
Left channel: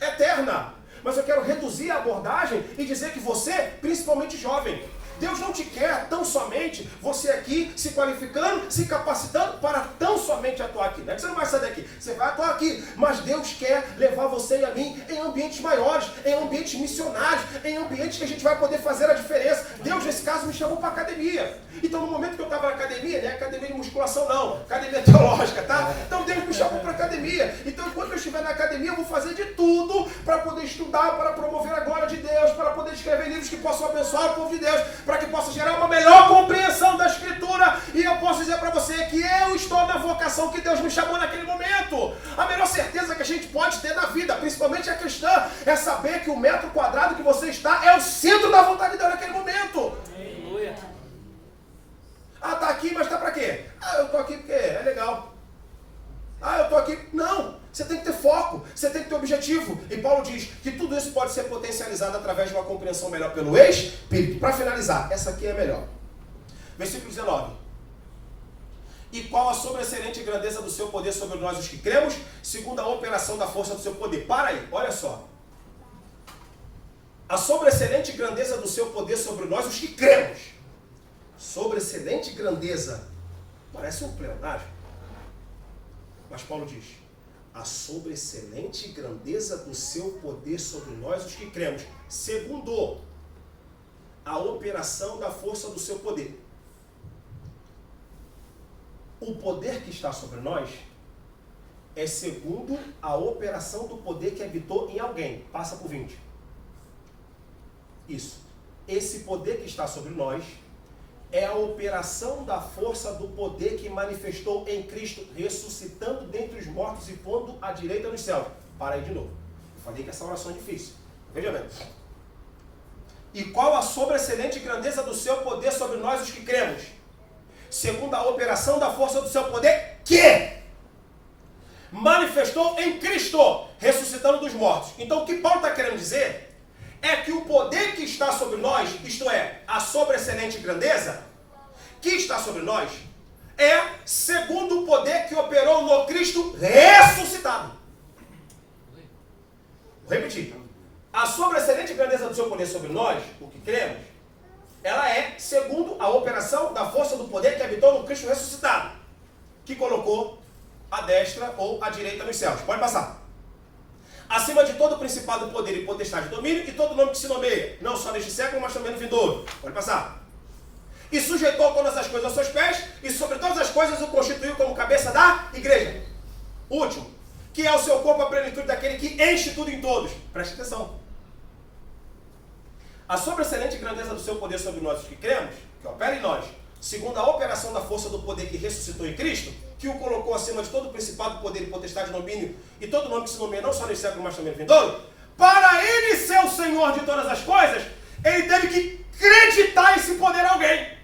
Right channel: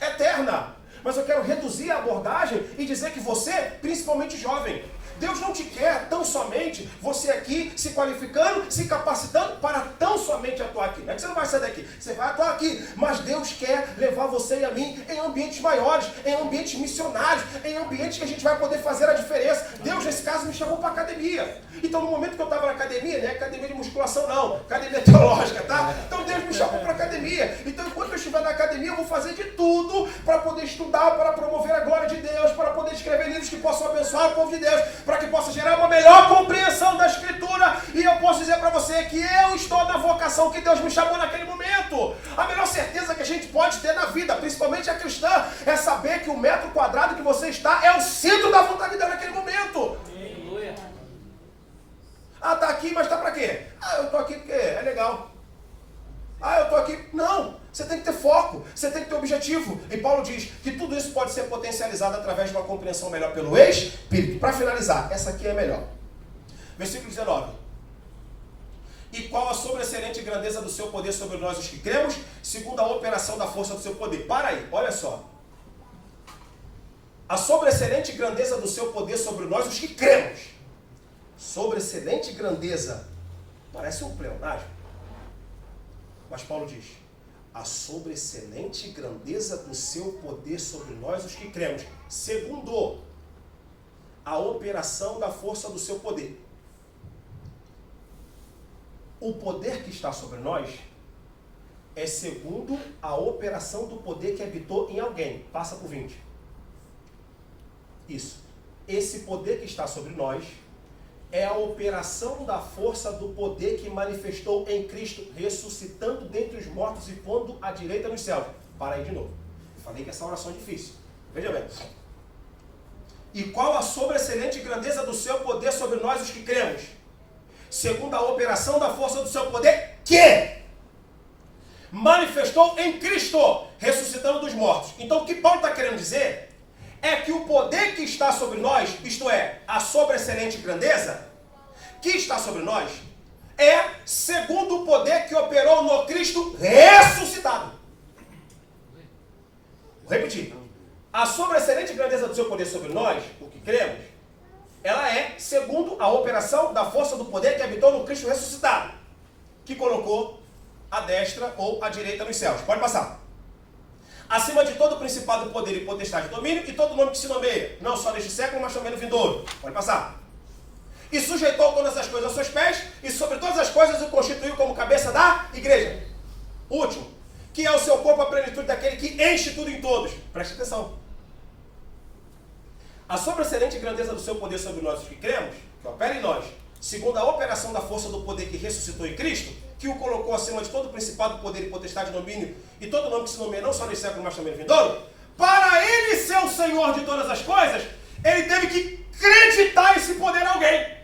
Eterna. Mas eu quero reduzir a abordagem e dizer que você, principalmente jovem, Deus não te quer tão somente você aqui se qualificando, se capacitando para tão somente atuar aqui. Não é que você não vai sair daqui, você vai atuar aqui. Mas Deus quer levar você e a mim em ambientes maiores, em ambientes missionários, em ambientes que a gente vai poder fazer a diferença. Deus, nesse caso, me chamou para a academia. Então, no momento que eu estava na academia, não é academia de musculação não, academia teológica, tá? Então, Deus me chamou para a academia. Então, enquanto eu estiver na academia, eu vou fazer de tudo para poder estudar, para promover a glória de Deus, para poder escrever livros que possam abençoar o povo de Deus, para que possa gerar uma melhor compreensão da Escritura. E eu posso dizer para você que eu estou na vocação que Deus me chamou naquele momento. A melhor certeza que a gente pode ter na vida, principalmente a cristã, é saber que o metro quadrado que você está é o centro da vontade de Deus naquele momento. Aleluia. Ah, tá aqui, mas tá para quê? Ah, eu tô aqui porque é legal. Ah, eu tô aqui. Não, você tem que ter foco, você tem que ter objetivo. E Paulo diz que tudo isso pode ser potencializado através de uma compreensão melhor pelo Espírito. Para finalizar, essa aqui é melhor. Versículo 19. E qual a sobreexcelente grandeza do seu poder sobre nós os que cremos, segundo a operação da força do seu poder. Para aí, olha só. A sobreexcelente grandeza do seu poder sobre nós os que cremos. Sobreexcelente grandeza. Parece um pleonasmo. Mas Paulo diz, a sobreexcelente grandeza do seu poder sobre nós, os que cremos, segundo a operação da força do seu poder. O poder que está sobre nós é segundo a operação do poder que habitou em alguém. Passa por 20. Isso. Esse poder que está sobre nós é a operação da força do poder que manifestou em Cristo, ressuscitando dentre os mortos e pondo à direita nos céus. Para aí de novo. Eu falei que essa oração é difícil. Veja bem. E qual a sobreexcelente grandeza do seu poder sobre nós os que cremos? segundo a operação da força do seu poder, que manifestou em Cristo, ressuscitando dos mortos. Então o que Paulo está querendo dizer é que o poder que está sobre nós, isto é, a sobreexcelente grandeza, que está sobre nós, é segundo o poder que operou no Cristo ressuscitado. Vou repetir. A sobreexcelente grandeza do seu poder sobre nós, o que cremos, ela é segundo a operação da força do poder que habitou no Cristo ressuscitado, que colocou a destra ou a direita nos céus. Pode passar. Acima de todo principado, poder e potestade, domínio, e todo nome que se nomeia, não só neste século, mas também no vindouro. Pode passar. E sujeitou todas as coisas aos seus pés, e sobre todas as coisas o constituiu como cabeça da igreja. Último, que é o seu corpo a plenitude daquele que enche tudo em todos. Preste atenção. A sobreexcelente grandeza do seu poder sobre nós, os que cremos, que opera em nós, segundo a operação da força do poder que ressuscitou em Cristo, que o colocou acima de todo principado, poder e potestade, domínio, e todo nome que se nomeia não só nesse século, mas também no vindouro, para ele ser o Senhor de todas as coisas, ele teve que acreditar esse poder a alguém.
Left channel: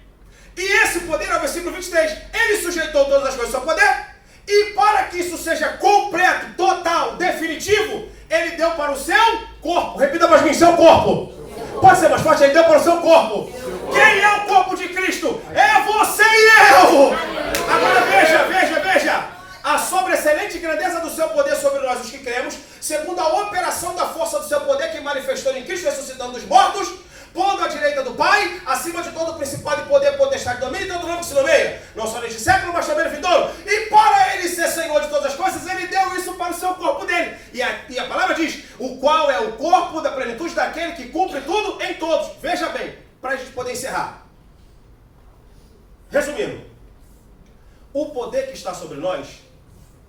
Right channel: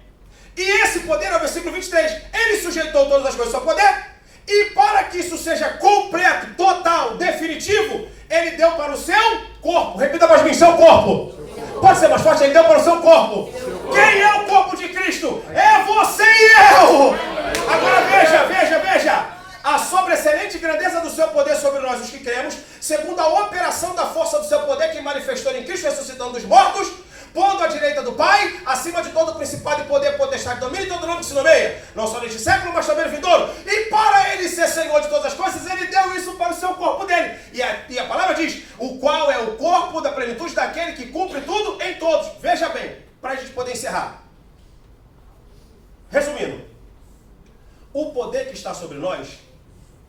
E esse poder, é o versículo 23, ele sujeitou todas as coisas ao seu poder, e para que isso seja completo, total, definitivo, ele deu para o seu corpo. Repita mais bem, seu corpo. Pode ser mais forte, ele deu para o seu corpo. Quem é o corpo de Cristo? É você e eu. Agora veja. A sobreexcelente grandeza do seu poder sobre nós, os que cremos, segundo a operação da força do seu poder que manifestou em Cristo, ressuscitando dos mortos, pondo à direita do Pai, acima de todo principado e poder, potestade, domínio e todo nome que se nomeia, não só neste século, mas também no vindouro. E para ele ser Senhor de todas as coisas, ele deu isso para o seu corpo dele. E a palavra diz, o qual é o corpo da plenitude daquele que cumpre tudo em todos. Veja bem, para a gente poder encerrar. Resumindo, o poder que está sobre nós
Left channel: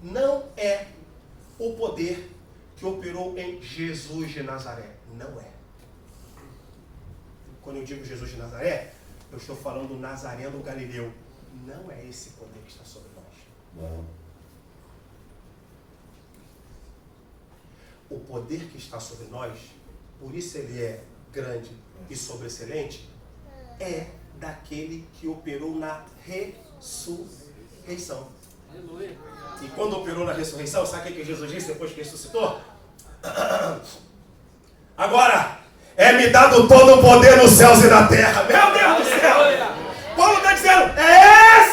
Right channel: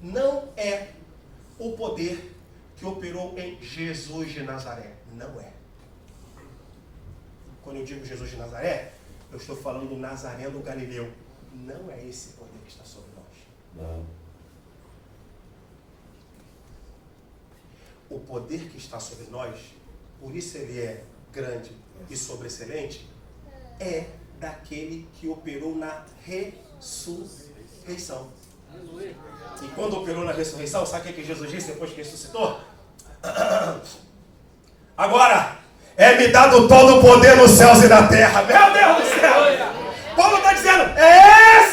não é o poder que operou em Jesus de Nazaré. Não é. Quando eu digo Jesus de Nazaré, eu estou falando do Nazareno Galileu. Não é esse poder que está sobre nós. Não. O poder que está sobre nós, por isso ele é grande e sobreexcelente, é daquele que operou na ressurreição. E quando operou na ressurreição, sabe o que Jesus disse depois que ressuscitou? Agora, é-me dado todo o poder nos céus e na terra. Meu Deus do céu! Paulo está dizendo, é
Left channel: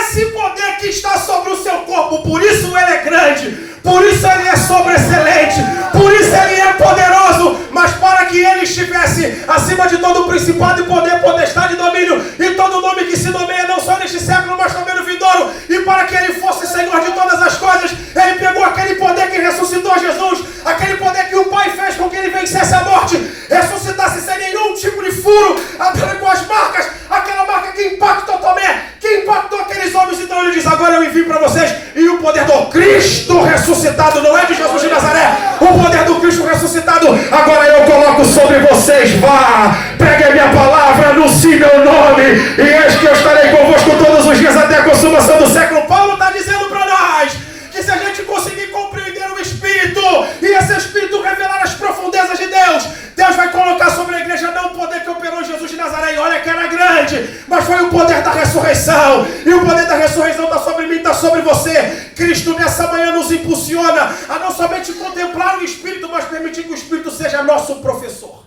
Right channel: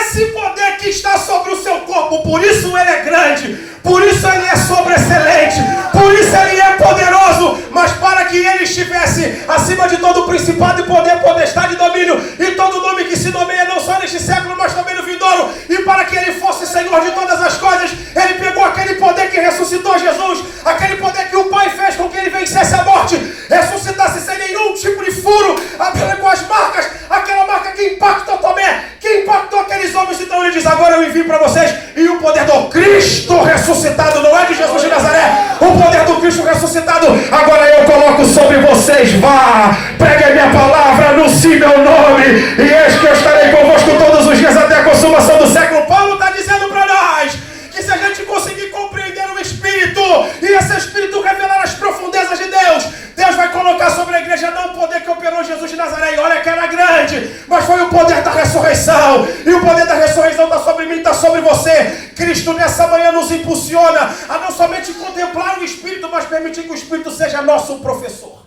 esse poder que está sobre o seu corpo. Por isso ele é grande, por isso ele é sobreexcelente, por isso ele é poderoso. Mas para que ele estivesse acima de todo o principado e poder, potestade e domínio, e todo nome que se nomeia não só neste século, mas também no vindouro, e para que ele fosse Senhor de todas as coisas, ele pegou aquele poder que ressuscitou Jesus, aquele poder que o Pai fez com que ele vencesse a morte, ressuscitasse sem nenhum tipo de furo, apenas com as marcas, aquela marca que impactou Tomé, que impactou aqueles homens. Então ele diz, agora eu envio para vocês, e o poder do Cristo ressuscitado, não é de Jesus de Nazaré, o poder do Cristo ressuscitado, agora eu coloco sobre vocês. Vá, pregue a minha palavra, anuncie meu nome, e eis que eu estarei convosco todos os dias até a consumação do século. Paulo está dizendo para nós que se a gente conseguir compreender o Espírito, e esse Espírito revelar as profundezas de Deus, Deus vai colocar sobre a igreja não o poder que operou Jesus de Nazaré, e olha que era grande, mas foi o poder da ressurreição, e o poder da ressurreição está sobre mim, está sobre você. Cristo nessa manhã nos impulsiona a não somente contemplar o Espírito, mas permitir que o Espírito seja nosso professor.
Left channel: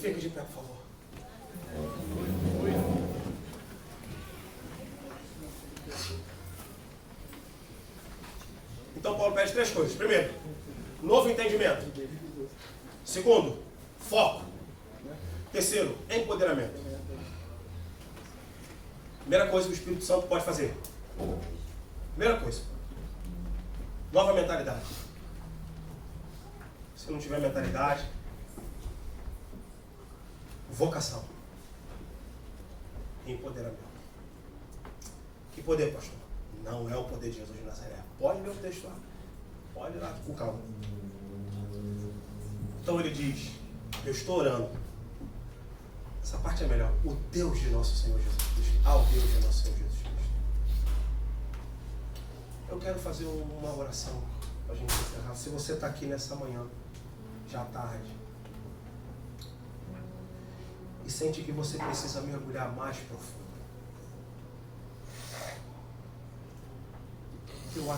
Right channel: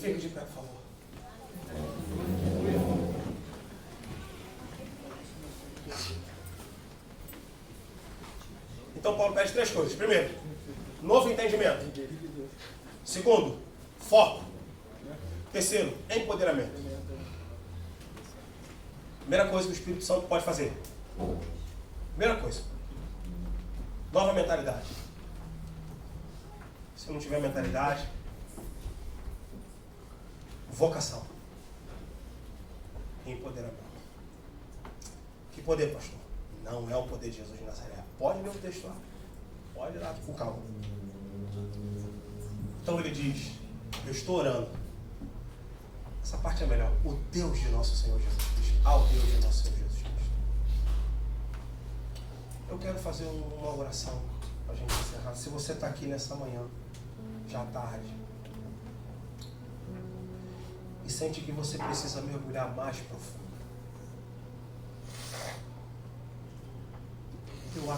Fique de pé, por favor. Então Paulo pede 3 coisas. Primeiro, novo entendimento. Segundo, foco. Terceiro, empoderamento. Primeira coisa que o Espírito Santo pode fazer. Primeira coisa, nova mentalidade. Se não tiver mentalidade, vocação e empoderamento. Que poder, pastor? Não é o poder de Jesus de Nazaré. Pode ler o texto lá. Pode ir lá com calma. Então ele diz, eu estou orando. Essa parte é melhor. O Deus de nosso Senhor Jesus Cristo. Ao Deus de nosso Senhor Jesus Cristo. Eu quero fazer uma oração para a gente encerrar. Se você está aqui nessa manhã, já tarde, e sente que você precisa mergulhar mais profundo. Eu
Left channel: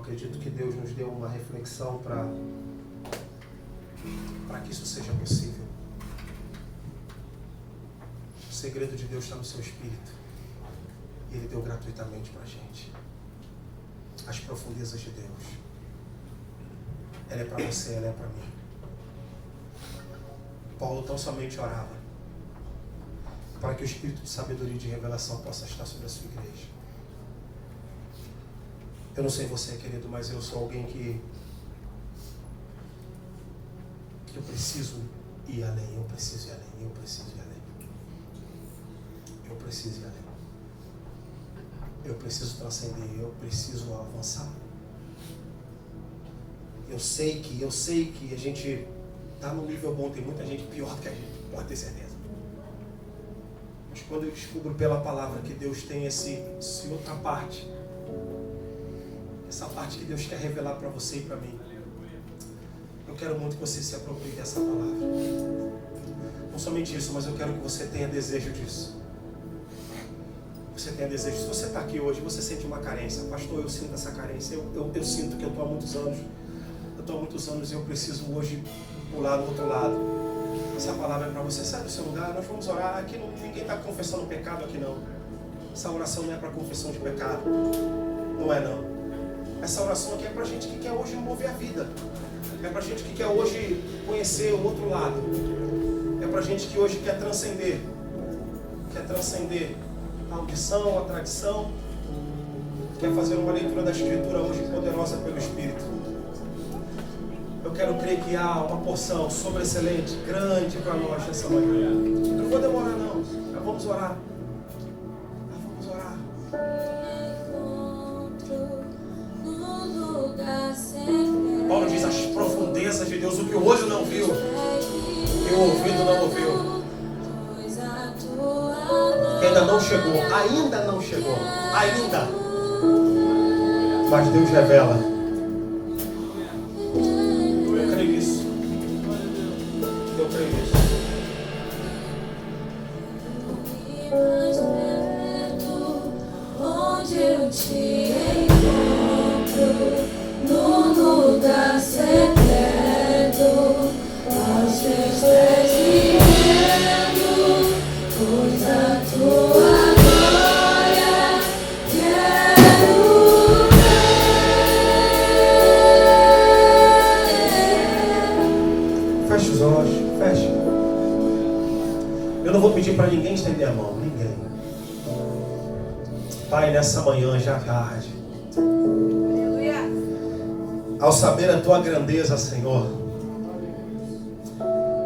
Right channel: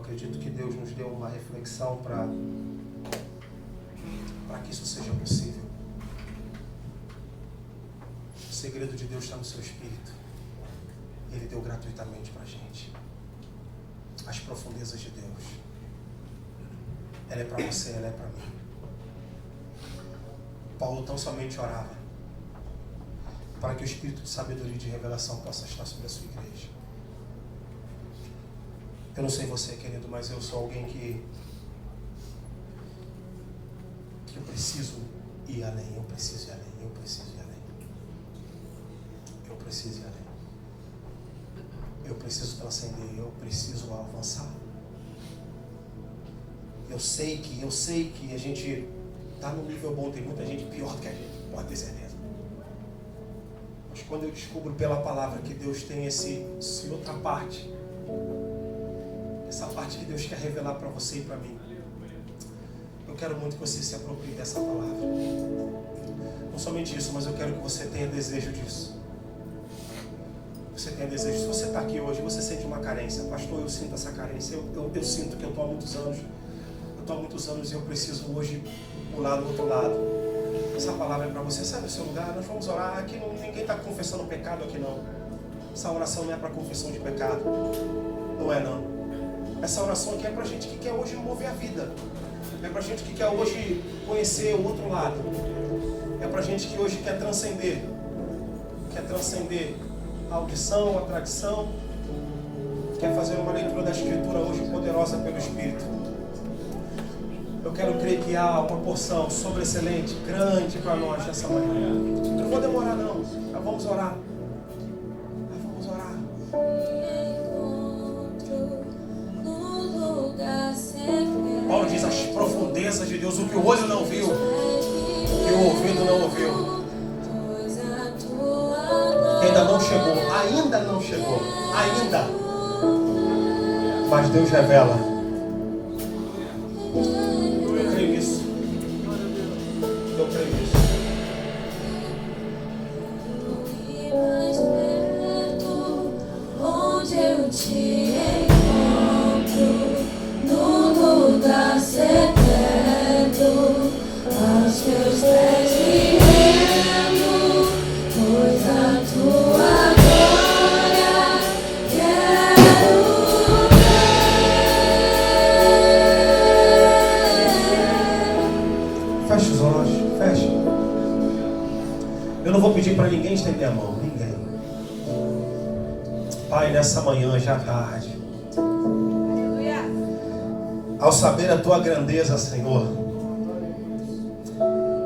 acredito que Deus nos deu uma reflexão para que isso seja possível. O segredo de Deus está no seu espírito. E Ele deu gratuitamente para a gente. As profundezas de Deus. Ela é para você, ela é para mim. Paulo tão somente orava para que o espírito de sabedoria e de revelação possa estar sobre a sua igreja. Eu não sei você, querido, mas eu sou alguém que eu preciso ir além, eu preciso ir além, eu preciso ir além. Eu preciso ir além. Eu preciso transcender, eu preciso avançar. Eu sei que a gente está no nível bom, tem muita gente pior do que a gente, pode ter certeza. Mas quando eu descubro pela palavra que Deus tem essa outra parte, essa parte que Deus quer revelar para você e para mim, eu quero muito que você se aproprie dessa palavra. Não somente isso, mas eu quero que você tenha desejo disso. Você tenha desejo. Se você está aqui hoje, você sente uma carência. Pastor, eu sinto essa carência. Eu sinto que eu estou há muitos anos. E eu preciso hoje pular do outro lado. Essa palavra é para você. Sai do seu lugar, nós vamos orar. Aqui ninguém está confessando pecado aqui não. Essa oração não é para confissão de pecado. Não é não. Essa oração aqui é para gente que quer hoje mover a vida. É para gente que quer hoje conhecer o outro lado. É para gente que hoje quer transcender. Quer transcender a audição, a tradição. Quer fazer uma leitura da Escritura hoje poderosa pelo Espírito. Eu quero crer que há uma porção sobreexcelente, grande para nós nessa manhã. Não vou demorar não. Nós vamos orar. Paulo diz as profundezas de Deus, o que o olho não viu, o que o ouvido não ouviu, que ainda não chegou, mas Deus revela. Eu creio nisso. Onde eu te encontro, no lugar secreto, aos teus pés me rendo, pois a tua glória quero ver. Feche os olhos, feche. Eu não vou pedir para ninguém estender a mão, ninguém. Pai, nessa manhã já tarde, ao saber a tua grandeza, Senhor,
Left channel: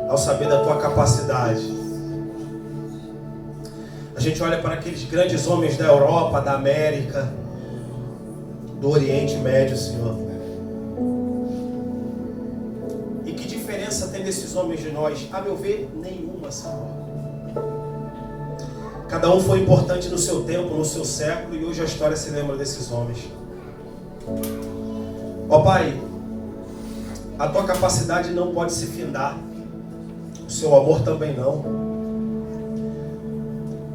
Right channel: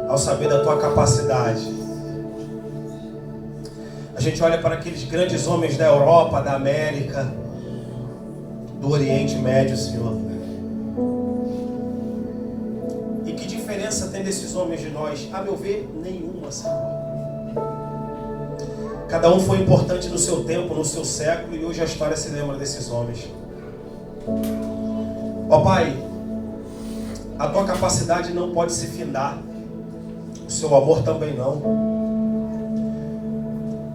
ao saber da tua capacidade, a gente olha para aqueles grandes homens da Europa, da América, do Oriente Médio, Senhor. E que diferença tem desses homens de nós? A meu ver, nenhuma, Senhor. Cada um foi importante no seu tempo, no seu século, e hoje a história se lembra desses homens. Ó Pai, a tua capacidade não pode se findar, o seu amor também não.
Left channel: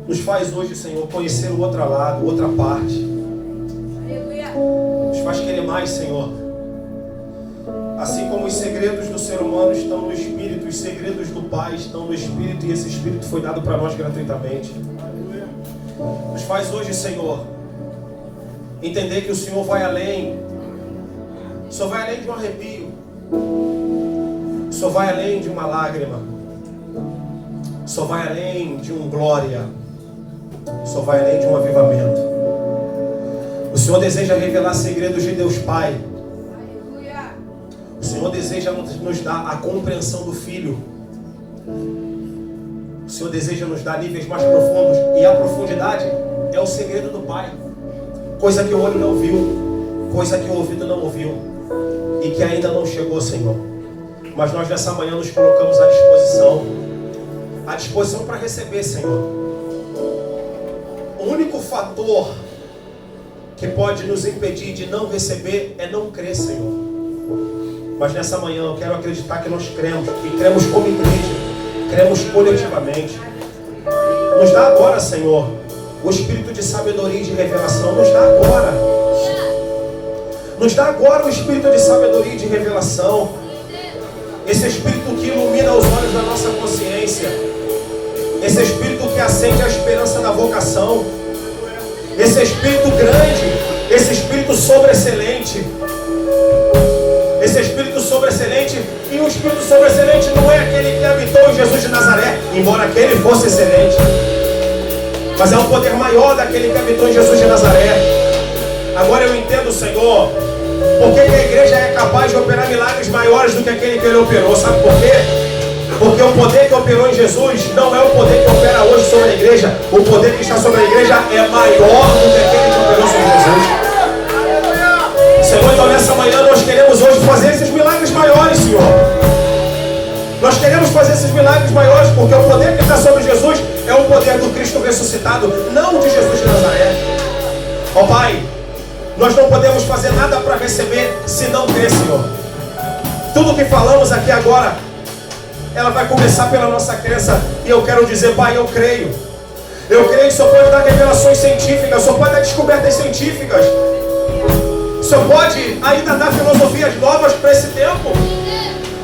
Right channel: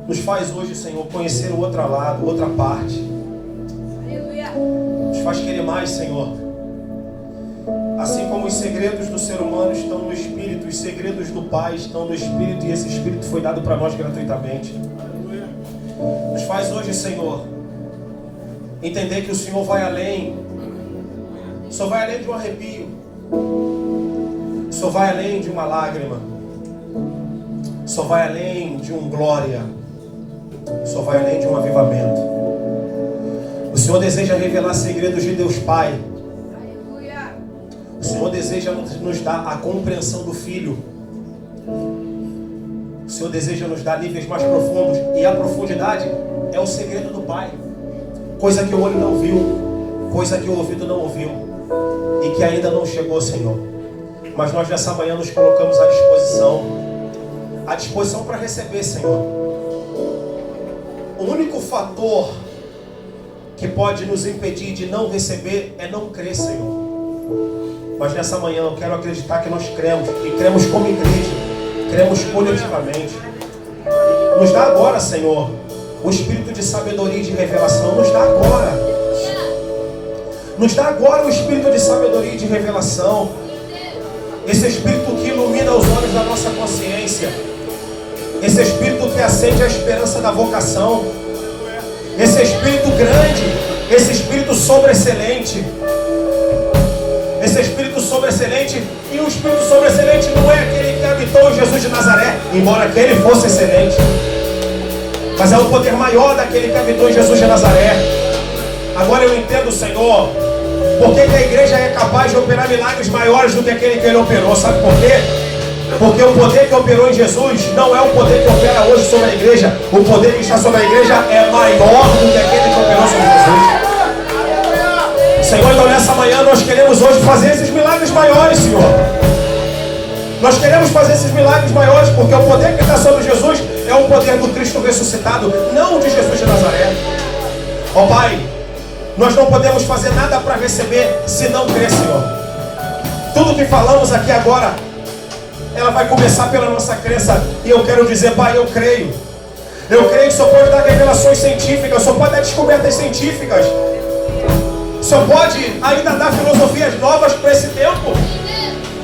Nos faz hoje, Senhor, conhecer o outro lado, outra parte. Nos faz querer mais, Senhor. Assim como os segredos do ser humano estão no Espírito, os segredos do Pai estão no Espírito, e esse Espírito foi dado para nós gratuitamente. Nos faz hoje, Senhor, entender que o Senhor vai além. O Senhor vai além de um arrepio. O Senhor vai além de uma lágrima. O Senhor vai além de um glória. O Senhor vai além de um avivamento. O Senhor deseja revelar segredos de Deus Pai. O Senhor deseja nos dar a compreensão do Filho. O Senhor deseja nos dar níveis mais profundos. E a profundidade é o segredo do Pai. Coisa que o olho não viu, coisa que o ouvido não ouviu, e que ainda não chegou, Senhor. Mas nós nessa manhã nos colocamos à disposição para receber, Senhor. O único fator que pode nos impedir de não receber é não crer, Senhor. Mas nessa manhã eu quero acreditar que nós cremos, e cremos como igreja, cremos coletivamente. Nos dá agora, Senhor, o espírito de sabedoria e de revelação. Nos dá agora. Nos dá agora o espírito de sabedoria e de revelação. Esse espírito que ilumina os olhos da nossa consciência. Esse espírito que acende a esperança da vocação. Esse espírito grande, esse espírito sobreexcelente. Esse espírito sobreexcelente, e o espírito sobreexcelente não é aquele que habitou em Jesus de Nazaré, embora aquele fosse excelente, mas é um poder maior daquele que habitou em Jesus de Nazaré. Agora eu entendo, Senhor, porque a igreja é capaz de operar milagres maiores do que aquele que ele operou. Sabe por quê? Porque o poder que operou em Jesus não é o poder que opera hoje sobre a igreja. O poder que está sobre a igreja é maior do que aquele que operou sobre Jesus. Senhor, então nessa manhã nós queremos hoje fazer esses milagres maiores, Senhor. Nós queremos fazer esses milagres maiores, porque o poder que está sobre Jesus é o poder do Cristo ressuscitado, não de Jesus de Nazaré. Ó Pai, nós não podemos fazer nada para receber se não crer, Senhor. Tudo que falamos aqui agora, ela vai começar pela nossa crença. E eu quero dizer, Pai, eu creio. Eu creio que o Senhor pode dar revelações científicas, o Senhor pode dar descobertas científicas. O Senhor pode ainda dar filosofias novas para esse tempo.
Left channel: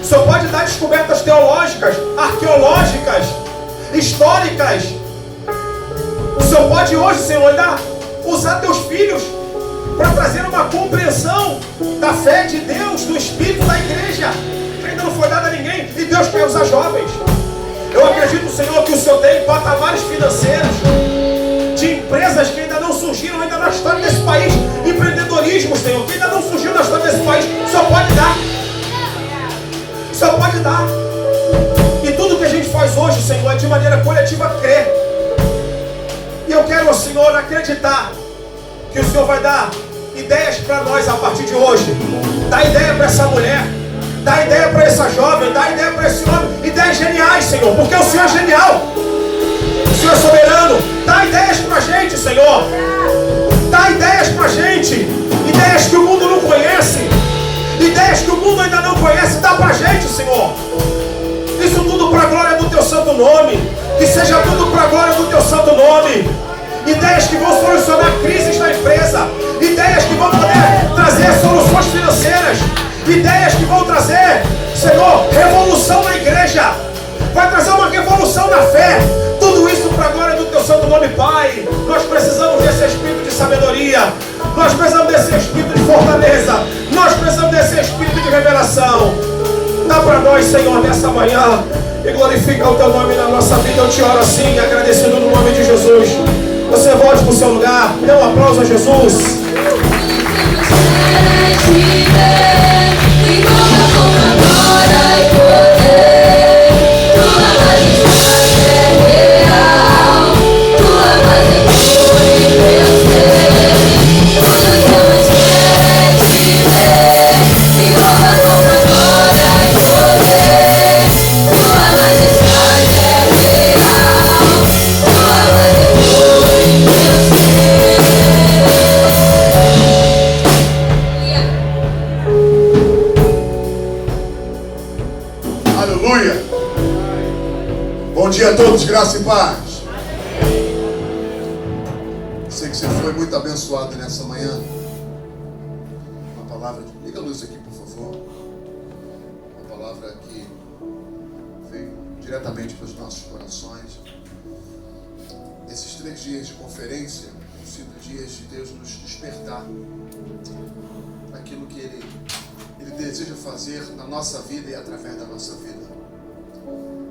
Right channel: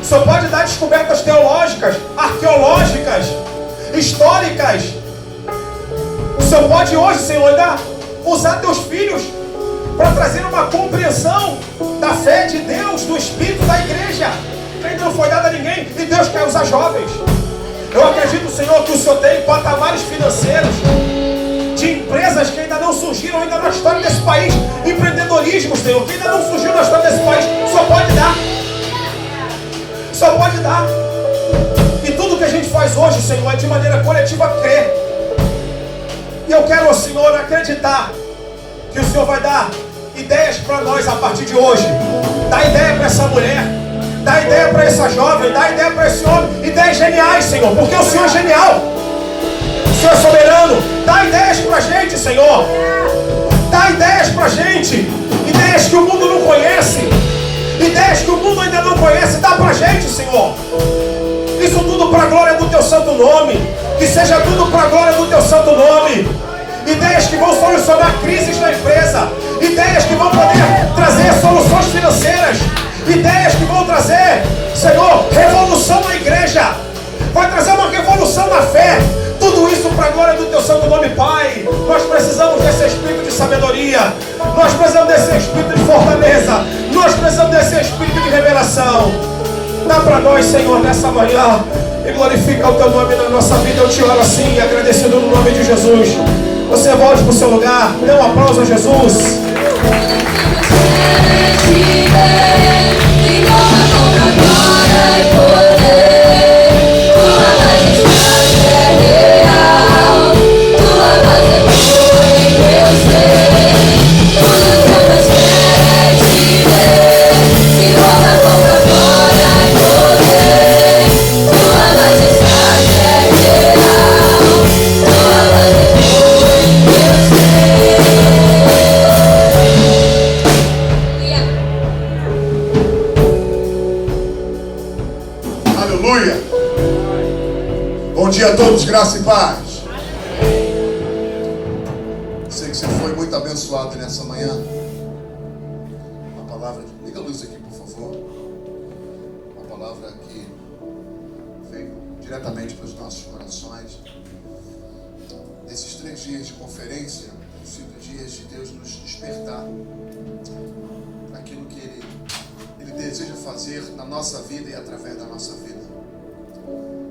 O Senhor pode dar descobertas teológicas, arqueológicas, históricas. O Senhor pode hoje, Senhor, ainda usar teus filhos para trazer uma compreensão da fé de Deus, do Espírito da igreja, que ainda não foi dada a ninguém, e Deus quer usar jovens. Eu acredito, Senhor, que o Senhor tem patamares financeiros de empresas que ainda não surgiram ainda na história desse país, empreendedorismo, Senhor, que ainda não surgiu na história desse país. O Senhor pode dar. O Senhor pode dar. E tudo que a gente faz hoje, Senhor, é de maneira coletiva crer. E eu quero, Senhor, acreditar que o Senhor vai dar ideias para nós a partir de hoje. Dá ideia para essa mulher, dá ideia para essa jovem, dá ideia para esse homem. Ideias geniais, Senhor, porque o Senhor é genial. O Senhor é soberano. Dá ideias pra gente, Senhor. Dá ideias pra gente. Ideias que o mundo não conhece. Ideias que o mundo ainda não conhece. Dá pra gente, Senhor. Isso tudo pra glória do Teu santo nome. Que seja tudo pra glória do Teu santo nome. Ideias que vão solucionar crises na empresa. Ideias que vão poder trazer soluções financeiras. Ideias que vão trazer, Senhor, revolução na igreja. Vai trazer uma revolução na fé. Tudo isso para a glória do Teu santo nome, Pai. Nós precisamos desse espírito de sabedoria. Nós precisamos desse espírito de fortaleza. Nós precisamos desse espírito de revelação. Dá para nós, Senhor, nessa manhã. E glorifica o Teu nome na nossa vida. Eu te oro assim, agradecendo no nome de Jesus. Você volte para o seu lugar. Dê um aplauso a Jesus. Bom dia a todos, graça e paz. Sei que você foi muito abençoado nessa manhã. Uma palavra, liga a luz aqui, por favor. Uma palavra que veio diretamente para os nossos corações. Esses 3 dias de conferência têm sido dias de Deus nos despertar para aquilo que Ele deseja fazer na nossa vida e através da nossa vida.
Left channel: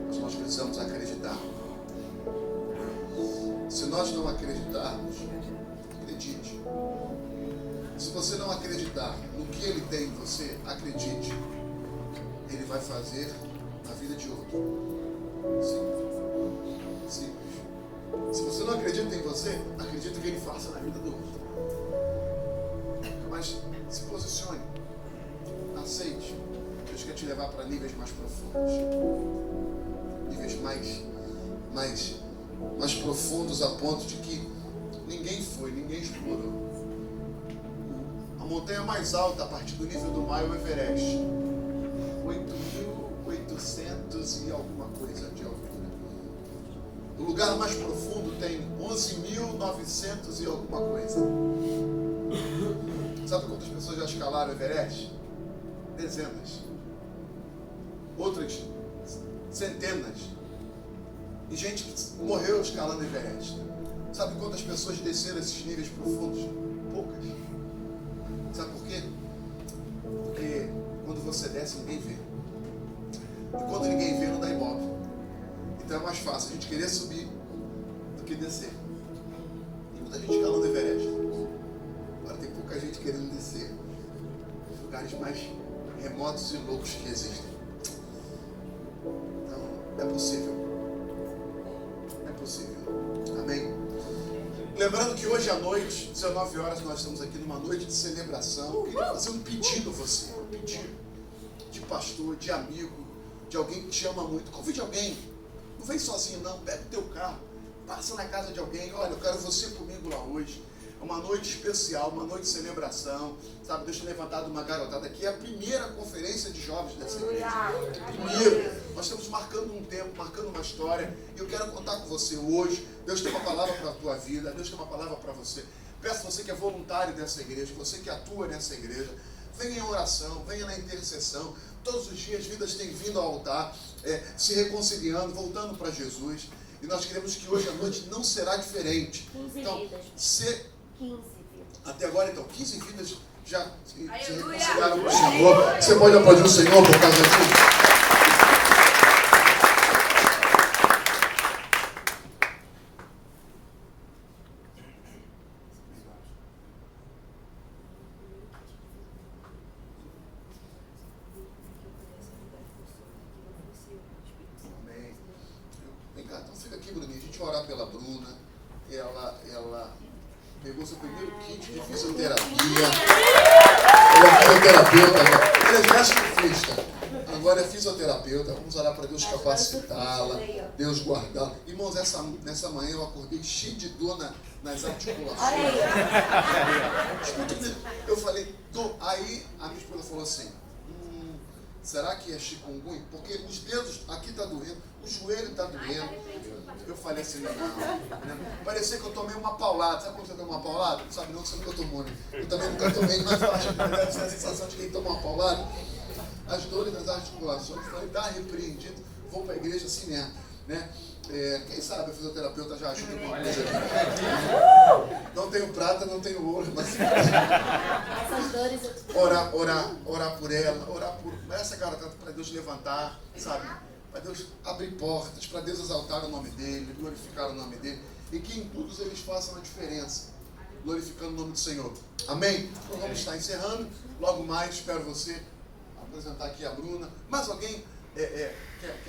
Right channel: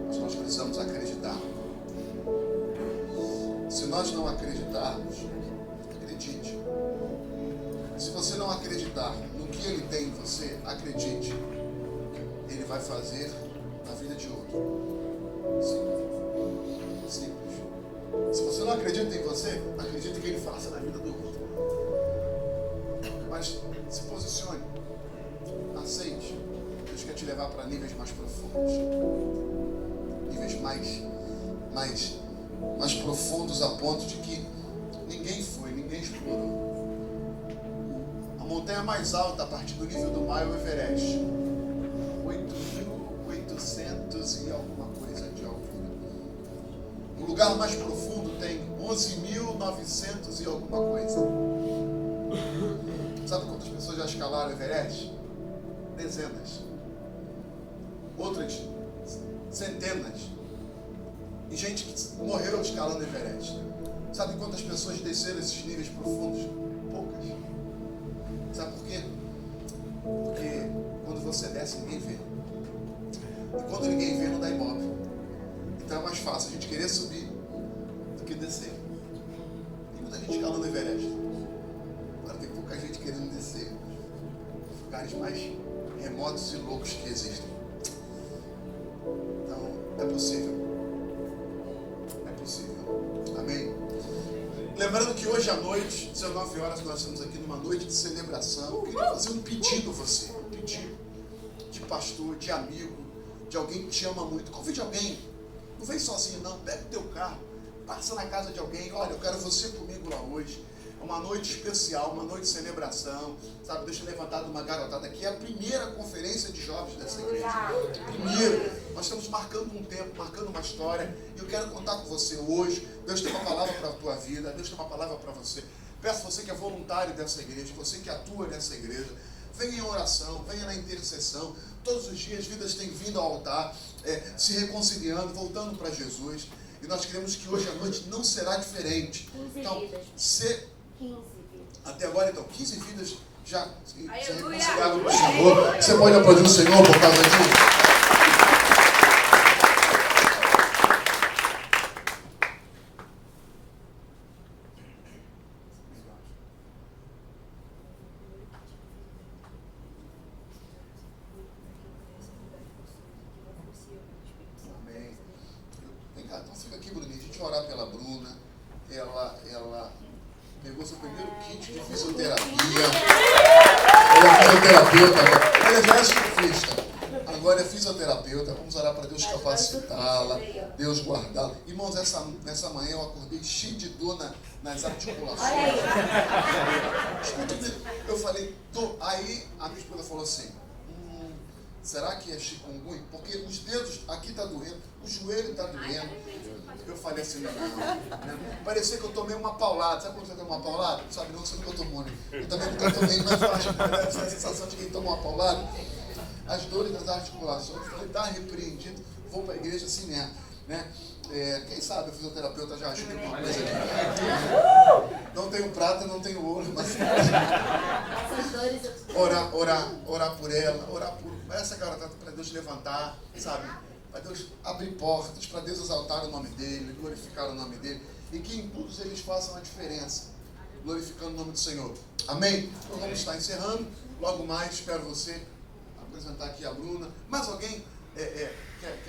Mas nós precisamos acreditar. Se nós não acreditarmos, acredite. Se você não acreditar no que Ele tem em você, acredite. Ele vai fazer na vida de outro. Simples. Simples. Se você não acredita em você, acredita que Ele faça na vida do outro. Mas se posicione. Aceite. Deus quer te levar para níveis mais profundos. Níveis mais profundos, a ponto de que ninguém explorou. A montanha mais alta a partir do nível do mar é o Everest. 8.800 e alguma coisa de altura. O lugar mais profundo tem 11.900 e alguma coisa. Sabe quantas pessoas já escalaram o Everest? Dezenas. Outras centenas. E gente que morreu escalando o Everest. Sabe quantas pessoas desceram esses níveis profundos? Poucas. Sabe por quê? Porque quando você desce, ninguém vê. E quando ninguém vê, não dá ibope. Então é mais fácil a gente querer subir do que descer. Tem muita gente escalando o Everest. Agora tem pouca gente querendo descer. Os lugares mais remotos e loucos que existem. Então, é possível. É possível. Amém? Lembrando que hoje à noite, 19 horas, nós estamos aqui numa noite de celebração. Eu queria fazer um pedido a você. Um pedido de pastor, de amigo, de alguém que te ama muito. Convide alguém. Não vem sozinho não. Pega o teu carro. Passa na casa de alguém. Olha, eu quero você comigo lá hoje. É uma noite especial, uma noite de celebração. Sabe, deixa eu levantar de uma garotada aqui. É a primeira conferência de jovens dessa igreja. Primeiro. Nós estamos marcando um tempo, marcando uma história. E eu quero contar com você hoje. Deus tem uma palavra para a tua vida. Deus tem uma palavra para você. Peço a você que é voluntário dessa igreja, você que atua nessa igreja. Venha em oração, venha na intercessão. Todos os dias vidas têm vindo ao altar, se reconciliando, voltando para Jesus. E nós queremos que hoje à noite não será diferente. 15 então, vidas. 15 vidas. Até agora, então, 15 vidas já se Aleluia! reconciliaram com o Senhor. Você pode aplaudir o Senhor por causa disso? Pegou seu primeiro kit de fisioterapia. Ela é fisioterapeuta agora. Ela é ginecologista. Agora é fisioterapeuta. Vamos orar para Deus capacitá-la, Deus guardá-la. Irmãos, nessa manhã eu acordei cheio de dor nas articulações. Eu falei, aí a minha esposa falou assim, será que é chikungunya? Porque os dedos aqui tá doendo, o joelho tá doendo. Eu falei assim, não. Parecia que eu tomei uma paulada. Sabe quando você toma uma paulada? Sabe não que você nunca tomou, né? Eu também nunca tomei, mas eu acho que essa sensação de quem toma uma paulada. As dores das articulações, eu falei, dá repreendido, vou para a igreja assim mesmo, né? Quem sabe a fisioterapeuta já ajuda alguma coisa aqui. Não tenho prata, não tenho ouro, mas Essas dores eu orar por ela, orar por essa garota para Deus levantar, sabe? Para Deus abrir portas, para Deus exaltar o nome dele, glorificar o nome dele, e que em todos eles façam a diferença, glorificando o nome do Senhor. Amém? Então vamos estar encerrando. Logo mais, espero você apresentar aqui a Bruna. Mais alguém quer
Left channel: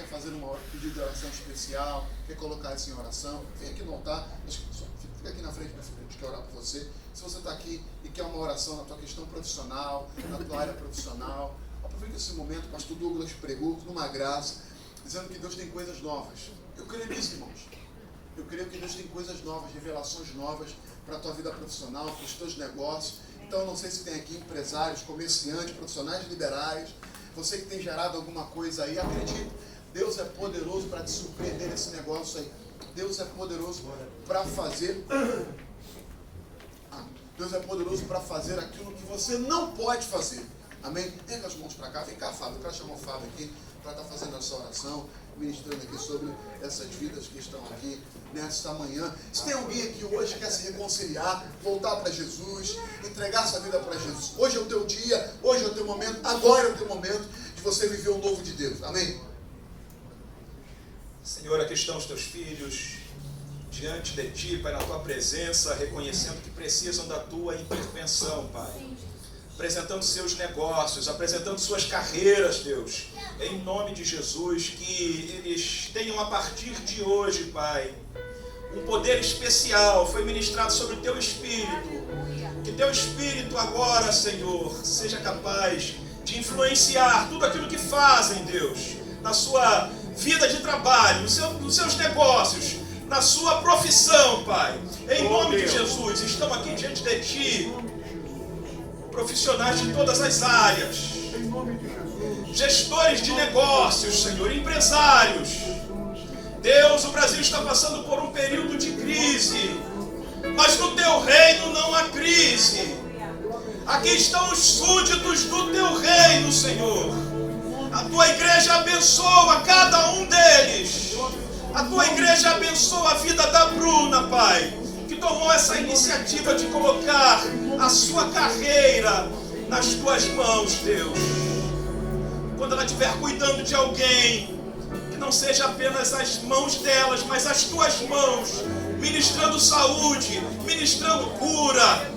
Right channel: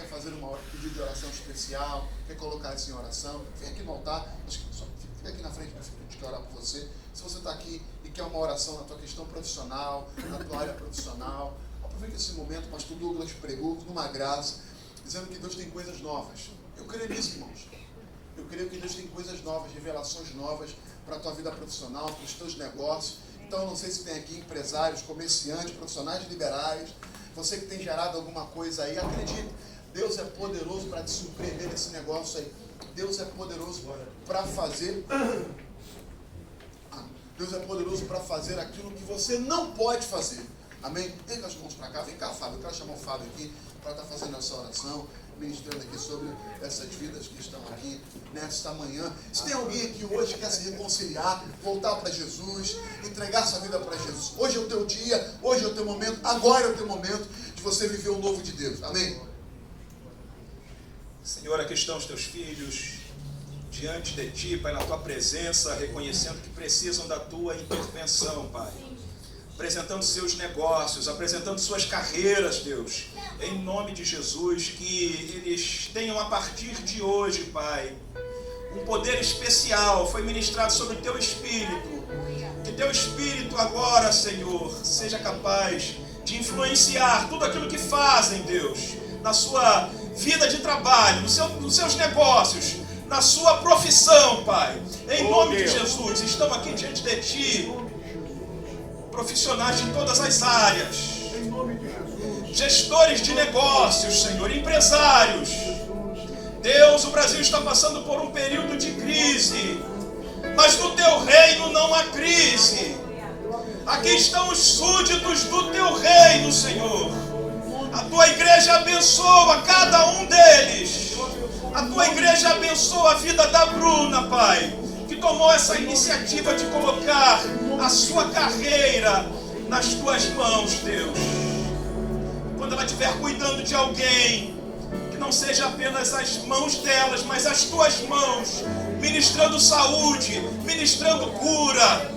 fazer uma pedido de oração especial, quer colocar isso em oração? Vem aqui no altar, fica aqui na frente, meu filho, a gente quer orar por você. Se você está aqui e quer uma oração na tua questão profissional, na tua área profissional, aproveita esse momento. O pastor Douglas pregou numa graça, dizendo que Deus tem coisas novas. Eu creio nisso, irmãos. Eu creio que Deus tem coisas novas, revelações novas para a tua vida profissional, para os teus negócios. Então, eu não sei se tem aqui empresários, comerciantes, profissionais liberais, você que tem gerado alguma coisa aí, acredite, Deus é poderoso para te surpreender nesse negócio aí. Deus é poderoso para fazer... Deus é poderoso para fazer aquilo que você não pode fazer. Amém? Vem com as mãos para cá. Vem cá, Fábio. Eu quero chamar o Fábio aqui para estar fazendo essa oração, ministrando aqui sobre essas vidas que estão aqui nesta manhã. Se tem alguém aqui hoje que quer se reconciliar, voltar para Jesus, entregar sua vida para Jesus, hoje é o teu dia, hoje é o teu momento, agora é o teu momento de você viver o novo de Deus. Amém? Senhor, aqui estão os teus filhos diante de ti, Pai, na tua presença, reconhecendo que precisam da tua intervenção, Pai. Apresentando seus negócios, apresentando suas carreiras, Deus, em nome de Jesus, que eles tenham a partir de hoje, Pai, um poder especial, foi ministrado sobre o teu Espírito, que teu Espírito agora, Senhor, seja capaz de influenciar tudo aquilo que fazem, Deus, na sua vida de trabalho, nos seus negócios, na sua profissão, Pai, em nome de Jesus. Estamos aqui diante de ti, profissionais de todas as áreas, gestores de negócios, Senhor, empresários. Deus, o Brasil está passando por um período de crise, mas no teu reino não há crise. Aqui estão os súditos do teu reino, Senhor. A tua igreja abençoa cada um deles. A tua igreja abençoa a vida da Bruna, Pai, que tomou essa iniciativa de colocar a sua carreira nas tuas mãos, Deus. Quando ela estiver cuidando de alguém, que não seja apenas as mãos delas, mas as tuas mãos, ministrando saúde, ministrando cura.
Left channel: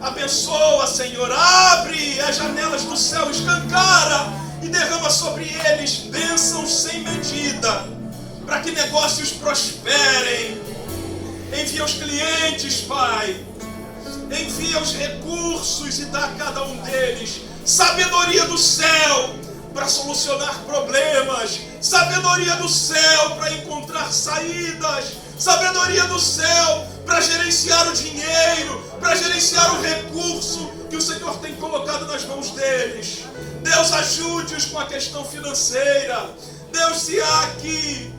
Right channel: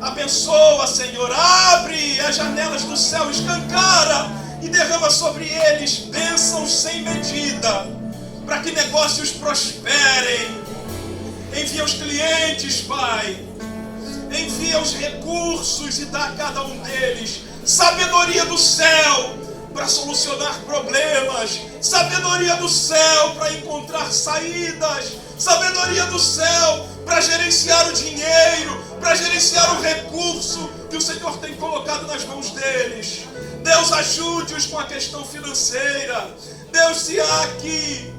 Abençoa, Senhor, abre as janelas do céu, escancara e derrama sobre eles bênçãos sem medida, para que negócios prosperem. Envia os clientes, Pai. Envia os recursos e dá a cada um deles sabedoria do céu para solucionar problemas, sabedoria do céu para encontrar saídas, sabedoria do céu para gerenciar o dinheiro, para gerenciar o recurso que o Senhor tem colocado nas mãos deles. Deus, ajude-os com a questão financeira. Deus, se há aqui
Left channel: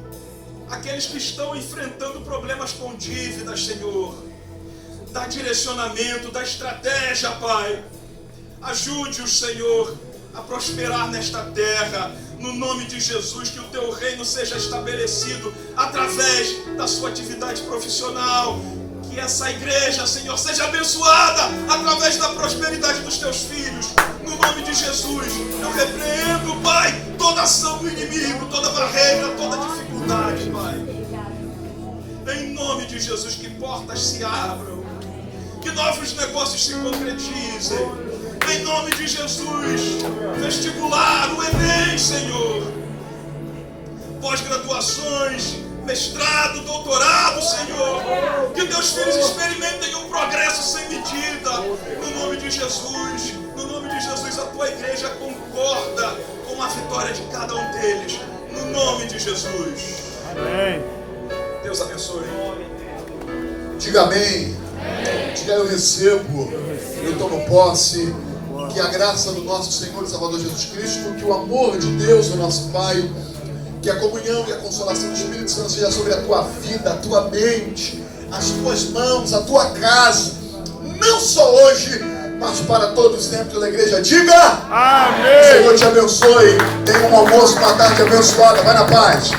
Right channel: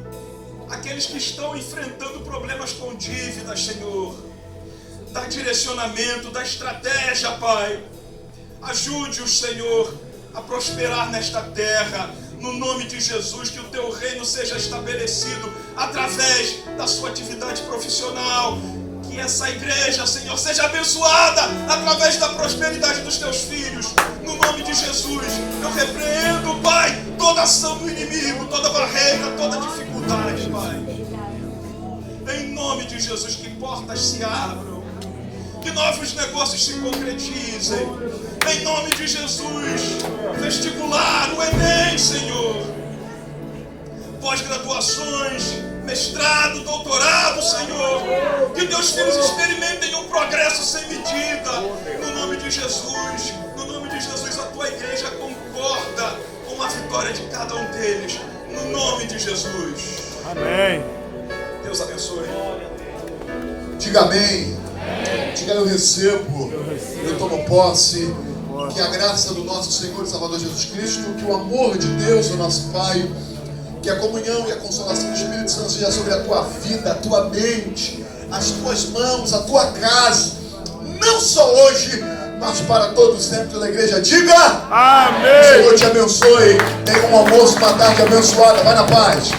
aqueles que estão enfrentando problemas com dívidas, Senhor, dá direcionamento, dá estratégia, Pai. Ajude-os, Senhor, a prosperar nesta terra, no nome de Jesus, que o teu reino seja estabelecido através da sua atividade profissional, que essa igreja, Senhor, seja abençoada através da prosperidade dos teus filhos, no nome de Jesus. Eu repreendo, Pai, toda ação do inimigo, toda barreira, toda dificuldade, Pai, em nome de Jesus, que portas se abram, que novos negócios se concretizem, em nome de Jesus. Vestibular, o Enem, Senhor, pós-graduações, mestrado, doutorado, Senhor, que teus filhos experimentem um progresso sem medida, no nome de Jesus. No nome de Jesus, a tua igreja concorda com a vitória de cada um deles, no nome de Jesus. Amém. Deus abençoe. Diga amém. Diga eu recebo. Eu tomo posse. Que a graça do nosso Senhor e Salvador Jesus Cristo, que o amor de Deus, o nosso Pai, que a comunhão e a consolação do Espírito Santo seja sobre a tua vida, a tua mente, as tuas mãos, a tua casa, não só hoje, mas para todos sempre. Pela igreja diga amém. O Senhor te abençoe. Tenha um almoço, uma tarde abençoada. Vai na paz.